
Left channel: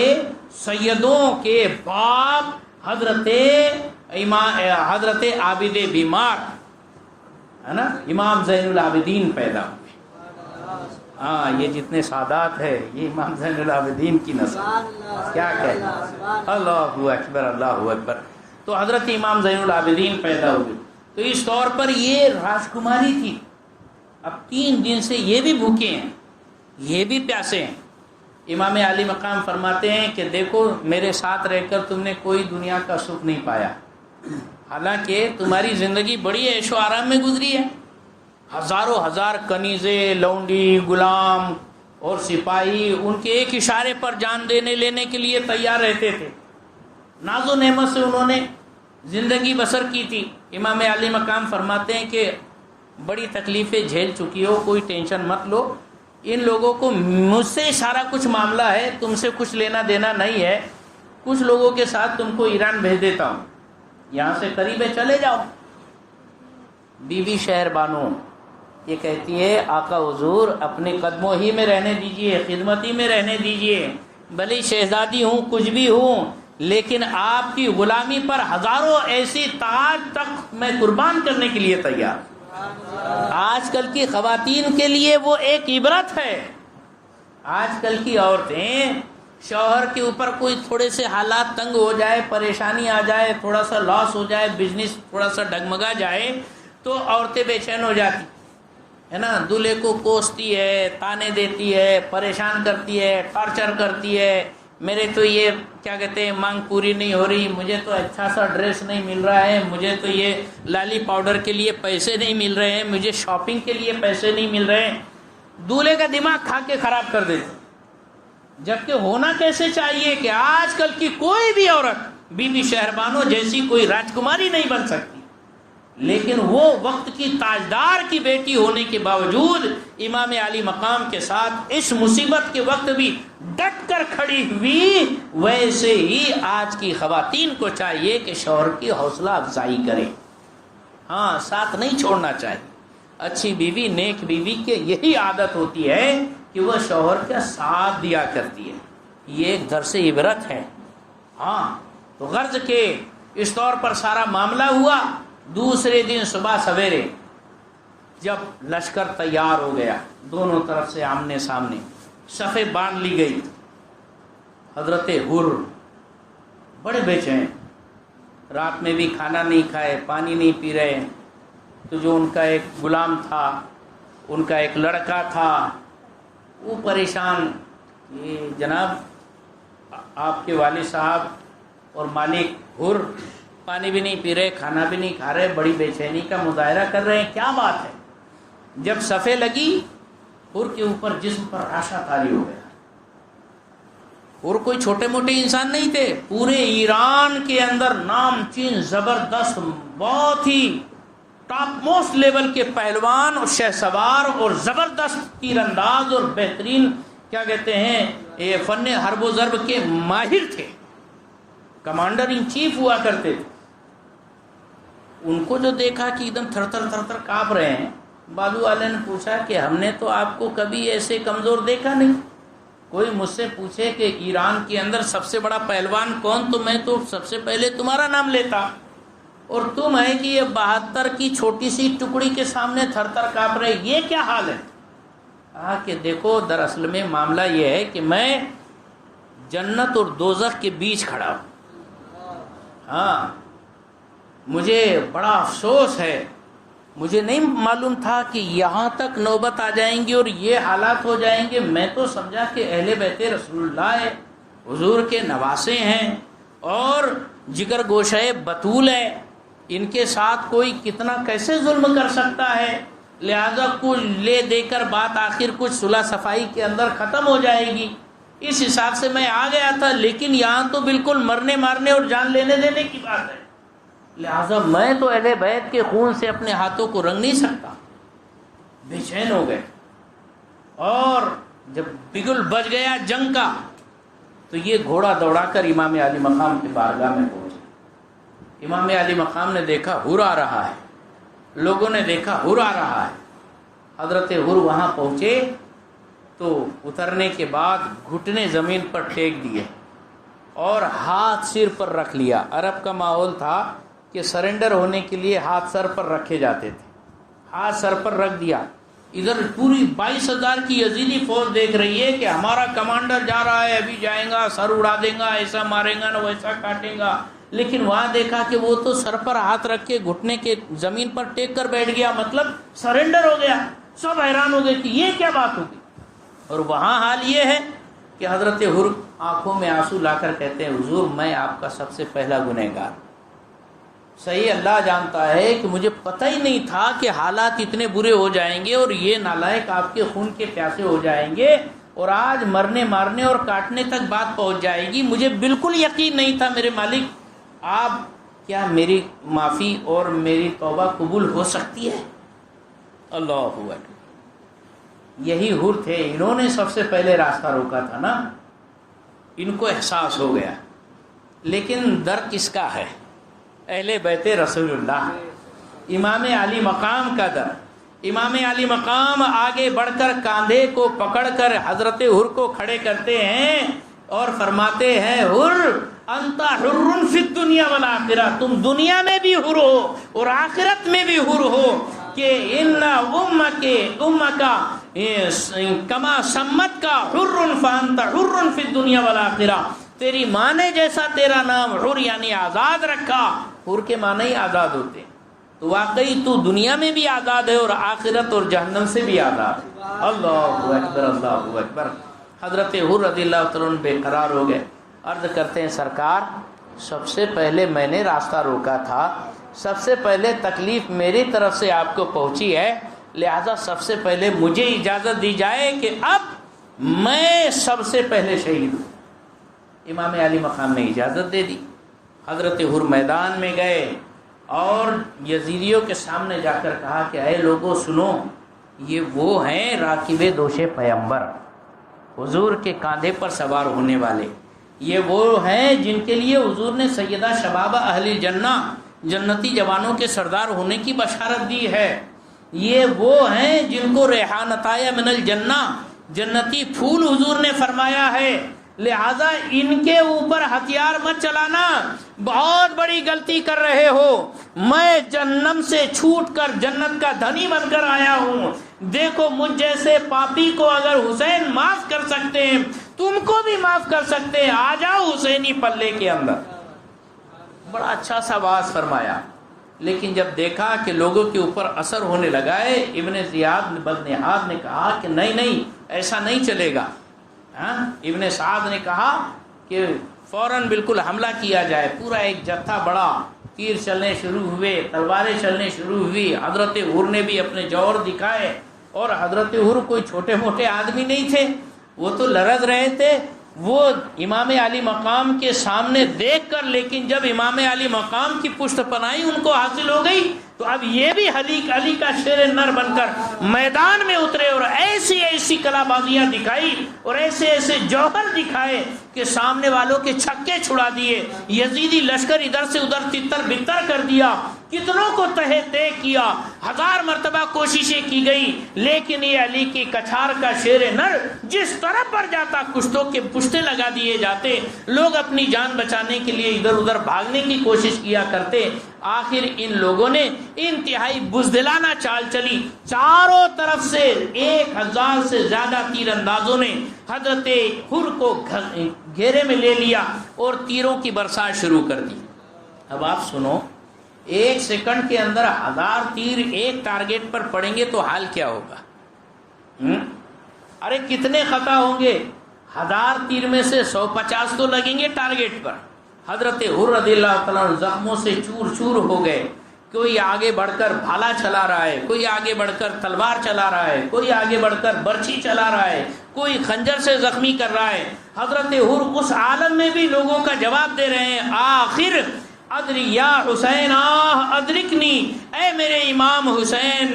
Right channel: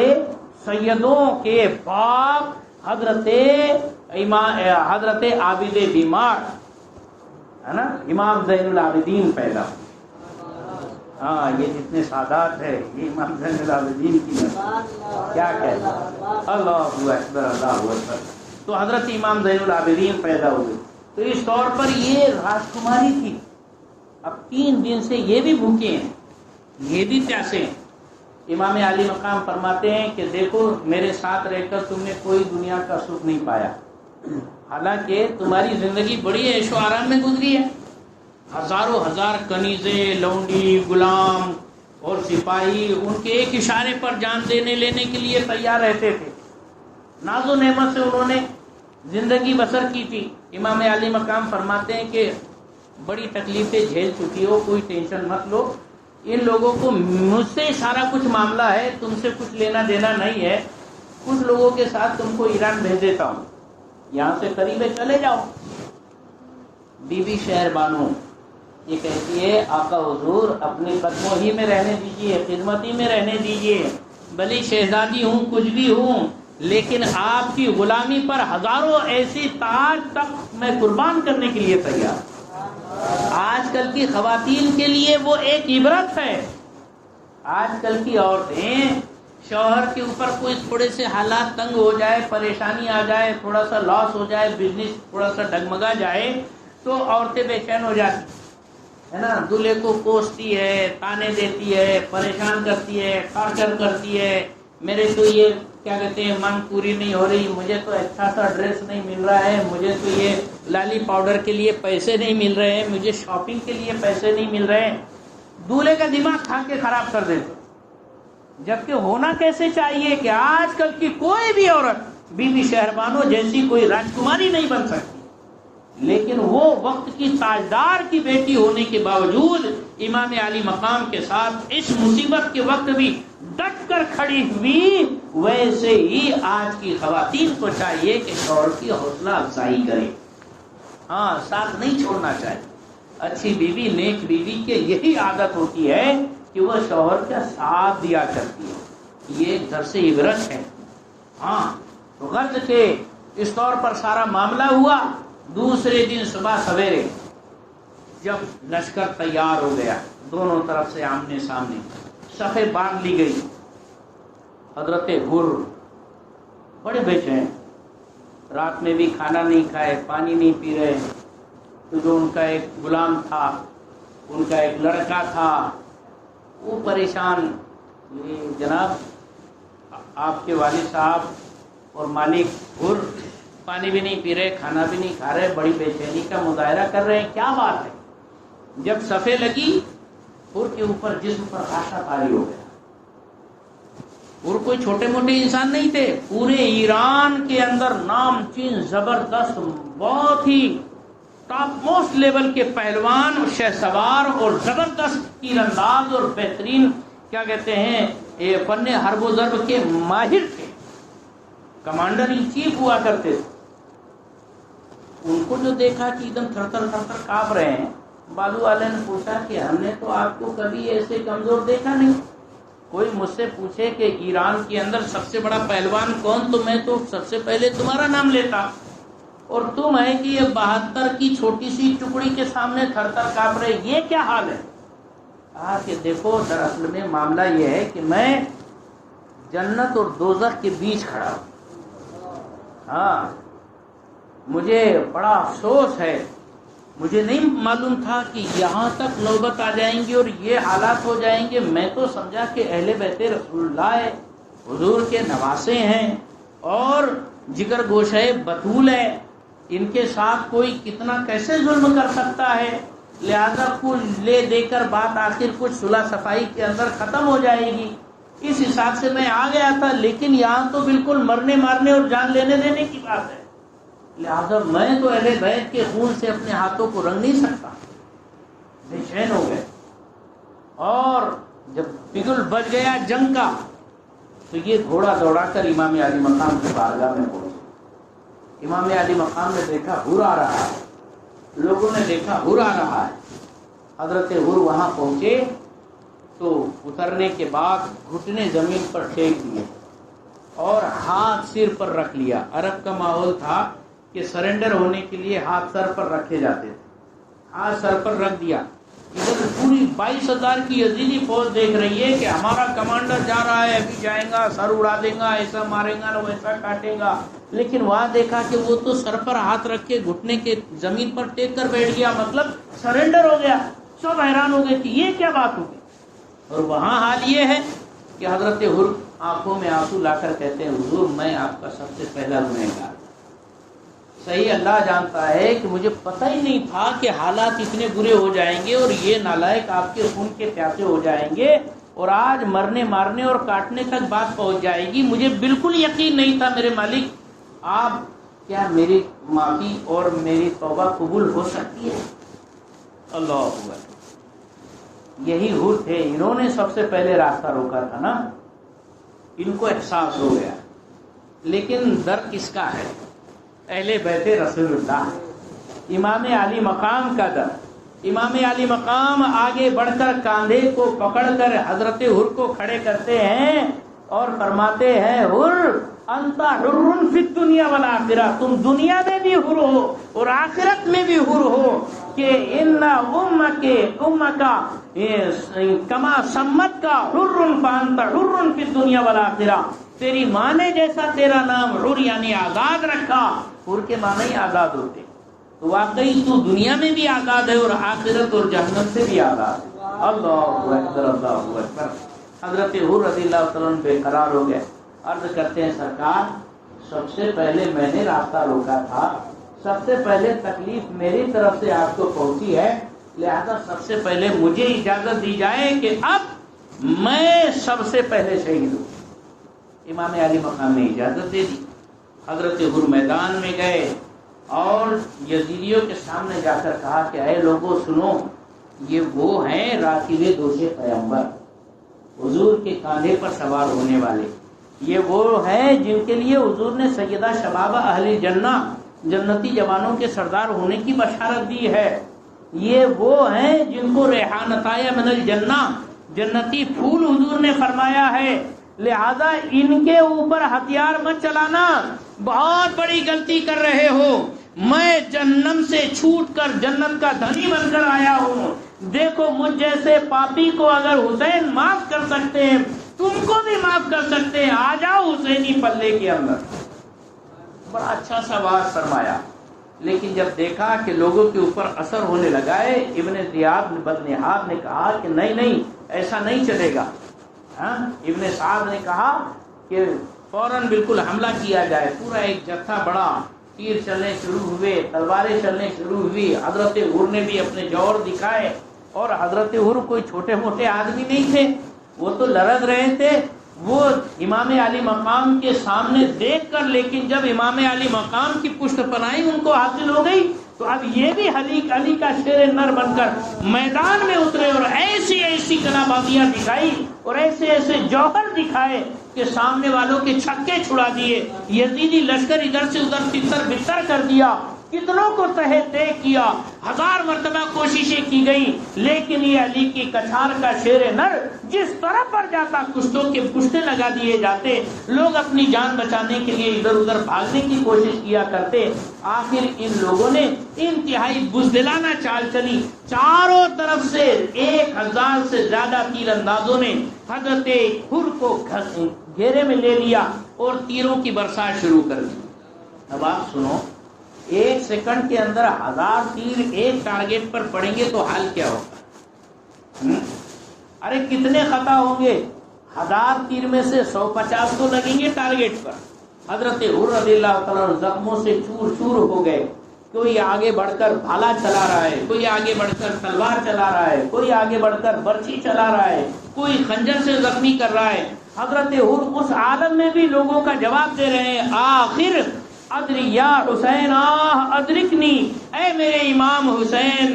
سیدوں کے باپ حضرت عابد بیمار ہے نا، امام زین العابدین پیدا ہوئے۔ ہاں یہ جتنے سادات ہے یہ امام زین العابدین کی نسل، کیا کہنا، اللہ اکبر اللہ اکبر۔ تو حضرت امام زین العابدین پیدا ہوئے، تو اس طور پر یہ راجکماری تھی۔ اب 3 دن سے یہ بھی بھوکے ہیں، یہ بھی پیاسے ہیں۔ امام علی مقام فرماتے ہیں کہ دیکھو میرے ساتھ رہ کر تم نے کوئی دنیا کا سکھ نہیں پایا، حالانکہ تمہاری زندگی بڑی عیش و آرام میں گزری ہے۔ ہزاروں ہزار کنیزیں، لونڈی، غلام اور سپاہی ان کے ایک اشارے پر جان دینے لینے کے لیے تیار رہتے تھے۔ ناز و نعمت سے انہوں نے زندگی بسر کی تھی۔ امام علی مقام فرماتے ہیں کہ بڑی تکلیفیں جھیل چکی ہو، کوئی ٹینشن مت لو، ان لوگوں کو مجھ سے سارا کچھ معاملہ ہے، تم سے کچھ لینا دینا نہیں ہے، کچھ لوگوں کے ساتھ تم کو ایران بھیج دیتا ہوں، یہاں سے قریب ہے چلے جاؤ۔ بی بی شہربانو یہ کہتی ہے آقا حضور اپنے قدموں ہی میں رہنے دیجئے، خدمت ہی میں رہنے دیجئے، بھلی شہزادی ہوں کچھ بھی ہوں، لیکن آپ کی غلامی پر ہزاروں ایسی تاج تک میں قربان کرنے کے لیے تیار۔ آج کل کی خواتین کے لیے وہ ایک عبرت ہے۔ آج کل کی عورتیں شوہر کے اوپر کوئی تھوڑے سے حالات تنگ ہو جائے، پریشانی آ جائے، تھوڑا سا لاس ہو جائے، بزنس تھوڑا سا ڈگمگا جائے تو عورتیں بے چین ہو جاتی ہے نا، دولہے کو کوستی ہے، تانے دیتی ہے، پریشان کرتی ہے، ٹارچر کرتی ہے، میرے تو یہ کیا کہتے ہیں مانگ پوری نہیں ہو رہی، مجھے تو اچھا سا ڈریس نہیں مل رہا ہے، مجھے تو یہ لالی پاؤڈر کے لیے پیسے نہیں مل رہے ہیں، مجھے شاپنگ کے لیے پیسے نہیں مل رہے ہیں، دولہے کا دماغ کھا کے خراب کر دیتے۔ جبکہ ہونا کیسے چاہیے کہ آج کل کی کوئی بھی عورت بی بی شہربانو جیسی کوئی راجکماری نہیں بن سکتی، لیکن وہ وقت کی تاجدار کی بیٹی ہونے کے باوجود امام علی مقام کے ساتھ اس مصیبت کے وقت بھی ڈٹ کر کھڑی ہوئی۔ ویسے ہی آج کی خواتین کو چاہیے کہ شوہر کی حوصلہ افزائی کرے، ہاں ساتھ نہیں چھوڑنا چاہیے۔ اچھی بیوی، نیک بیوی کے یہی عادت ہوتی ہے کہ وہ شوہر کا ساتھ دیا کرتی ہے، یہ ایک درس عبرت ہے۔ ہاں غرض کے اس طور پر سارا معاملہ ہوا۔ دوسرے دن صبح سویرے جب لشکر تیار ہو گیا، دونوں طرف سے آمنے سامنے صفیں باندھ لی گئی، حضرت حر بڑے بے چین، رات میں بھی کھانا نہیں کھائے، پانی نہیں پی رہے، تو جو ان کا ایک غلام تھا، ان کا ایک لڑکا تھا، وہ پریشان، یہ جناب آپ کے والد صاحب اور مالک حر پانی بھی نہیں پی رہے، کھانا بھی نہیں کھا رہے، بڑی بے چینی کا مظاہرہ کر رہے ہیں، کیا بات ہے؟ جب صفیں لگی حر کے اوپر جسم پر راشا طاری ہو گیا۔ حر کوئی چھوٹے موٹے انسان نہیں تھے، پورے ایران کے اندر نام چین زبردست، بہت ہی ٹاپ موسٹ لیول کے پہلوان اور شہ سوار اور زبردست تیر انداز اور بہترین کیا کہتے ہیں یہ فن حرب و ضرب کے ماہر تھے، کمانڈر ان چیف ہوا کرتے تھے۔ ان کو جو دیکھا کہ ایک دم تھر تھر تھر تھر کانپ رہے ہیں، بازو والے نے پوچھا کہ ہم نے تو آپ کو کبھی ایسے کمزور دیکھا نہیں، کوئی مجھ سے پوچھے کہ ایران کے اندر سب سے بڑا پہلوان کون، تو میں تو سب سے پہلے تمہارا نام لیتا، اور تم ہے کہ یہ 72 کی چھوٹی سی ٹکڑی کے سامنے تھر تھر کانپ رہے، یہ کیا حال ہے؟ کہا کہ دیکھو دراصل میں معاملہ یہ ہے کہ میں جنت اور دوزخ کے بیچ کھڑا ہوں، ہاں مجھے بڑا افسوس ہے، مجھے نہیں معلوم تھا کہ یہاں تک نوبت آ جائیں گی اور یہ حالات ہو جائیں گے، میں تو سمجھا کہ اہل بیت رسول اللہ ہے، حضور کے نواسے ہیں اور جگر گوشہ بطول ہے، ان کے ساتھ کوئی کتنا کیسے ظلم کر سکتا ہے؟ لہذا کچھ لے دے کر بات آخر کچھ صلح صفائی کے اندر ختم ہو جائے گی، اس حساب سے میں آ گیا تھا، لیکن یہاں تو بالکل مرنے مارنے اور جان لینے دینے کی بات ہے، لہذا میں تو اہل بیت کے خون سے اپنے ہاتھوں کو رنگ نہیں سکتا۔ بے چین ہو گئے، اور جب بگل بج گیا جنگ کا تو یہ گھوڑا دوڑا کر امام علی مقام کی بارگاہ میں پہنچے۔ امام علی مقام نے دیکھا حر آ رہا ہے، لوگوں نے دیکھا حر آ رہا ہے، حضرت حر وہاں پہنچے تو اترنے کے بعد گھٹنے زمین پر ٹیک دیے اور ہاتھ سر پر رکھ لیا۔ عرب کا ماحول تھا کہ سرنڈر ہونے کے لیے ہاتھ سر پر رکھے جاتے تھے، ہاتھ سر پر رکھ دیا۔ ادھر پوری 22,000 کی یزیدی فوج دیکھ رہی ہے کہ ہمارا کمانڈر جا رہا ہے، ابھی جائیں گا، سر اڑا دے گا، ایسا مارے گا نہ ویسا کاٹے گا، لیکن وہاں دیکھا کہ وہ تو سر پر ہاتھ رکھ کے گھٹنے کے زمین پر ٹیک کر بیٹھ گیا، مطلب سرنڈر ہو گیا۔ سب حیران ہو گئے کہ یہ کیا بات ہوگی، اور وہاں حال یہ ہے کہ حضرت حر آنکھوں میں آنسو لا کر کہتے ہیں حضور میں آپ کا سب سے پہلا گنہگار، صحیح اللہ جانتا ہے کہ مجھے پتہ ہی نہیں تھا کہ حالات اتنے برے ہو جائیں گے اور یہ نالائق آپ کے خون کے پیاسے ہو جائیں گے، اور آج مرنے مارنے اور کاٹنے تک بات پہنچ جائے گی۔ مجھے بالکل یقین نہیں تھا میرے مالک، آپ کیا میری معافی اور میری توبہ قبول ہو سکتی ہے؟ اللہ اکبر۔ یہی حر تھے، انہوں نے سب سے پہلے راستہ روکا تھا نا، ان کو احساس ہو گیا، لیکن در کس کا ہے؟ اہل بیت رسول اللہ، امام علی مقام کا در۔ امام علی مقام آگے بڑھ کر کاندھے کو پکڑ کر حضرت حر کو کھڑے کرتے ہیں اور فرماتے ہیں حر انت حر فی الدنیا والآخرہ، تم دنیا میں بھی حر ہو اور آخرت میں بھی حر ہو، کہ ان امک کما سمت کا حر فانت حر فی الدنیا والآخرہ، تیری ماں نے جیسا تیرا نام حر یعنی آزاد رکھا، حر کے معنی ہی آزاد ہوتے، تو واقعی تو دنیا میں بھی آزاد ہے اور آخرت اور جہنم سے بھی آزاد ہے۔ اللہ اکبر، اللہ اکبر۔ حضرت حر رضی اللہ تعالیٰ عنہ بے قرار ہو گئے، عرض کرتے ہیں سرکار سب سے پہلے میں نے راستہ روکا تھا، سب سے پہلے تکلیف میری طرف سے آپ کو پہنچی ہے، لہذا سب سے پہلے مجھے اجازت دی جائے کہ اب میں سب سے پہلے شہید ہوں۔ امام علی مقام نے اجازت دے دی۔ حضرت حر میدان میں گئے اور یزیدیوں کے سامنے جا کر کہا کہ اے لوگوں سنو، یہ وہ ہیں راکب دوش پیغمبر، حضور کے کاندھے پر سوار ہونے والے، یہ وہ ہیں جن کے لیے حضور نے سیدہ شباب اہل جنہ، جنتی جوانوں کے سردار ہونے کی بشارت دی ہے، یہ وہ ہیں جن کو ریحانتایا من الجنہ، جنتی پھول حضور نے فرمایا ہے، لہذا ان کے اوپر ہتھیار مت چلانا، بہت بڑی غلطی کر رہے ہو، میں جہنم سے چھوٹ کر جنت کا دھنی بن کر آیا ہوں، دیکھو مجھ جیسے پاپی کو اگر حسین معاف کر سکتے ہیں تم کو بھی معاف کر سکتے ہیں، آ جاؤ حسینی پلے کے اندر۔ بڑا اچھا سا واز فرمایا، لیکن جب دیکھا کہ لوگوں کے اوپر اثر ہونے لگا ہے، ابن زیاد بدنہاد نے کہا کہ نہیں ایسا نہیں چلے گا۔ ابن سعد نے کہا کہ فوراً بالکل حملہ کیا جائے، پورا ایک جتھا بڑا، تیر چلنے شروع ہوئے، تلواریں چلنے شروع ہوئی، حضرت حر نے بھی اپنے جوہر دکھائے، اور حضرت حر کوئی چھوٹے موٹے آدمی نہیں تھے، وہ تو لرز رہے تھے، وہ امام علی مقام کے سامنے دیکھ کر، لیکن جب امام علی مقام کی پشت پناہی ان کو حاصل ہو گئی تو اب یہ بھی علی کا شیر نر بن کر میدان میں اترے اور ایسی ایسی کلامابیاں دکھائی اور ایسے ایسے جوہر دکھائے کہ سامنے والوں کے چھکے چھڑا دیے، یزیدی لشکر ادھر سے ادھر تتر بتر کر دیا، کتنوں کو تہے طے کیا، 1000 مرتبہ کوششیں کی گئی، لیکن یہ علی کی کچھار کا شیر نر جس طرف پر جاتا کشتوں کے پشتے لگا دیے جاتے، لوگ اپنی جان بچانے کے لیے ادھر ادھر بھاگنے کی کوشش کیا کرتے۔ آخر ان لوگوں نے انتہائی بزدلانہ چال چلی، چاروں طرف سے 1000 سے زیادہ تیر اندازوں نے حضرت حر کو گھیرے میں لے لیا اور تیروں کی برسات شروع کر دی۔ اب آپ سنو، 1 سیکنڈ کے اندر 1000 تیر ایک ٹارگیٹ پر پڑیں گے تو حال کیا ہوگا؟ ارے کتنے خطا ہوں گے؟ 1000 تیر میں سے 150 تو لگیں گے ٹارگیٹ پر۔ حضرت حر رضی اللہ تعالیٰ زخموں سے چور چور ہو گئے، کوئی آگے بڑھ کر بھالا چلا رہا ہے، کوئی آگے بڑھ کر تلوار چلا رہا ہے، کوئی آگے بڑھ کر برچھی چلا رہا ہے، کوئی خنجر سے زخمی کر رہا ہے۔ حضرت حر اس عالم میں بھی لوگوں کا جواب دے رہے ہیں، آخر ادری یا حسین آہ ادرکنی، اے میرے امام حسین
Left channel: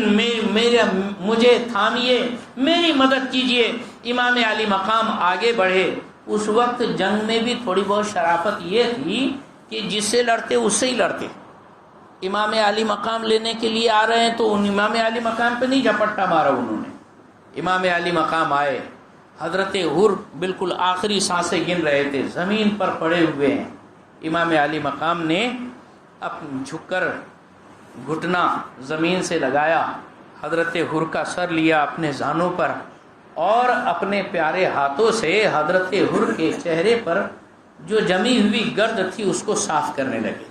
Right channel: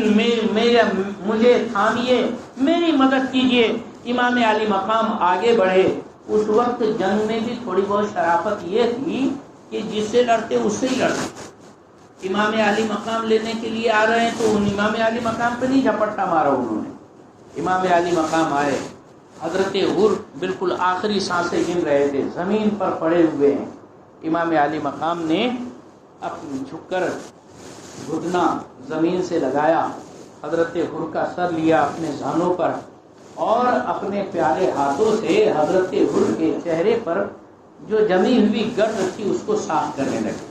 مجھے تھامیے، میری مدد کیجئے۔ امام علی مقام آگے بڑھے۔ اس وقت جنگ میں بھی تھوڑی بہت شرافت یہ تھی کہ جس سے لڑتے اس سے ہی لڑتے۔ امام علی مقام لینے کے لیے آ رہے ہیں تو ان امام علی مقام پہ نہیں جھپٹا مارا انہوں نے۔ امام علی مقام آئے، حضرت حر بالکل آخری سانسیں گن رہے تھے، زمین پر پڑے ہوئے ہیں۔ امام علی مقام نے جھک کر گھٹنا زمین سے لگایا، حضرت حر کا سر لیا اپنے زانوں پر اور اپنے پیارے ہاتھوں سے حضرت حر کے چہرے پر جو جمی ہوئی گرد تھی اس کو صاف کرنے لگے۔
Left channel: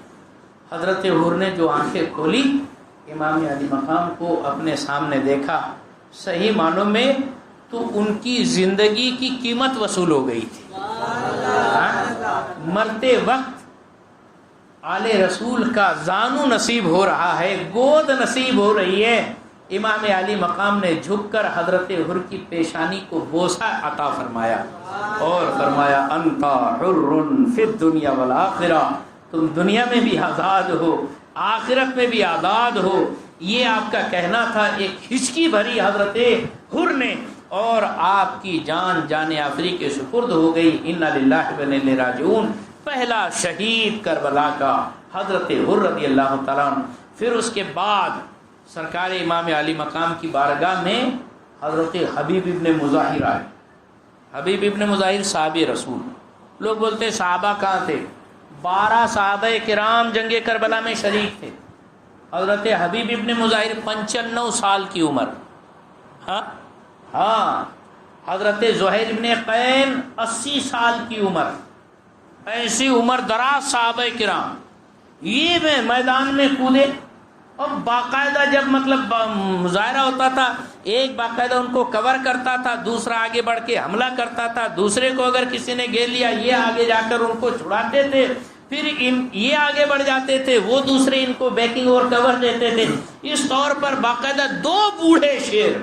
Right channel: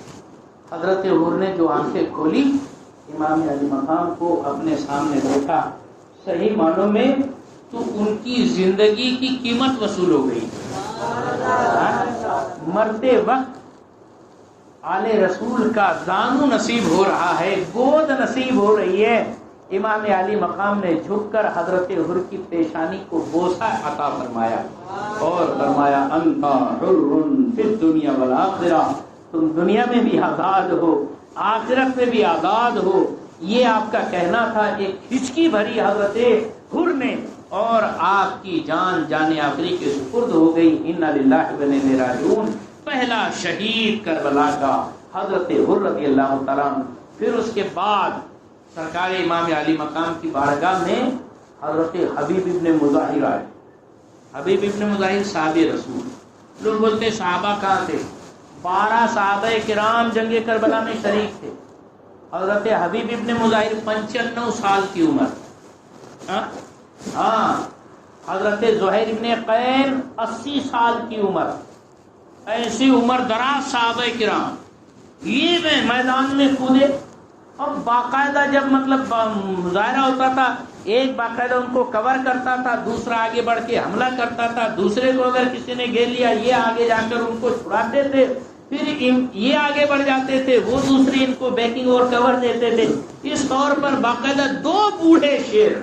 حضرت حر نے جو آنکھیں کھولی، امام علی مقام کو اپنے سامنے دیکھا، صحیح معنوں میں تو ان کی زندگی کی قیمت وصول ہو گئی۔ مرتے وقت آل رسول کا زانو نصیب ہو رہا ہے، گود نصیب ہو رہی ہے۔ امام علی مقام نے جھک کر حضرت حر کی پیشانی کو بوسہ عطا فرمایا اور فرمایا انت حر فی الدنیا والآخرہ، تم دنیا میں بھی آزاد ہو، آخرت میں بھی آزاد ہو۔ یہ آپ کا کہنا تھا۔ ایک ہچکی بھری حضرت حر نے اور آپ کی جان جان آفری کے سپرد ہو گئی۔ انا للہ و انا الیہ راجعون۔ پہلا شہید کربلا کا حضرت حر رضی اللہ تعالیٰ عنہ۔ پھر اس کے بعد سرکار امام علی مقام کی بارگاہ میں حضرت حبیب ابن مظاہر آئے۔ حبیب ابن مظاہر صحابی رسول، لوگ بولتے صحابہ کہاں تھے؟ 12 صحابہ کرام جنگ کربلا میں شریک تھے۔ حضرت حبیب ابن مظاہر 95 سال کی عمر، حضرت زہیر ابن قین 80 سال کی عمر، ایسی عمر دراز صحابہ کرام یہ میدان میں کودے اور باقاعدہ جب مطلب مظاہرہ ہوتا تھا، ایک باقاعدہ ان کو کور کرتا تھا، دوسرا آگے بڑھ کے حملہ کرتا تھا، دوسرے کو اگر کسی نے گھیر لیا یہ آگے جا کر ان کو چھڑاتے تھے، پھر یہ آگے بڑھ جاتے تھے، وہ دوسرے ان کو بیکنگ اور کور دیتے تھے۔ اس طور پر باقاعدہ 2 بوڑھے شیر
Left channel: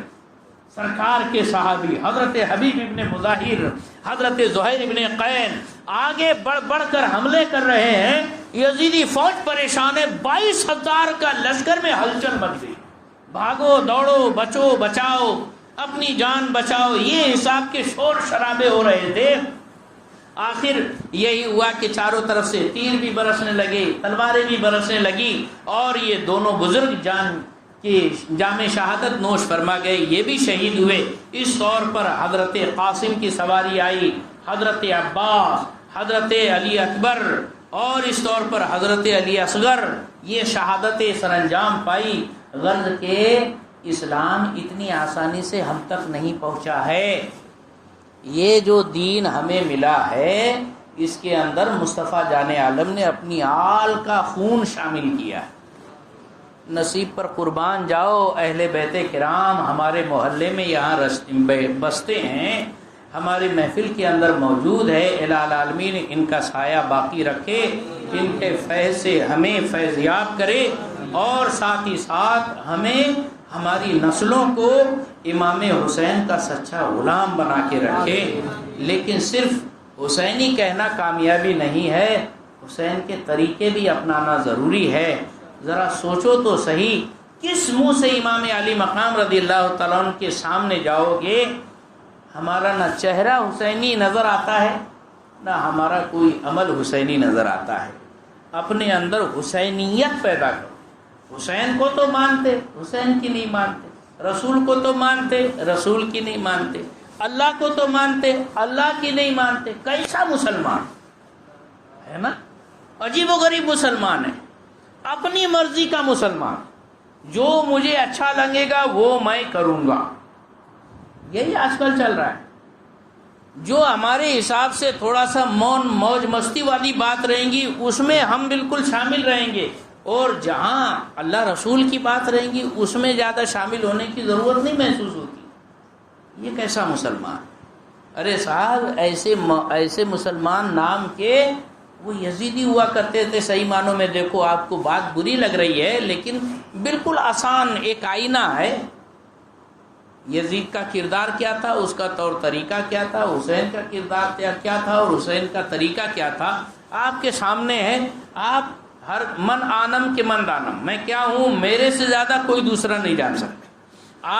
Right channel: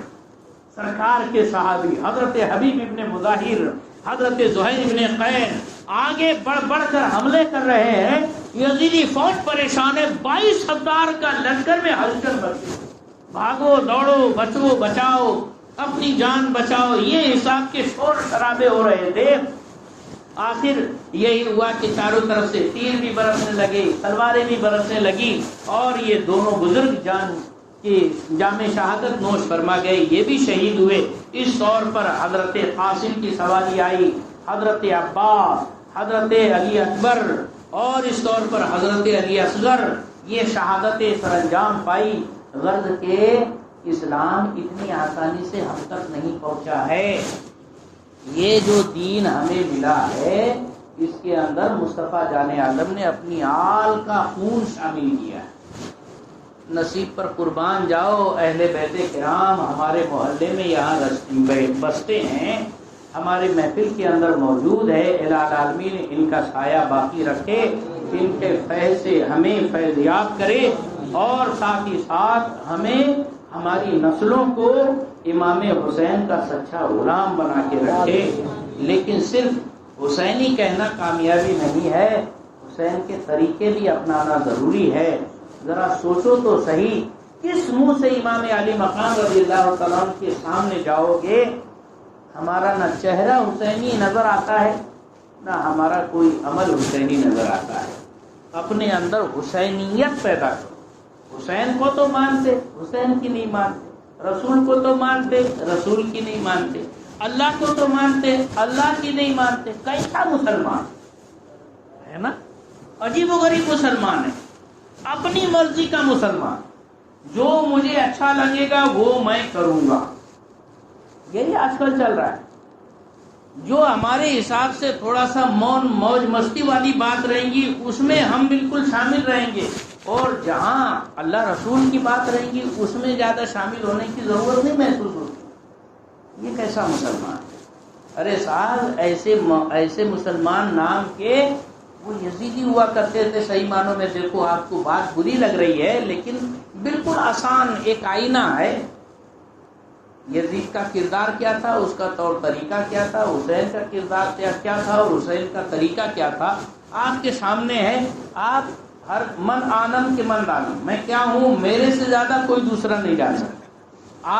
سرکار کے صحابی حضرت حبیب ابن مظاہر، حضرت زہیر ابن قین آگے بڑھ کر حملے کر رہے ہیں۔ یزیدی فوج پریشان ہے، 22,000 کا لشکر میں ہلچل مچ گئی، بھاگو دوڑو، بچو بچاؤ، اپنی جان بچاؤ، یہ حساب کے شور شرابے ہو رہے تھے۔ آخر یہی ہوا کہ چاروں طرف سے تیر بھی برسنے لگے، تلواریں بھی برسنے لگی اور یہ دونوں بزرگ جان کی جام شہادت نوش فرما گئے، یہ بھی شہید ہوئے۔ اس طور پر حضرت قاسم کی سواری آئی، حضرت عباس، حضرت علی اکبر اور اس طور پر حضرت علی اصغر، یہ شہادتیں سر انجام پائی۔ غرض کہ اسلام اتنی آسانی سے ہم تک نہیں پہنچا ہے۔ یہ جو دین ہمیں ملا ہے اس کے اندر مصطفیٰ جان عالم نے اپنی آل کا خون شامل کیا ہے۔ نصیب پر قربان جاؤ، اہل بیت کرام ہمارے محلے میں یہاں بستے ہیں، ہمارے محفل کے اندر موجود ہے۔ الہ العالمین ان کا سایہ باقی رکھے، ان کے فیض سے ہمیں فیض یاب کرے اور ساتھ ہی ساتھ ہمیں ہماری نسلوں کو امام حسین کا سچا غلام بنا کے رکھے۔ لیکن صرف حسینی کہنا کامیابی نہیں ہے، حسین کے طریقے بھی اپنانا ضروری ہے۔ ذرا سوچو تو صحیح، کس منہ سے امام علی مقام رضی اللہ تعالیٰ عنہ کے سامنے جاؤ گے، ہمارا نہ چہرہ حسینی نظر آتا ہے نہ ہمارا کوئی عمل حسینی نظر آتا ہے۔ اپنے اندر حسینیت پیدا کرو۔ حسین کو تو مانتے، حسین کی نہیں مانتے، رسول کو تو مانتے، رسول کی نہیں مانتے، اللہ کو تو مانتے، اللہ کی نہیں مانتے۔ کیسا مسلمان ہے نا؟ عجیب و غریب مسلمان ہے، اپنی مرضی کا مسلمان، جو مجھے اچھا لگے گا وہ میں کروں گا۔ یہی آج کل چل رہا ہے۔ جو ہمارے حساب سے تھوڑا سا مون موج مستی والی بات رہیں گی اس میں ہم بالکل شامل رہیں گے، اور جہاں اللہ رسول کی بات رہے گی اس میں زیادہ شامل ہونے کی ضرورت نہیں محسوس ہوتی۔ یہ کیسا مسلمان؟ ارے صاحب ایسے مسلمان نام کے وہ یزیدی ہوا کرتے تھے. صحیح معنوں میں دیکھو آپ کو بات بری لگ رہی ہے لیکن بالکل آسان ایک آئینہ ہے. یزید کا کردار کیا تھا, اس کا طور طریقہ کیا تھا, حسین کا کردار کیا تھا اور حسین کا طریقہ کیا تھا, آپ کے سامنے ہے. آپ ہر من آنم کے من دانم, میں کیا ہوں میرے سے زیادہ کوئی دوسرا نہیں جان سکتا.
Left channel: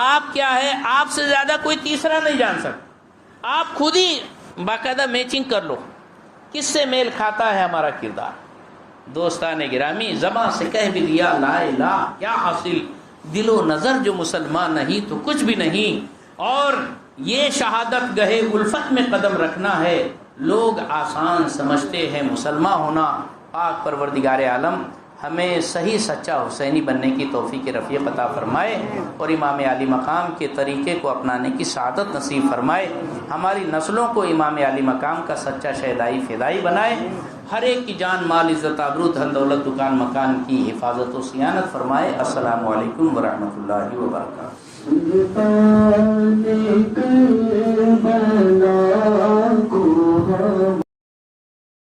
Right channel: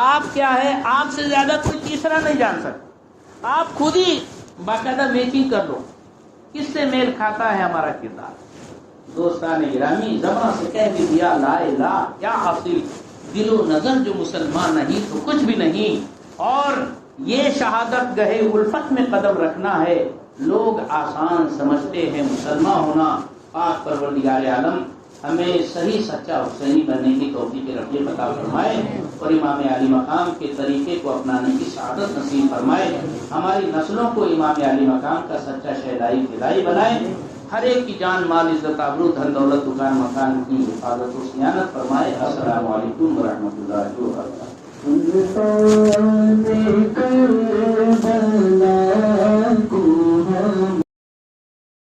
آپ کیا ہے آپ سے زیادہ کوئی تیسرا نہیں جان سکتا. آپ خود ہی باقاعدہ میچنگ کر لو کس سے میل کھاتا ہے ہمارا کردار. دوستان گرامی, زبان سے کہہ بھی دیا لا الہ کیا حاصل, دل و نظر جو مسلمان نہیں تو کچھ بھی نہیں. اور یہ شہادت گہے الفت میں قدم رکھنا ہے. لوگ آسان سمجھتے ہیں مسلمان ہونا. پاک پروردگار عالم ہمیں صحیح سچا حسینی بننے کی توفیق رفیق عطا فرمائے اور امام علی مقام کے طریقے کو اپنانے کی سعادت نصیب فرمائے. ہماری نسلوں کو امام علی مقام کا سچا شہدائی فدائی بنائے. ہر ایک کی جان مال عزت آبرو دھن دولت دکان مکان کی حفاظت و صیانت فرمائے. السلام علیکم ورحمۃ اللہ وبرکاتہ.